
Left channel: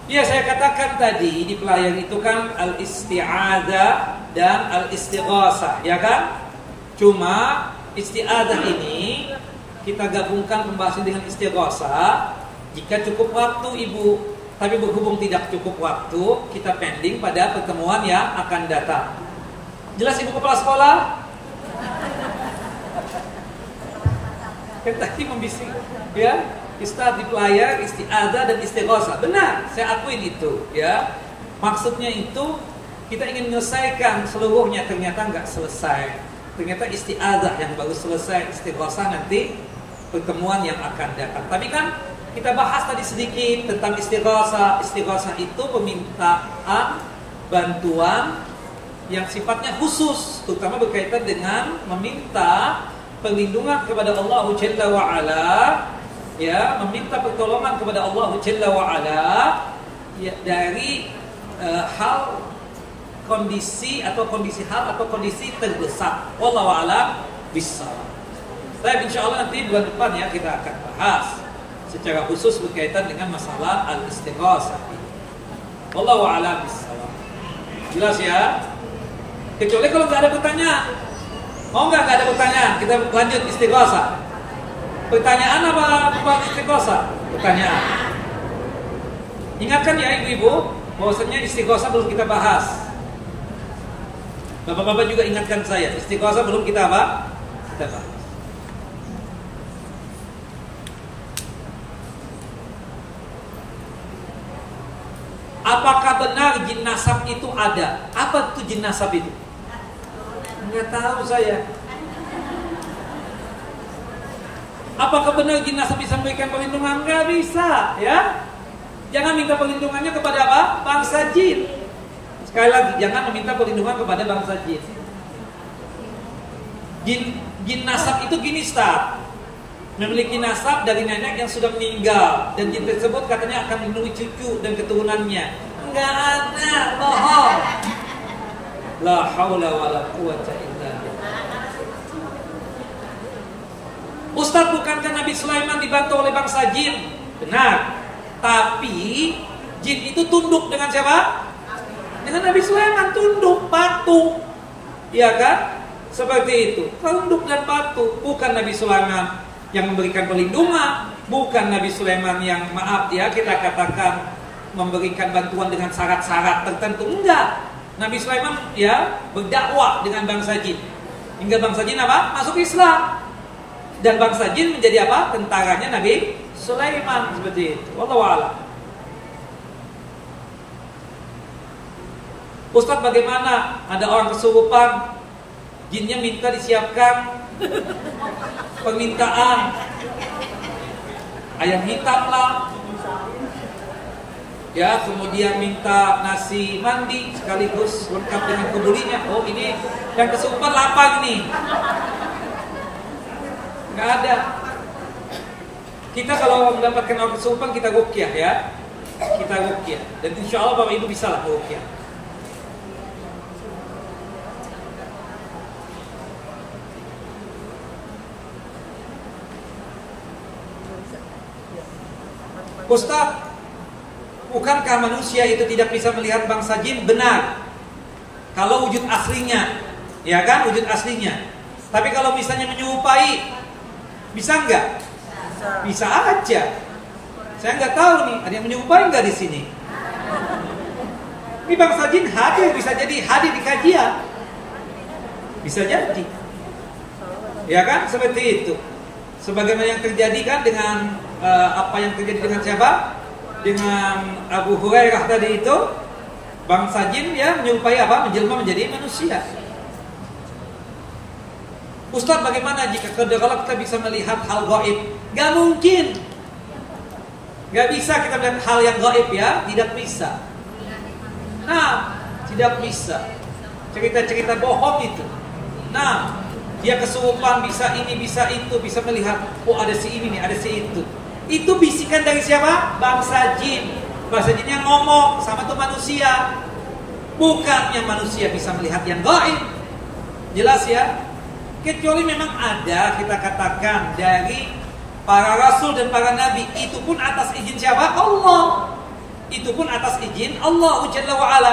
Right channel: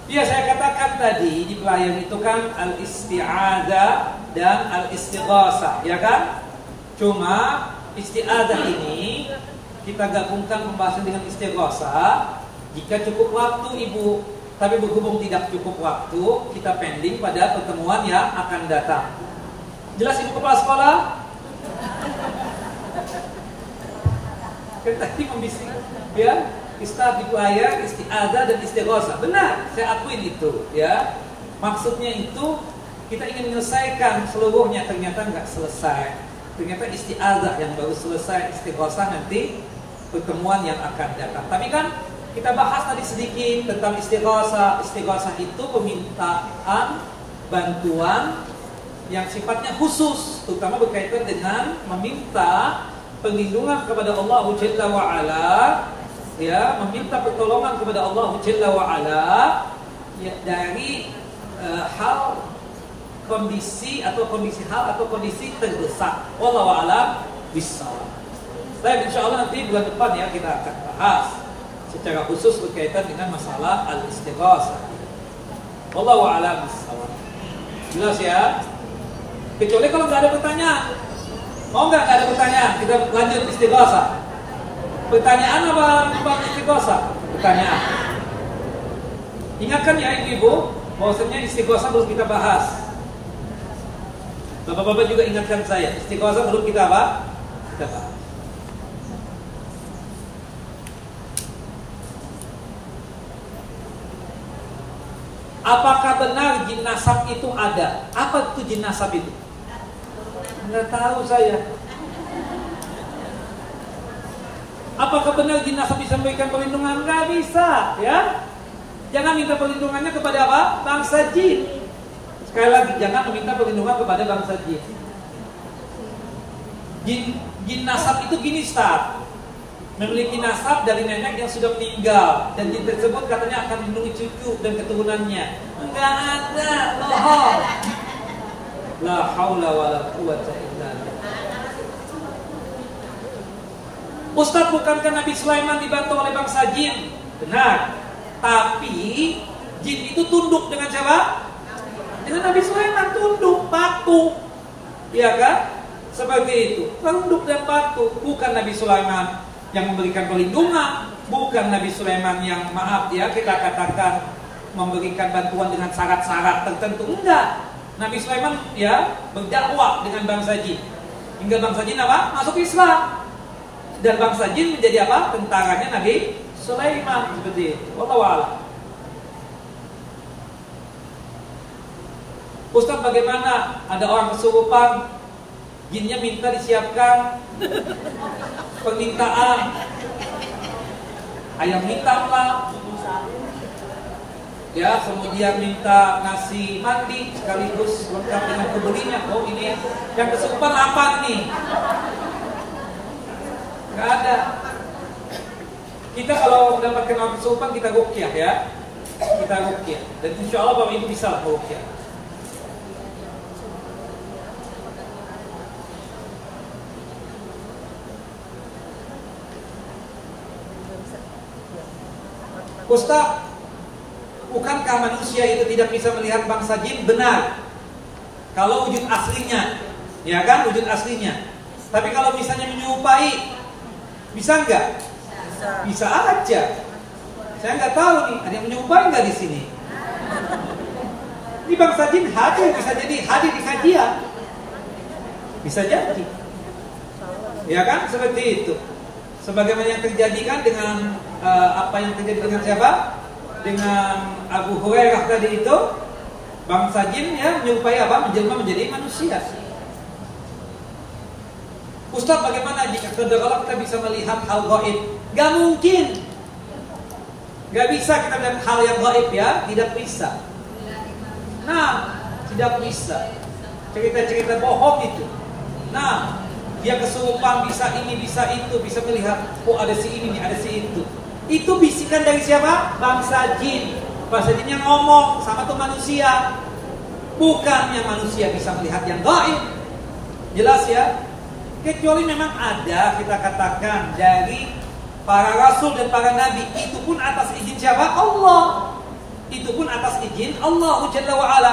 Iya, saya katakan tadi di pelayan itu kan al-isti'adzah dan al-istighasah, ya kan? Cuma isti'adzah ini kita gabungkan pembahasan dengan istighasah Jika cukup waktu Ibu, tapi berhubung tidak cukup waktu, kita pending pada pertemuan yang akan datang. Jelas Ibu Kepala Sekolah? Kan tadi membisik, ya, Ustaz dipelayar, isti'adzah dan istighotsah. Benar, saya akuin itu, ya. Maksudnya itu kita ingin menyelesaikan seluruhnya, ternyata nggak selesai. Ternyata isti'adzah yang baru selesai, istighotsah nanti pertemuan yang akan datang. Tapi kan kita bahas tadi sedikit tentang istighotsah. Istighotsah itu permintaan bantuan yang sifatnya khusus, terutama berkaitan dengan meminta perlindungan kepada Allah Jalla wa Ala, ya, meminta pertolongan kepada Allah Jalla wa Ala, ya, dari hal kondisi atau kondisi hal atau kondisi terdesak. Wallahu a'lam bishawab. Baik, insyaallah nanti bulan depan ya kita akan bahas secara khusus berkaitan dengan masalah al-istighatsah. Wallahu a'lam bishawab. Jelas ya? Kecuali kalau nggak ada pertanyaan. Mau nggak ada pertanyaan? Kita lanjut istighatsah. Pertanyaan apa tentang istighatsah? Pertanyaan. Ingatkan ya ibu-ibu, bahwasanya istighatsah belum kita bahas. Bapak-bapak juga ingatkan saya, istighatsah belum kita apa? Kita bahas. Apakah benar jin nasab itu ada? Apa itu jin nasab itu? Nggak tahu saya. Apakah benar jin nasab bisa memberikan perlindungan? Nggak bisa, ya. Jangan minta perlindungannya kepada apa? Bangsa jin. Sekali lagi, jangan meminta perlindungan kepada bangsa jin. Jin nasab itu gini, Ustaz. Memiliki nasab dari nenek yang sudah meninggal, dan jin tersebut katanya akan melindungi cucu dan keturunannya. Enggak ada, bohong. La haula wala quwwata illa billah. Ustaz, bukankah Nabi Sulaiman dibantu oleh bangsa jin? Benar. Tapi jin itu tunduk dengan siapa? Dengan Nabi Sulaiman, tunduk, patuh. Iya kan? Seperti itu. Tunduk dan patuh. Bukan Nabi Sulaiman yang memberikan perlindungan, bukan Nabi Sulaiman yang, maaf ya, kita katakan memberikan bantuan dengan syarat-syarat tertentu. Enggak. Nabi Sulaiman ya berdakwah dengan bangsa jin, hingga bangsa jin apa? Masuk Islam. Dan bangsa jin menjadi apa? Tentaranya Nabi Sulaiman, seperti itu. Wallahu a'lam. Ustaz, bagaimana ada orang kesurupan, jinnya minta disiapkan permintaan ayam hitam lah, ya, kemudian minta nasi mandi sekaligus lengkap dengan kebulinya. Oh, ini yang kesurupan lapar ini. Nggak ada. Kita kalau mendapatkan orang kesurupan, kita ruqyah ya. Kita ruqyah. Dan insya Allah Bapak Ibu bisa lah ruqyah. Ustaz, bukankah manusia itu tidak bisa melihat bangsa jin? Benar, kalau wujud aslinya, ya kan, wujud aslinya. Tapi kalau misalnya menyerupai, bisa nggak? Bisa aja. Saya nggak tahu nih, ada yang menyerupai nggak di sini? Ini bangsa jin hadir, bisa jadi hadir di kajian, bisa jadi, ya kan, seperti itu. Sebagaimana yang terjadi kan dengan apa yang terjadi dengan siapa? Dengan Abu Hurairah tadi itu, bangsa jin ya menyerupai apa? Menjelma menjadi manusia. Ustaz, bagaimana jika kalau kita bisa melihat hal gaib? Gak mungkin. Gak bisa kita melihat hal yang gaib ya, tidak bisa. Nah, tidak bisa. Cerita-cerita bohong itu. Nah, dia kesurupan, bisa ini, bisa itu, bisa melihat, oh ada si ini nih, ada si itu. Itu bisikan dari siapa? Bangsa jin. Bangsa jin yang ngomong sama tuh manusia. Bukannya manusia bisa melihat yang gaib. Jelas ya? Kecuali memang ada, kita katakan, dari para rasul dan para nabi. Itu pun atas izin siapa? Allah. Itu pun atas izin Allah Jalla wa'ala.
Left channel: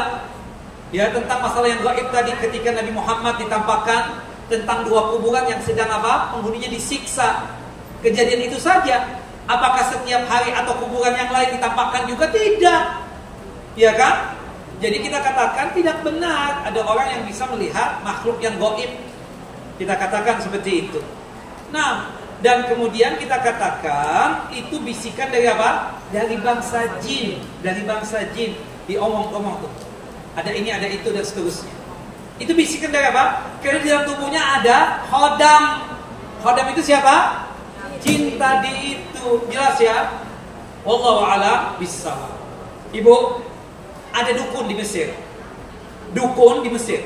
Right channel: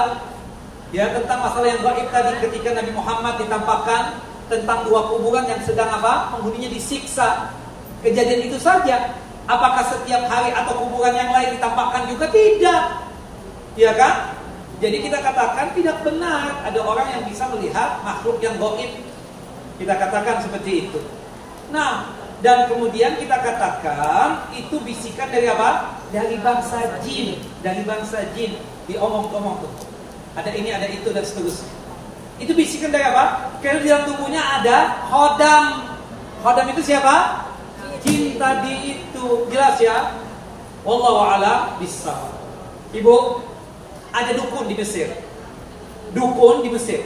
Ya, tentang masalah yang gaib tadi, ketika Nabi Muhammad ditampakkan tentang dua kuburan yang sedang apa? Penghuninya disiksa. Kejadian itu saja. Apakah setiap hari atau kuburan yang lain ditampakkan juga? Tidak. Ya kan? Jadi kita katakan tidak benar ada orang yang bisa melihat makhluk yang gaib. Kita katakan seperti itu. Nah, dan kemudian kita katakan itu bisikan dari apa? Dari bangsa jin. Dari bangsa jin. Diomong-omong tuh. Ada ini, ada itu, dan seterusnya. Itu bisikan dari apa? Karena di dalam tubuhnya ada khodam. Khodam itu siapa? Jin tadi itu. Jelas ya? Wallahu a'lam bishawab. Ibu, ada dukun di Mesir. Dukun di Mesir.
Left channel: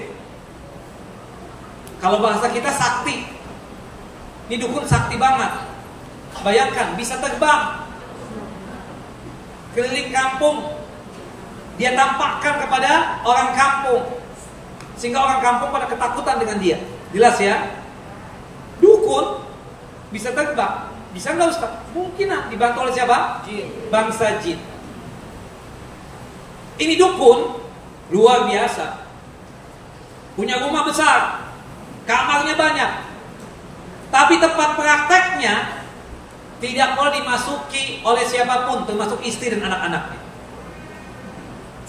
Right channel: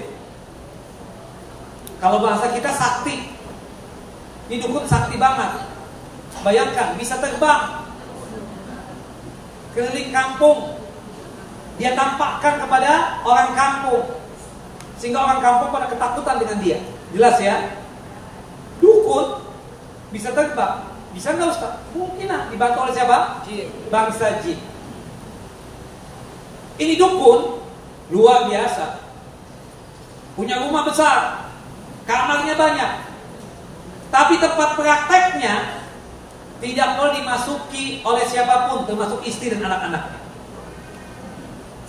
Kalau bahasa kita sakti. Ini dukun sakti banget. Bayangkan, bisa terbang keliling kampung. Dia tampakkan kepada orang kampung, sehingga orang kampung pada ketakutan dengan dia. Jelas ya? Dukun bisa terbang. Bisa nggak Ustaz? Mungkin lah, dibantu oleh siapa? Jin. Bangsa jin. Ini dukun luar biasa. Punya rumah besar, kamarnya banyak. Tapi tempat prakteknya tidak boleh dimasuki oleh siapapun, termasuk istri dan anak-anaknya.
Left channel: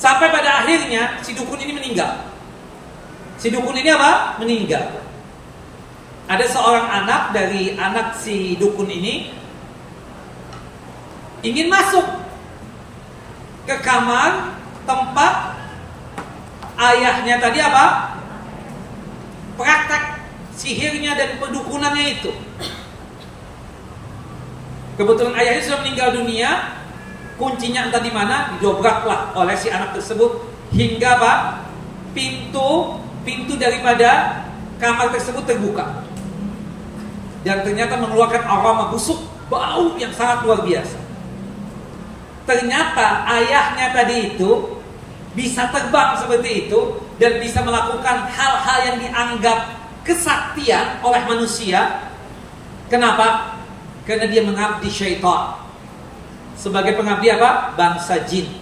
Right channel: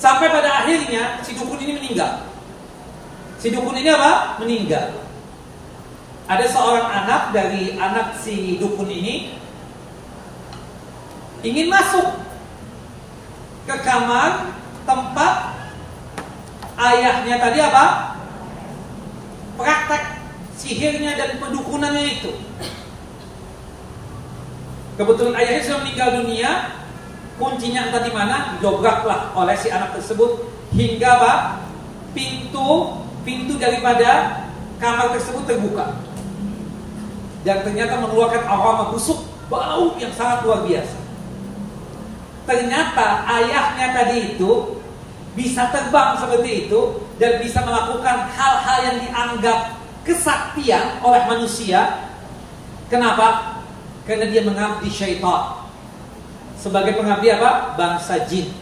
Sampai pada akhirnya si dukun ini meninggal. Si dukun ini apa? Meninggal. Ada seorang anak dari anak si dukun ini ingin masuk ke kamar tempat ayahnya tadi apa? Praktek sihirnya dan pendukunannya itu. Kebetulan ayahnya sudah meninggal dunia, kuncinya entah di mana, didobraklah oleh si anak tersebut hingga apa? Pintu daripada kamar tersebut terbuka. Dan ternyata mengeluarkan aroma busuk, bau yang sangat luar biasa. Ternyata ayahnya tadi itu bisa terbang seperti itu dan bisa melakukan hal-hal yang dianggap kesaktian oleh manusia. Kenapa? Karena dia mengabdi syaitan. Sebagai pengabdi apa? Bangsa jin.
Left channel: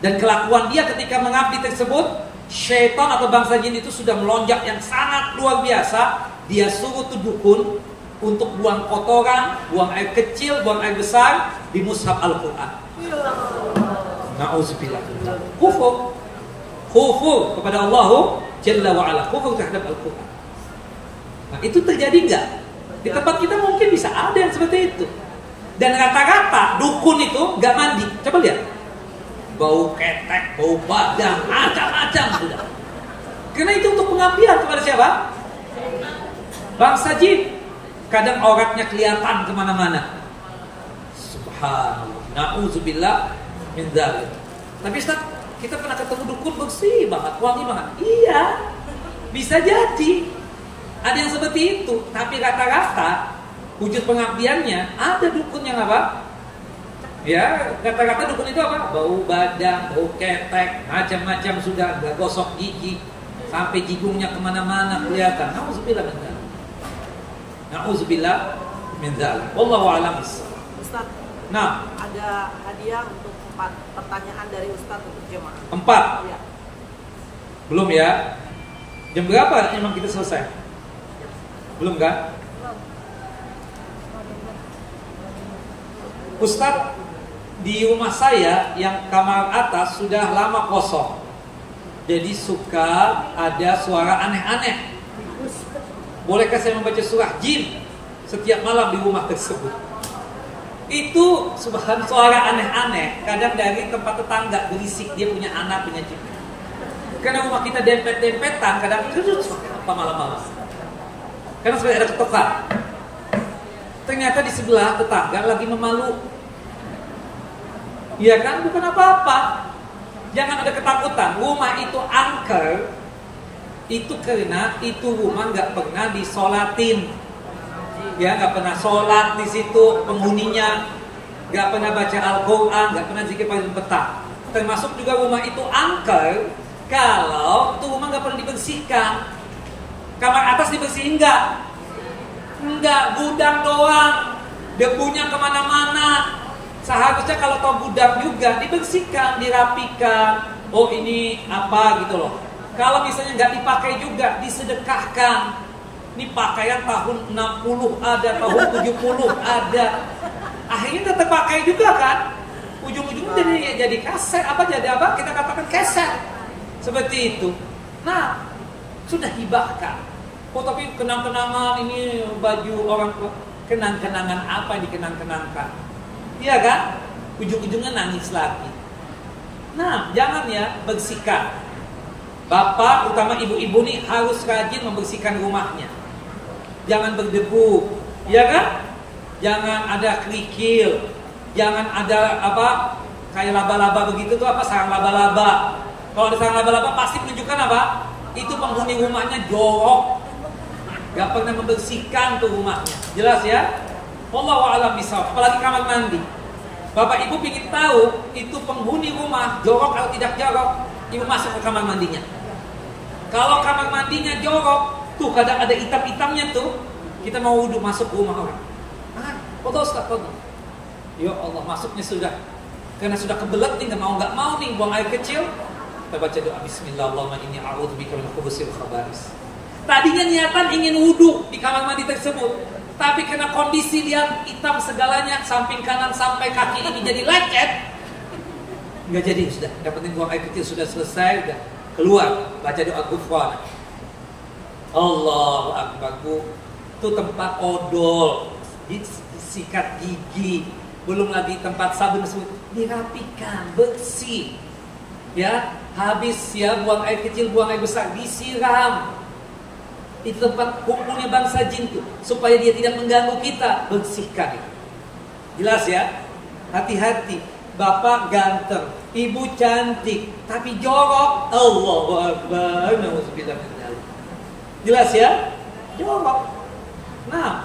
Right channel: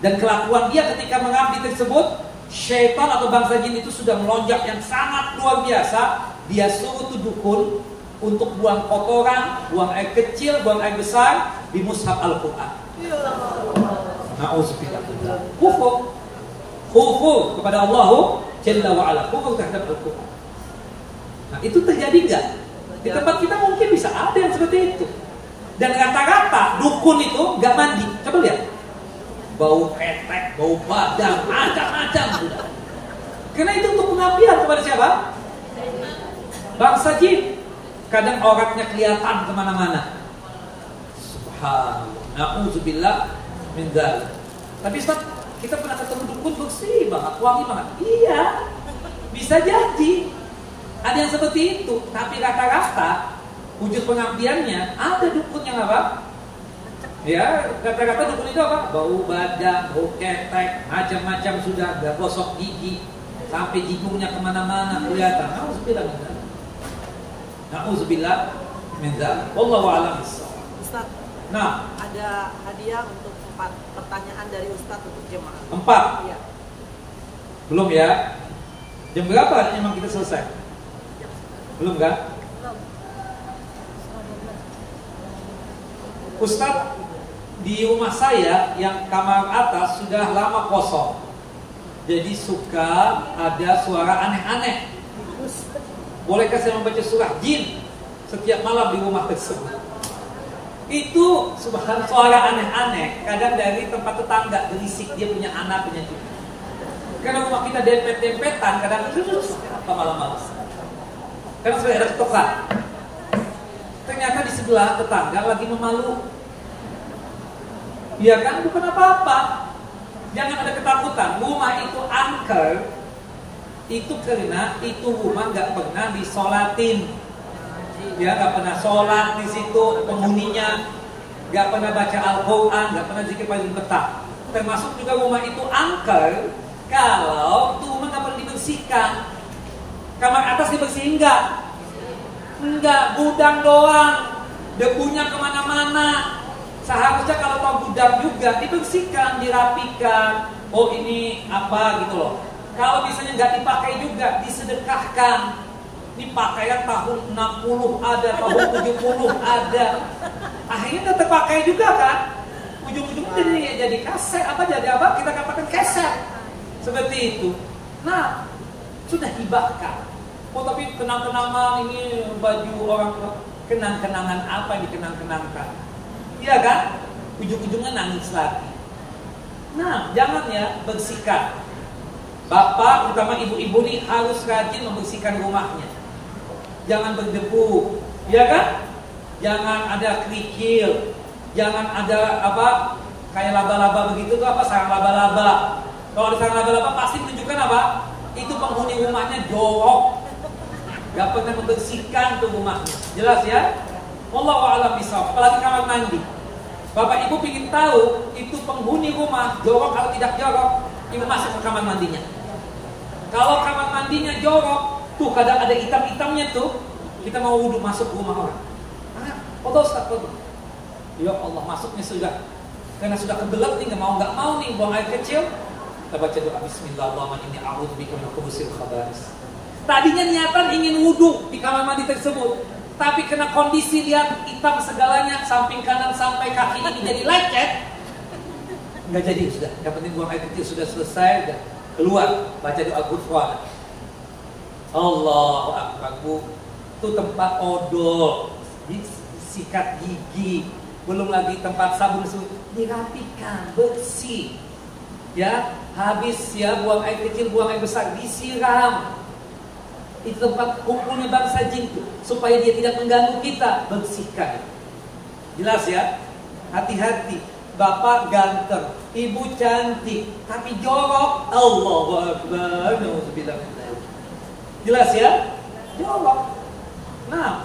Dan kelakuan dia ketika mengabdi tersebut, syaitan atau bangsa jin itu sudah melonjak yang sangat luar biasa. Dia suruh tuh dukun untuk buang kotoran, buang air kecil, buang air besar di mushaf Al-Quran. Na'udzubillah. Kufur kepada Allah Jalla wa'ala. Kufur terhadap Al-Quran. Nah, itu terjadi enggak? Di tempat kita mungkin bisa ada yang seperti itu. Dan rata-rata dukun itu gak mandi. Coba lihat. Bau ketek, bau badan, macam-macam sudah. Karena itu untuk pengabdian kepada siapa? Bangsa jin. Kadang auratnya kelihatan kemana-mana. Subhanallah. Na'udzubillah min dzalik. Tapi Ustaz, kita pernah ketemu dukun bersih banget, wangi banget. Iya, bisa jadi ada yang seperti itu. Tapi rata-rata wujud pengabdiannya ada dukun yang apa? Ya, kata-kata dukun itu apa? Bau badan, bau ketek, macam-macam sudah, gak gosok gigi, sampai gigungnya kemana-mana kelihatan. Na'udzubillah min dzalik. Na'udzubillah min dzalik. Wallahu a'lam bishawab. Ustaz, nah, ada hadiah untuk 4 pertanyaan dari Ustaz untuk jemaah. 4? Iya. Belum ya? Jam berapa emang kita selesai? Belum kan? Ustaz, di rumah saya yang kamar atas sudah lama kosong. Jadi suka ada suara aneh-aneh. Bolehkah saya membaca surah jin setiap malam di rumah tersebut? Itu subhanallah suara aneh-aneh. Kadang dari tempat tetangga berisik, dia punya anak, punya cucu. Karena rumah kita dempet-dempetan, kadang apa malam-malam. Karena sudah ada ketukan. Ternyata di sebelah tetangga lagi memalu. Ya kan, bukan apa-apa. Jangan ada ketakutan. Rumah itu angker. Itu karena itu rumah nggak pernah disolatin. Ya, nggak pernah sholat di situ penghuninya, nggak pernah baca Al-Quran, nggak pernah zikir pagi petang. Termasuk juga rumah itu angker kalau itu rumah nggak pernah dibersihkan. Kamar atas dibersihin nggak, gudang doang, debunya kemana-mana. Seharusnya kalau tahu gudang juga dibersihkan, dirapikan. Oh ini apa gitu loh. Kalau misalnya nggak dipakai juga disedekahkan. Ini pakaian tahun 60 ada, tahun 70 ada. Akhirnya tetap pakai juga kan. Ujung-ujungnya jadi kaset, kita katakan keset. Seperti itu. Nah, sudah hibahkan. Oh tapi kenang-kenangan ini baju orang tua. Kenang-kenangan apa yang dikenang-kenangkan? Iya kan? Ujung-ujungnya nangis lagi. Nah, jangan ya, bersihkan. Bapak, utama ibu-ibu nih harus rajin membersihkan rumahnya. Jangan berdebu, ya kan? Jangan ada kerikil, jangan ada kayak laba-laba begitu tuh sarang laba-laba. Kalau ada sarang laba-laba pasti menunjukkan apa? Itu penghuni rumahnya jorok. Gak pernah membersihkan tuh rumahnya. Jelas ya? Wallahu a'lam bishawab. Apalagi kamar mandi. Bapak ibu ingin tahu itu penghuni rumah jorok atau tidak jorok, ibu masuk ke kamar mandinya. Kalau kamar mandinya jorok, tuh kadang ada hitam-hitamnya tuh, kita mau wudhu masuk ke rumah orang. Foto Ustaz, foto. Ya Allah, masuknya sudah, karena sudah kebelet nih, nggak mau nih buang air kecil. Kita baca doa Bismillahirrahmanirrahim, inni a'udzubika minal khubuthil khaba'is. Tadinya niatan ingin wudhu di kamar mandi tersebut, tapi kena kondisi lihat hitam segalanya, samping kanan sampai kaki ini jadi lecet, nggak jadi sudah. Yang penting buang air kecil sudah selesai, udah keluar, baca doa ghufran. Allahu akbar. Itu tempat odol, sikat gigi, belum lagi tempat sabun dirapikan, bersih. Ya, habis ya buang air kecil, buang air besar, disiram. Itu tempat kumpulnya bangsa jin tuh, supaya dia tidak mengganggu kita, bersihkan. Jelas ya? Hati-hati. Bapak ganteng, ibu cantik, tapi jorok. Allahu akbar. Nauzubillah. Jelas ya? Jorok. Nah,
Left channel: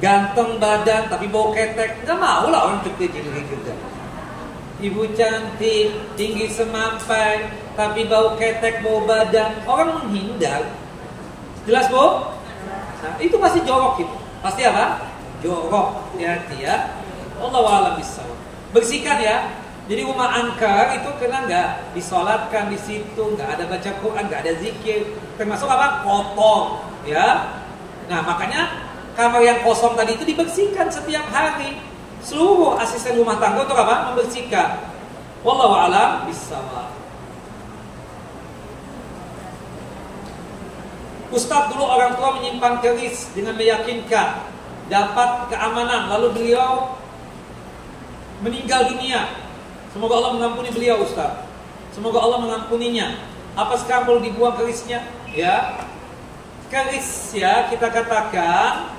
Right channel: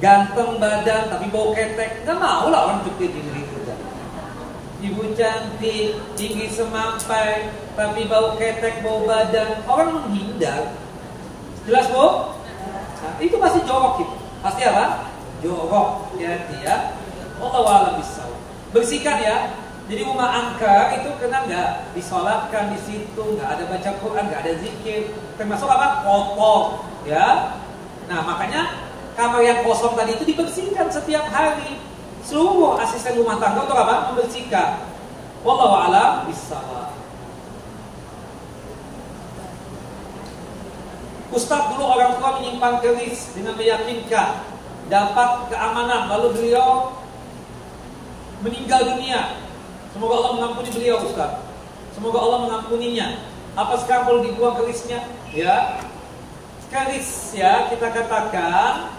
ganteng badan tapi bau ketek, nggak mau lah orang cukup gini juga. Ibu cantik, tinggi semampai, tapi bau ketek, bau badan, orang menghindar. Jelas Bu? Nah, itu pasti jorok itu. Pasti apa? Jorok. Hati ya. Allahu a'lam bishawab. Bersihkan ya. Jadi rumah angker itu kena nggak disolatkan di situ, nggak ada baca Quran, nggak ada zikir, termasuk apa? Kotor. Ya. Nah makanya kamar yang kosong tadi itu dibersihkan setiap hari. Seluruh asisten rumah tangga untuk apa? Membersihkan. Wallahu a'lam bishawab. Ustaz, dulu orang tua menyimpan keris dengan meyakinkan dapat keamanan, lalu beliau meninggal dunia. Semoga Allah mengampuni beliau, Ustaz. Semoga Allah mengampuninya. Apa sekarang perlu dibuang kerisnya? Ya. Keris ya kita katakan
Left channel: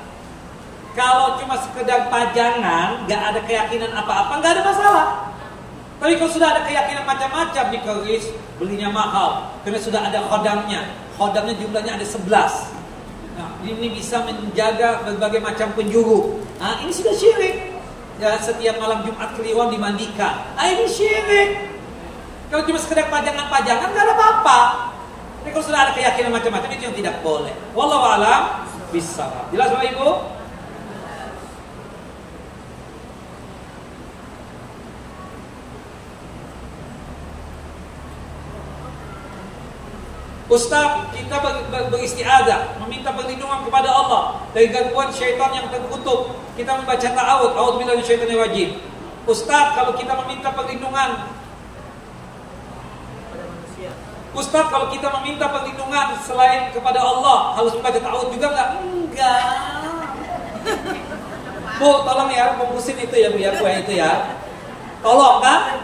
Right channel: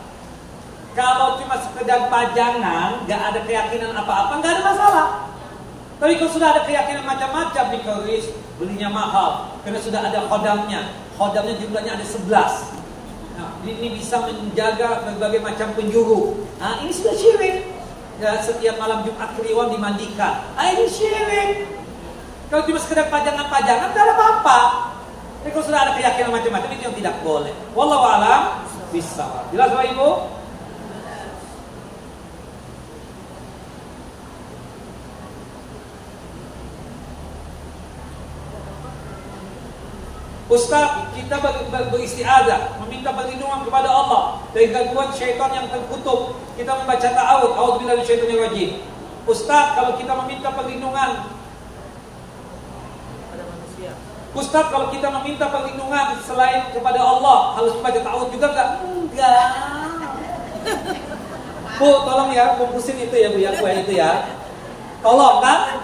kalau cuma sekedar pajangan, nggak ada keyakinan apa-apa, nggak ada masalah. Tapi kalau sudah ada keyakinan macam-macam di keris, belinya mahal karena sudah ada khodamnya. Khodamnya jumlahnya ada 11. Nah, ini bisa menjaga berbagai macam penjuru. Nah, ini sudah syirik. Ya, setiap malam Jumat Kliwon dimandikan. Ini syirik. Kalau cuma sekedar pajangan-pajangan, nggak ada apa-apa. Tapi kalau sudah ada keyakinan macam-macam, itu yang tidak boleh. Wallahu a'lam bishawab. Jelas Bapak Ibu? Ustaz, kita beristiadzah, meminta perlindungan kepada Allah dari gangguan syaitan yang terkutuk. Kita membaca ta'awudz, a'udzubillahi minasyaitonir rajim. Ustaz, kalau kita meminta perlindungan pada manusia. Ustaz, kalau kita meminta perlindungan selain kepada Allah, harus membaca ta'awudz juga enggak? Enggak. Bu, tolong ya, kompusin itu ya Bu ya, kue itu ya. Tolong kan?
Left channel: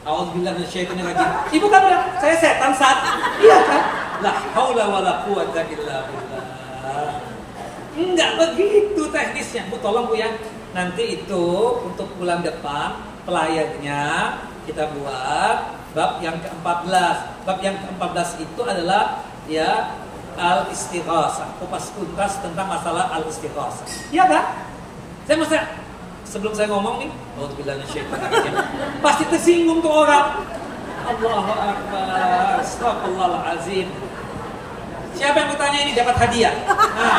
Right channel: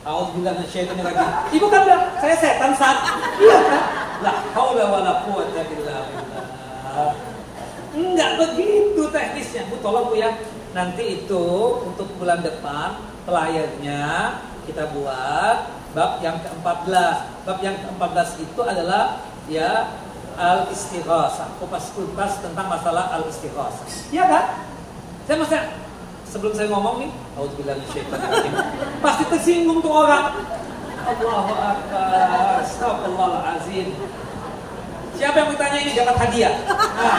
A'udzubillahi minasyaitonir rajim. Ibu kan bilang, saya setan saat. Iya kan? La haula wala quwwata illa billah. Enggak begitu teknisnya. Bu tolong Bu ya. Nanti itu untuk bulan depan pelayarnya kita buat bab yang ke-14. Bab yang ke-14 itu adalah ya al-istighasah. Kupas tuntas tentang masalah al-istighasah. Iya kan? Saya mesti sebelum saya ngomong nih, a'udzubillahi minasyaitonir rajim. Pasti tersinggung tuh orang. Allahu akbar. Astagfirullahalazim. Siapa yang bertanya ini dapat hadiah? Nah.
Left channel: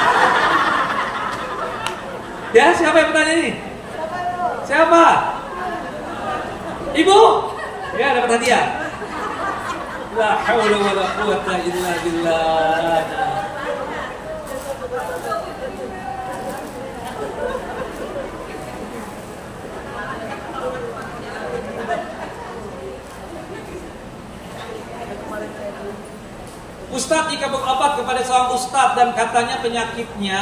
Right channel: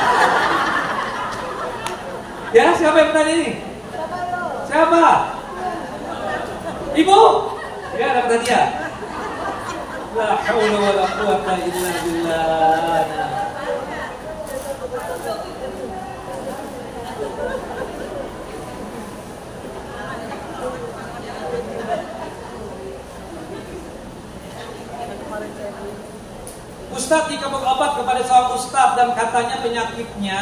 Ya, siapa yang bertanya ini? Siapa? Ibu? Ya, dapat hadiah. La haula wala quwwata illa billah. berobat kepada seorang ustadz dan katanya penyakitnya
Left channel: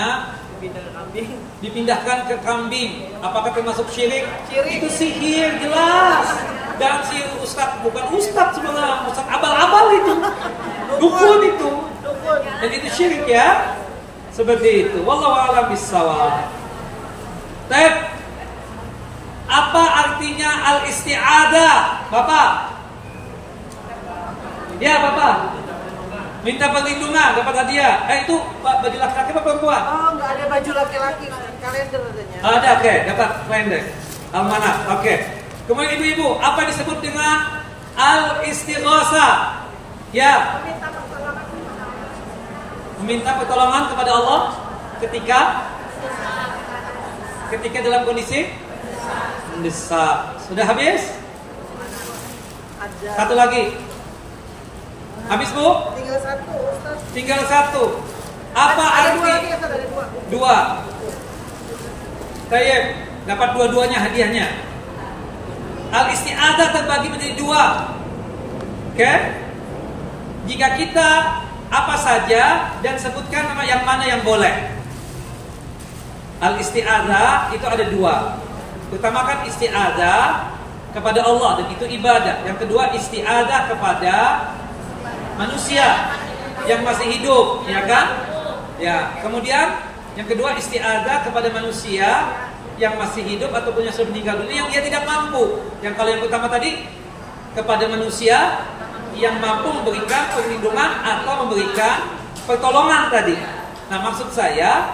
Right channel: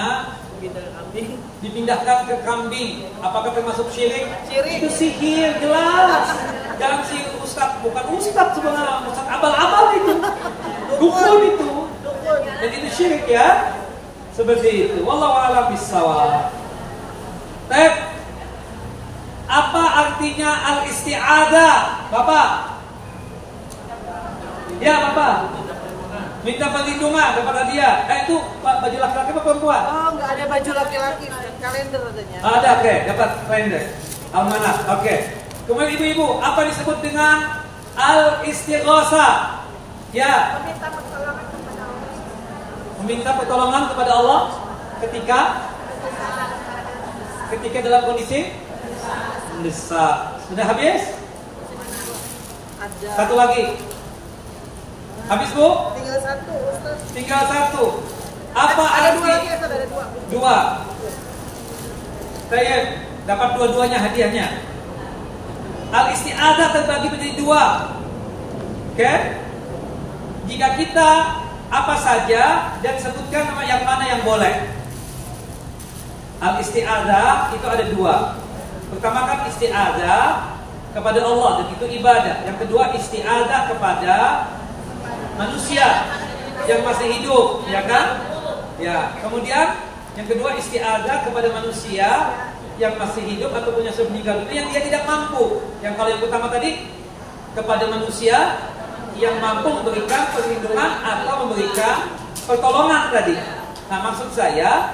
dipindahkan ke kambing. Apakah termasuk syirik? Syirik. Itu sihir jelas. Dan si ustadz bukan ustadz sebenarnya, ustadz abal-abal itu, dukun itu. Dan itu syirik ya. Seperti itu. Wallahu a'lam bishawab. Baik. Apa artinya al-isti'adah, Bapak? Ya, Bapak. Minta perlindungan kepada dia. Itu baju laki-laki apa perempuan? Oh, nggak ada baju laki-laki, kalender adanya. Ada, oke, dapat kalender. Almanah, oke. Kemudian ibu-ibu, apa disebut dengan al-istighosah? Ya. Meminta pertolongan kepada Allah ketika dalam kondisi mendesak. Sudah habis? Ada. Satu lagi. Habis, Bu? Tinggal satu, Ustaz. Tinggal satu. Apa Ada arti? dua lagi, Ustaz, ada dua. Dua. Tayyib, dapat dua-duanya hadiahnya. Al-isti'adah terbagi menjadi dua. Oke? Jika kita apa saja dan sebutkan nama yang mana yang boleh. Al-isti'adah itu ada dua. Pertama kan isti'adah kepada Allah dan itu ibadah. Yang kedua isti'adah kepada manusia yang masih hidup, ya kan? Ya. Kemudian yang kedua isti'adah kepada manusia yang masih hidup ataupun yang sudah meninggal dunia yang dia tidak mampu. Yang kalau yang pertama tadi kepada manusia yang mampu memberikan perlindungan atau memberikan pertolongan tadi. Nah, maksud saya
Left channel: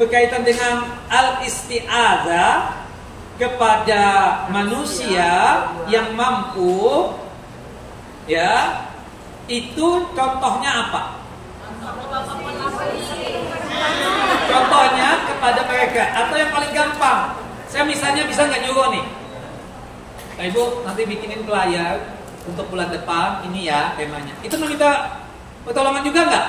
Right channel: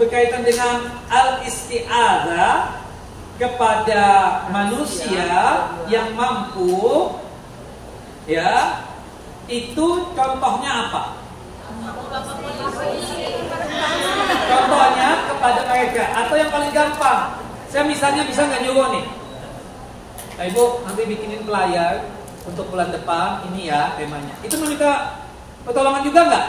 berkaitan dengan al-isti'adah kepada manusia yang mampu, ya. Itu contohnya apa? Contohnya kepada mereka. Atau yang paling gampang, saya misalnya bisa nggak nyuruh nih, nah, Ibu nanti bikinin pelayar untuk bulan depan ini ya temanya. Itu meminta pertolongan juga nggak?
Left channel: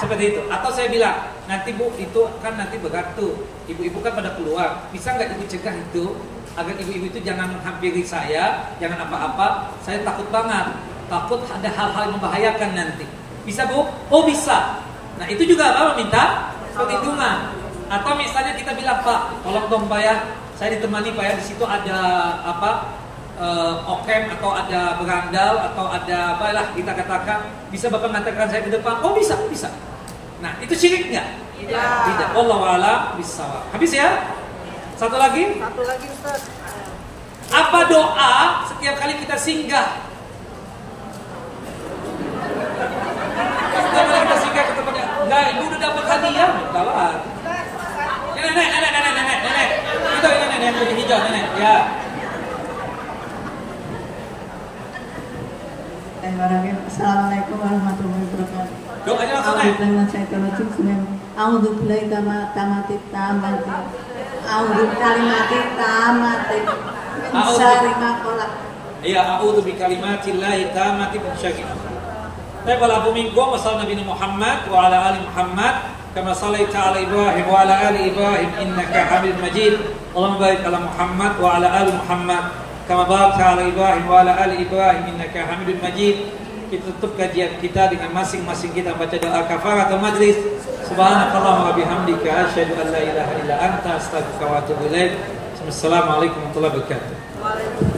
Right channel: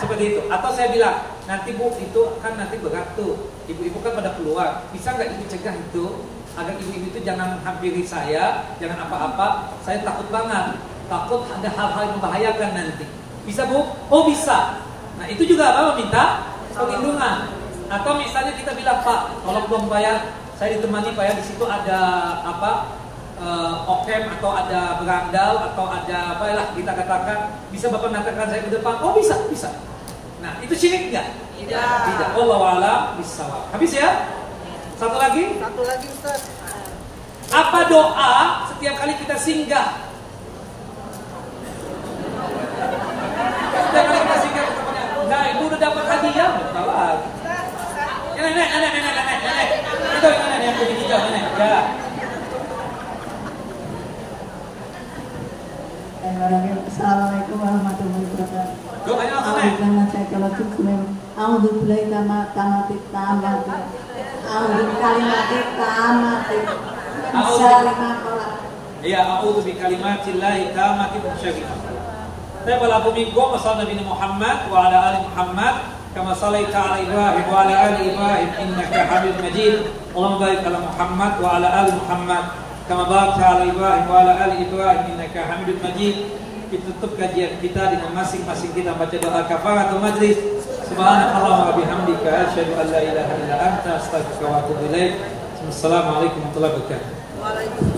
Seperti itu. Atau saya bilang, nanti Bu itu kan nanti berat tuh, ibu-ibu kan pada keluar, bisa nggak Ibu cegah itu agar ibu-ibu itu jangan hampiri saya, jangan apa-apa, saya takut banget. Takut ada hal-hal yang membahayakan nanti. Bisa, Bu? Oh, bisa. Nah, itu juga kalau minta perlindungan. Atau misalnya kita bilang, Pak, tolong dong Pak ya, saya ditemani Pak ya, di situ ada apa? Okem atau ada berandal atau ada apalah kita katakan, bisa Bapak mengatakan saya ke depan. Oh, bisa, bisa. Nah, itu syirik enggak? Tidak. Wallahu a'lam bishawab. Habis ya? Satu lagi? Satu lagi, Ustaz. Apa doa setiap kali kita singgah? Setiap kali kita singgah ke tempatnya, enggak, Ibu udah dapat hadiah, betul lah. Nenek. Itu nenek yang baju hijau, nenek. Ya. Assalamualaikum warahmatullahi wabarakatuh. Doanya langsung naik. A'udzubillahi tamati tamati. A'udzu kalimati tamati. Ya, a'udzu bi kalimatillahi tamati min syarri. Tapi wala buminkum wa sallallahu Nabi Muhammad wa ala ali Muhammad kama sallaita ala Ibrahim wa ala ali Ibrahim innaka Hamidum Majid. Allahumma barik ala Muhammad wa ala ali Muhammad kama barakta ala Ibrahim wa ala ali Ibrahim innaka Hamidum Majid. Kita tutup kajian kita dengan masing-masing kita baca doa kafaratul majlis. Subhanakallahumma wa bihamdika asyhadu an la ilaha illa anta astaghfiruka wa atubu ilaik. Wassalamualaikum warahmatullahi wabarakatuh. Waalaikumsalam.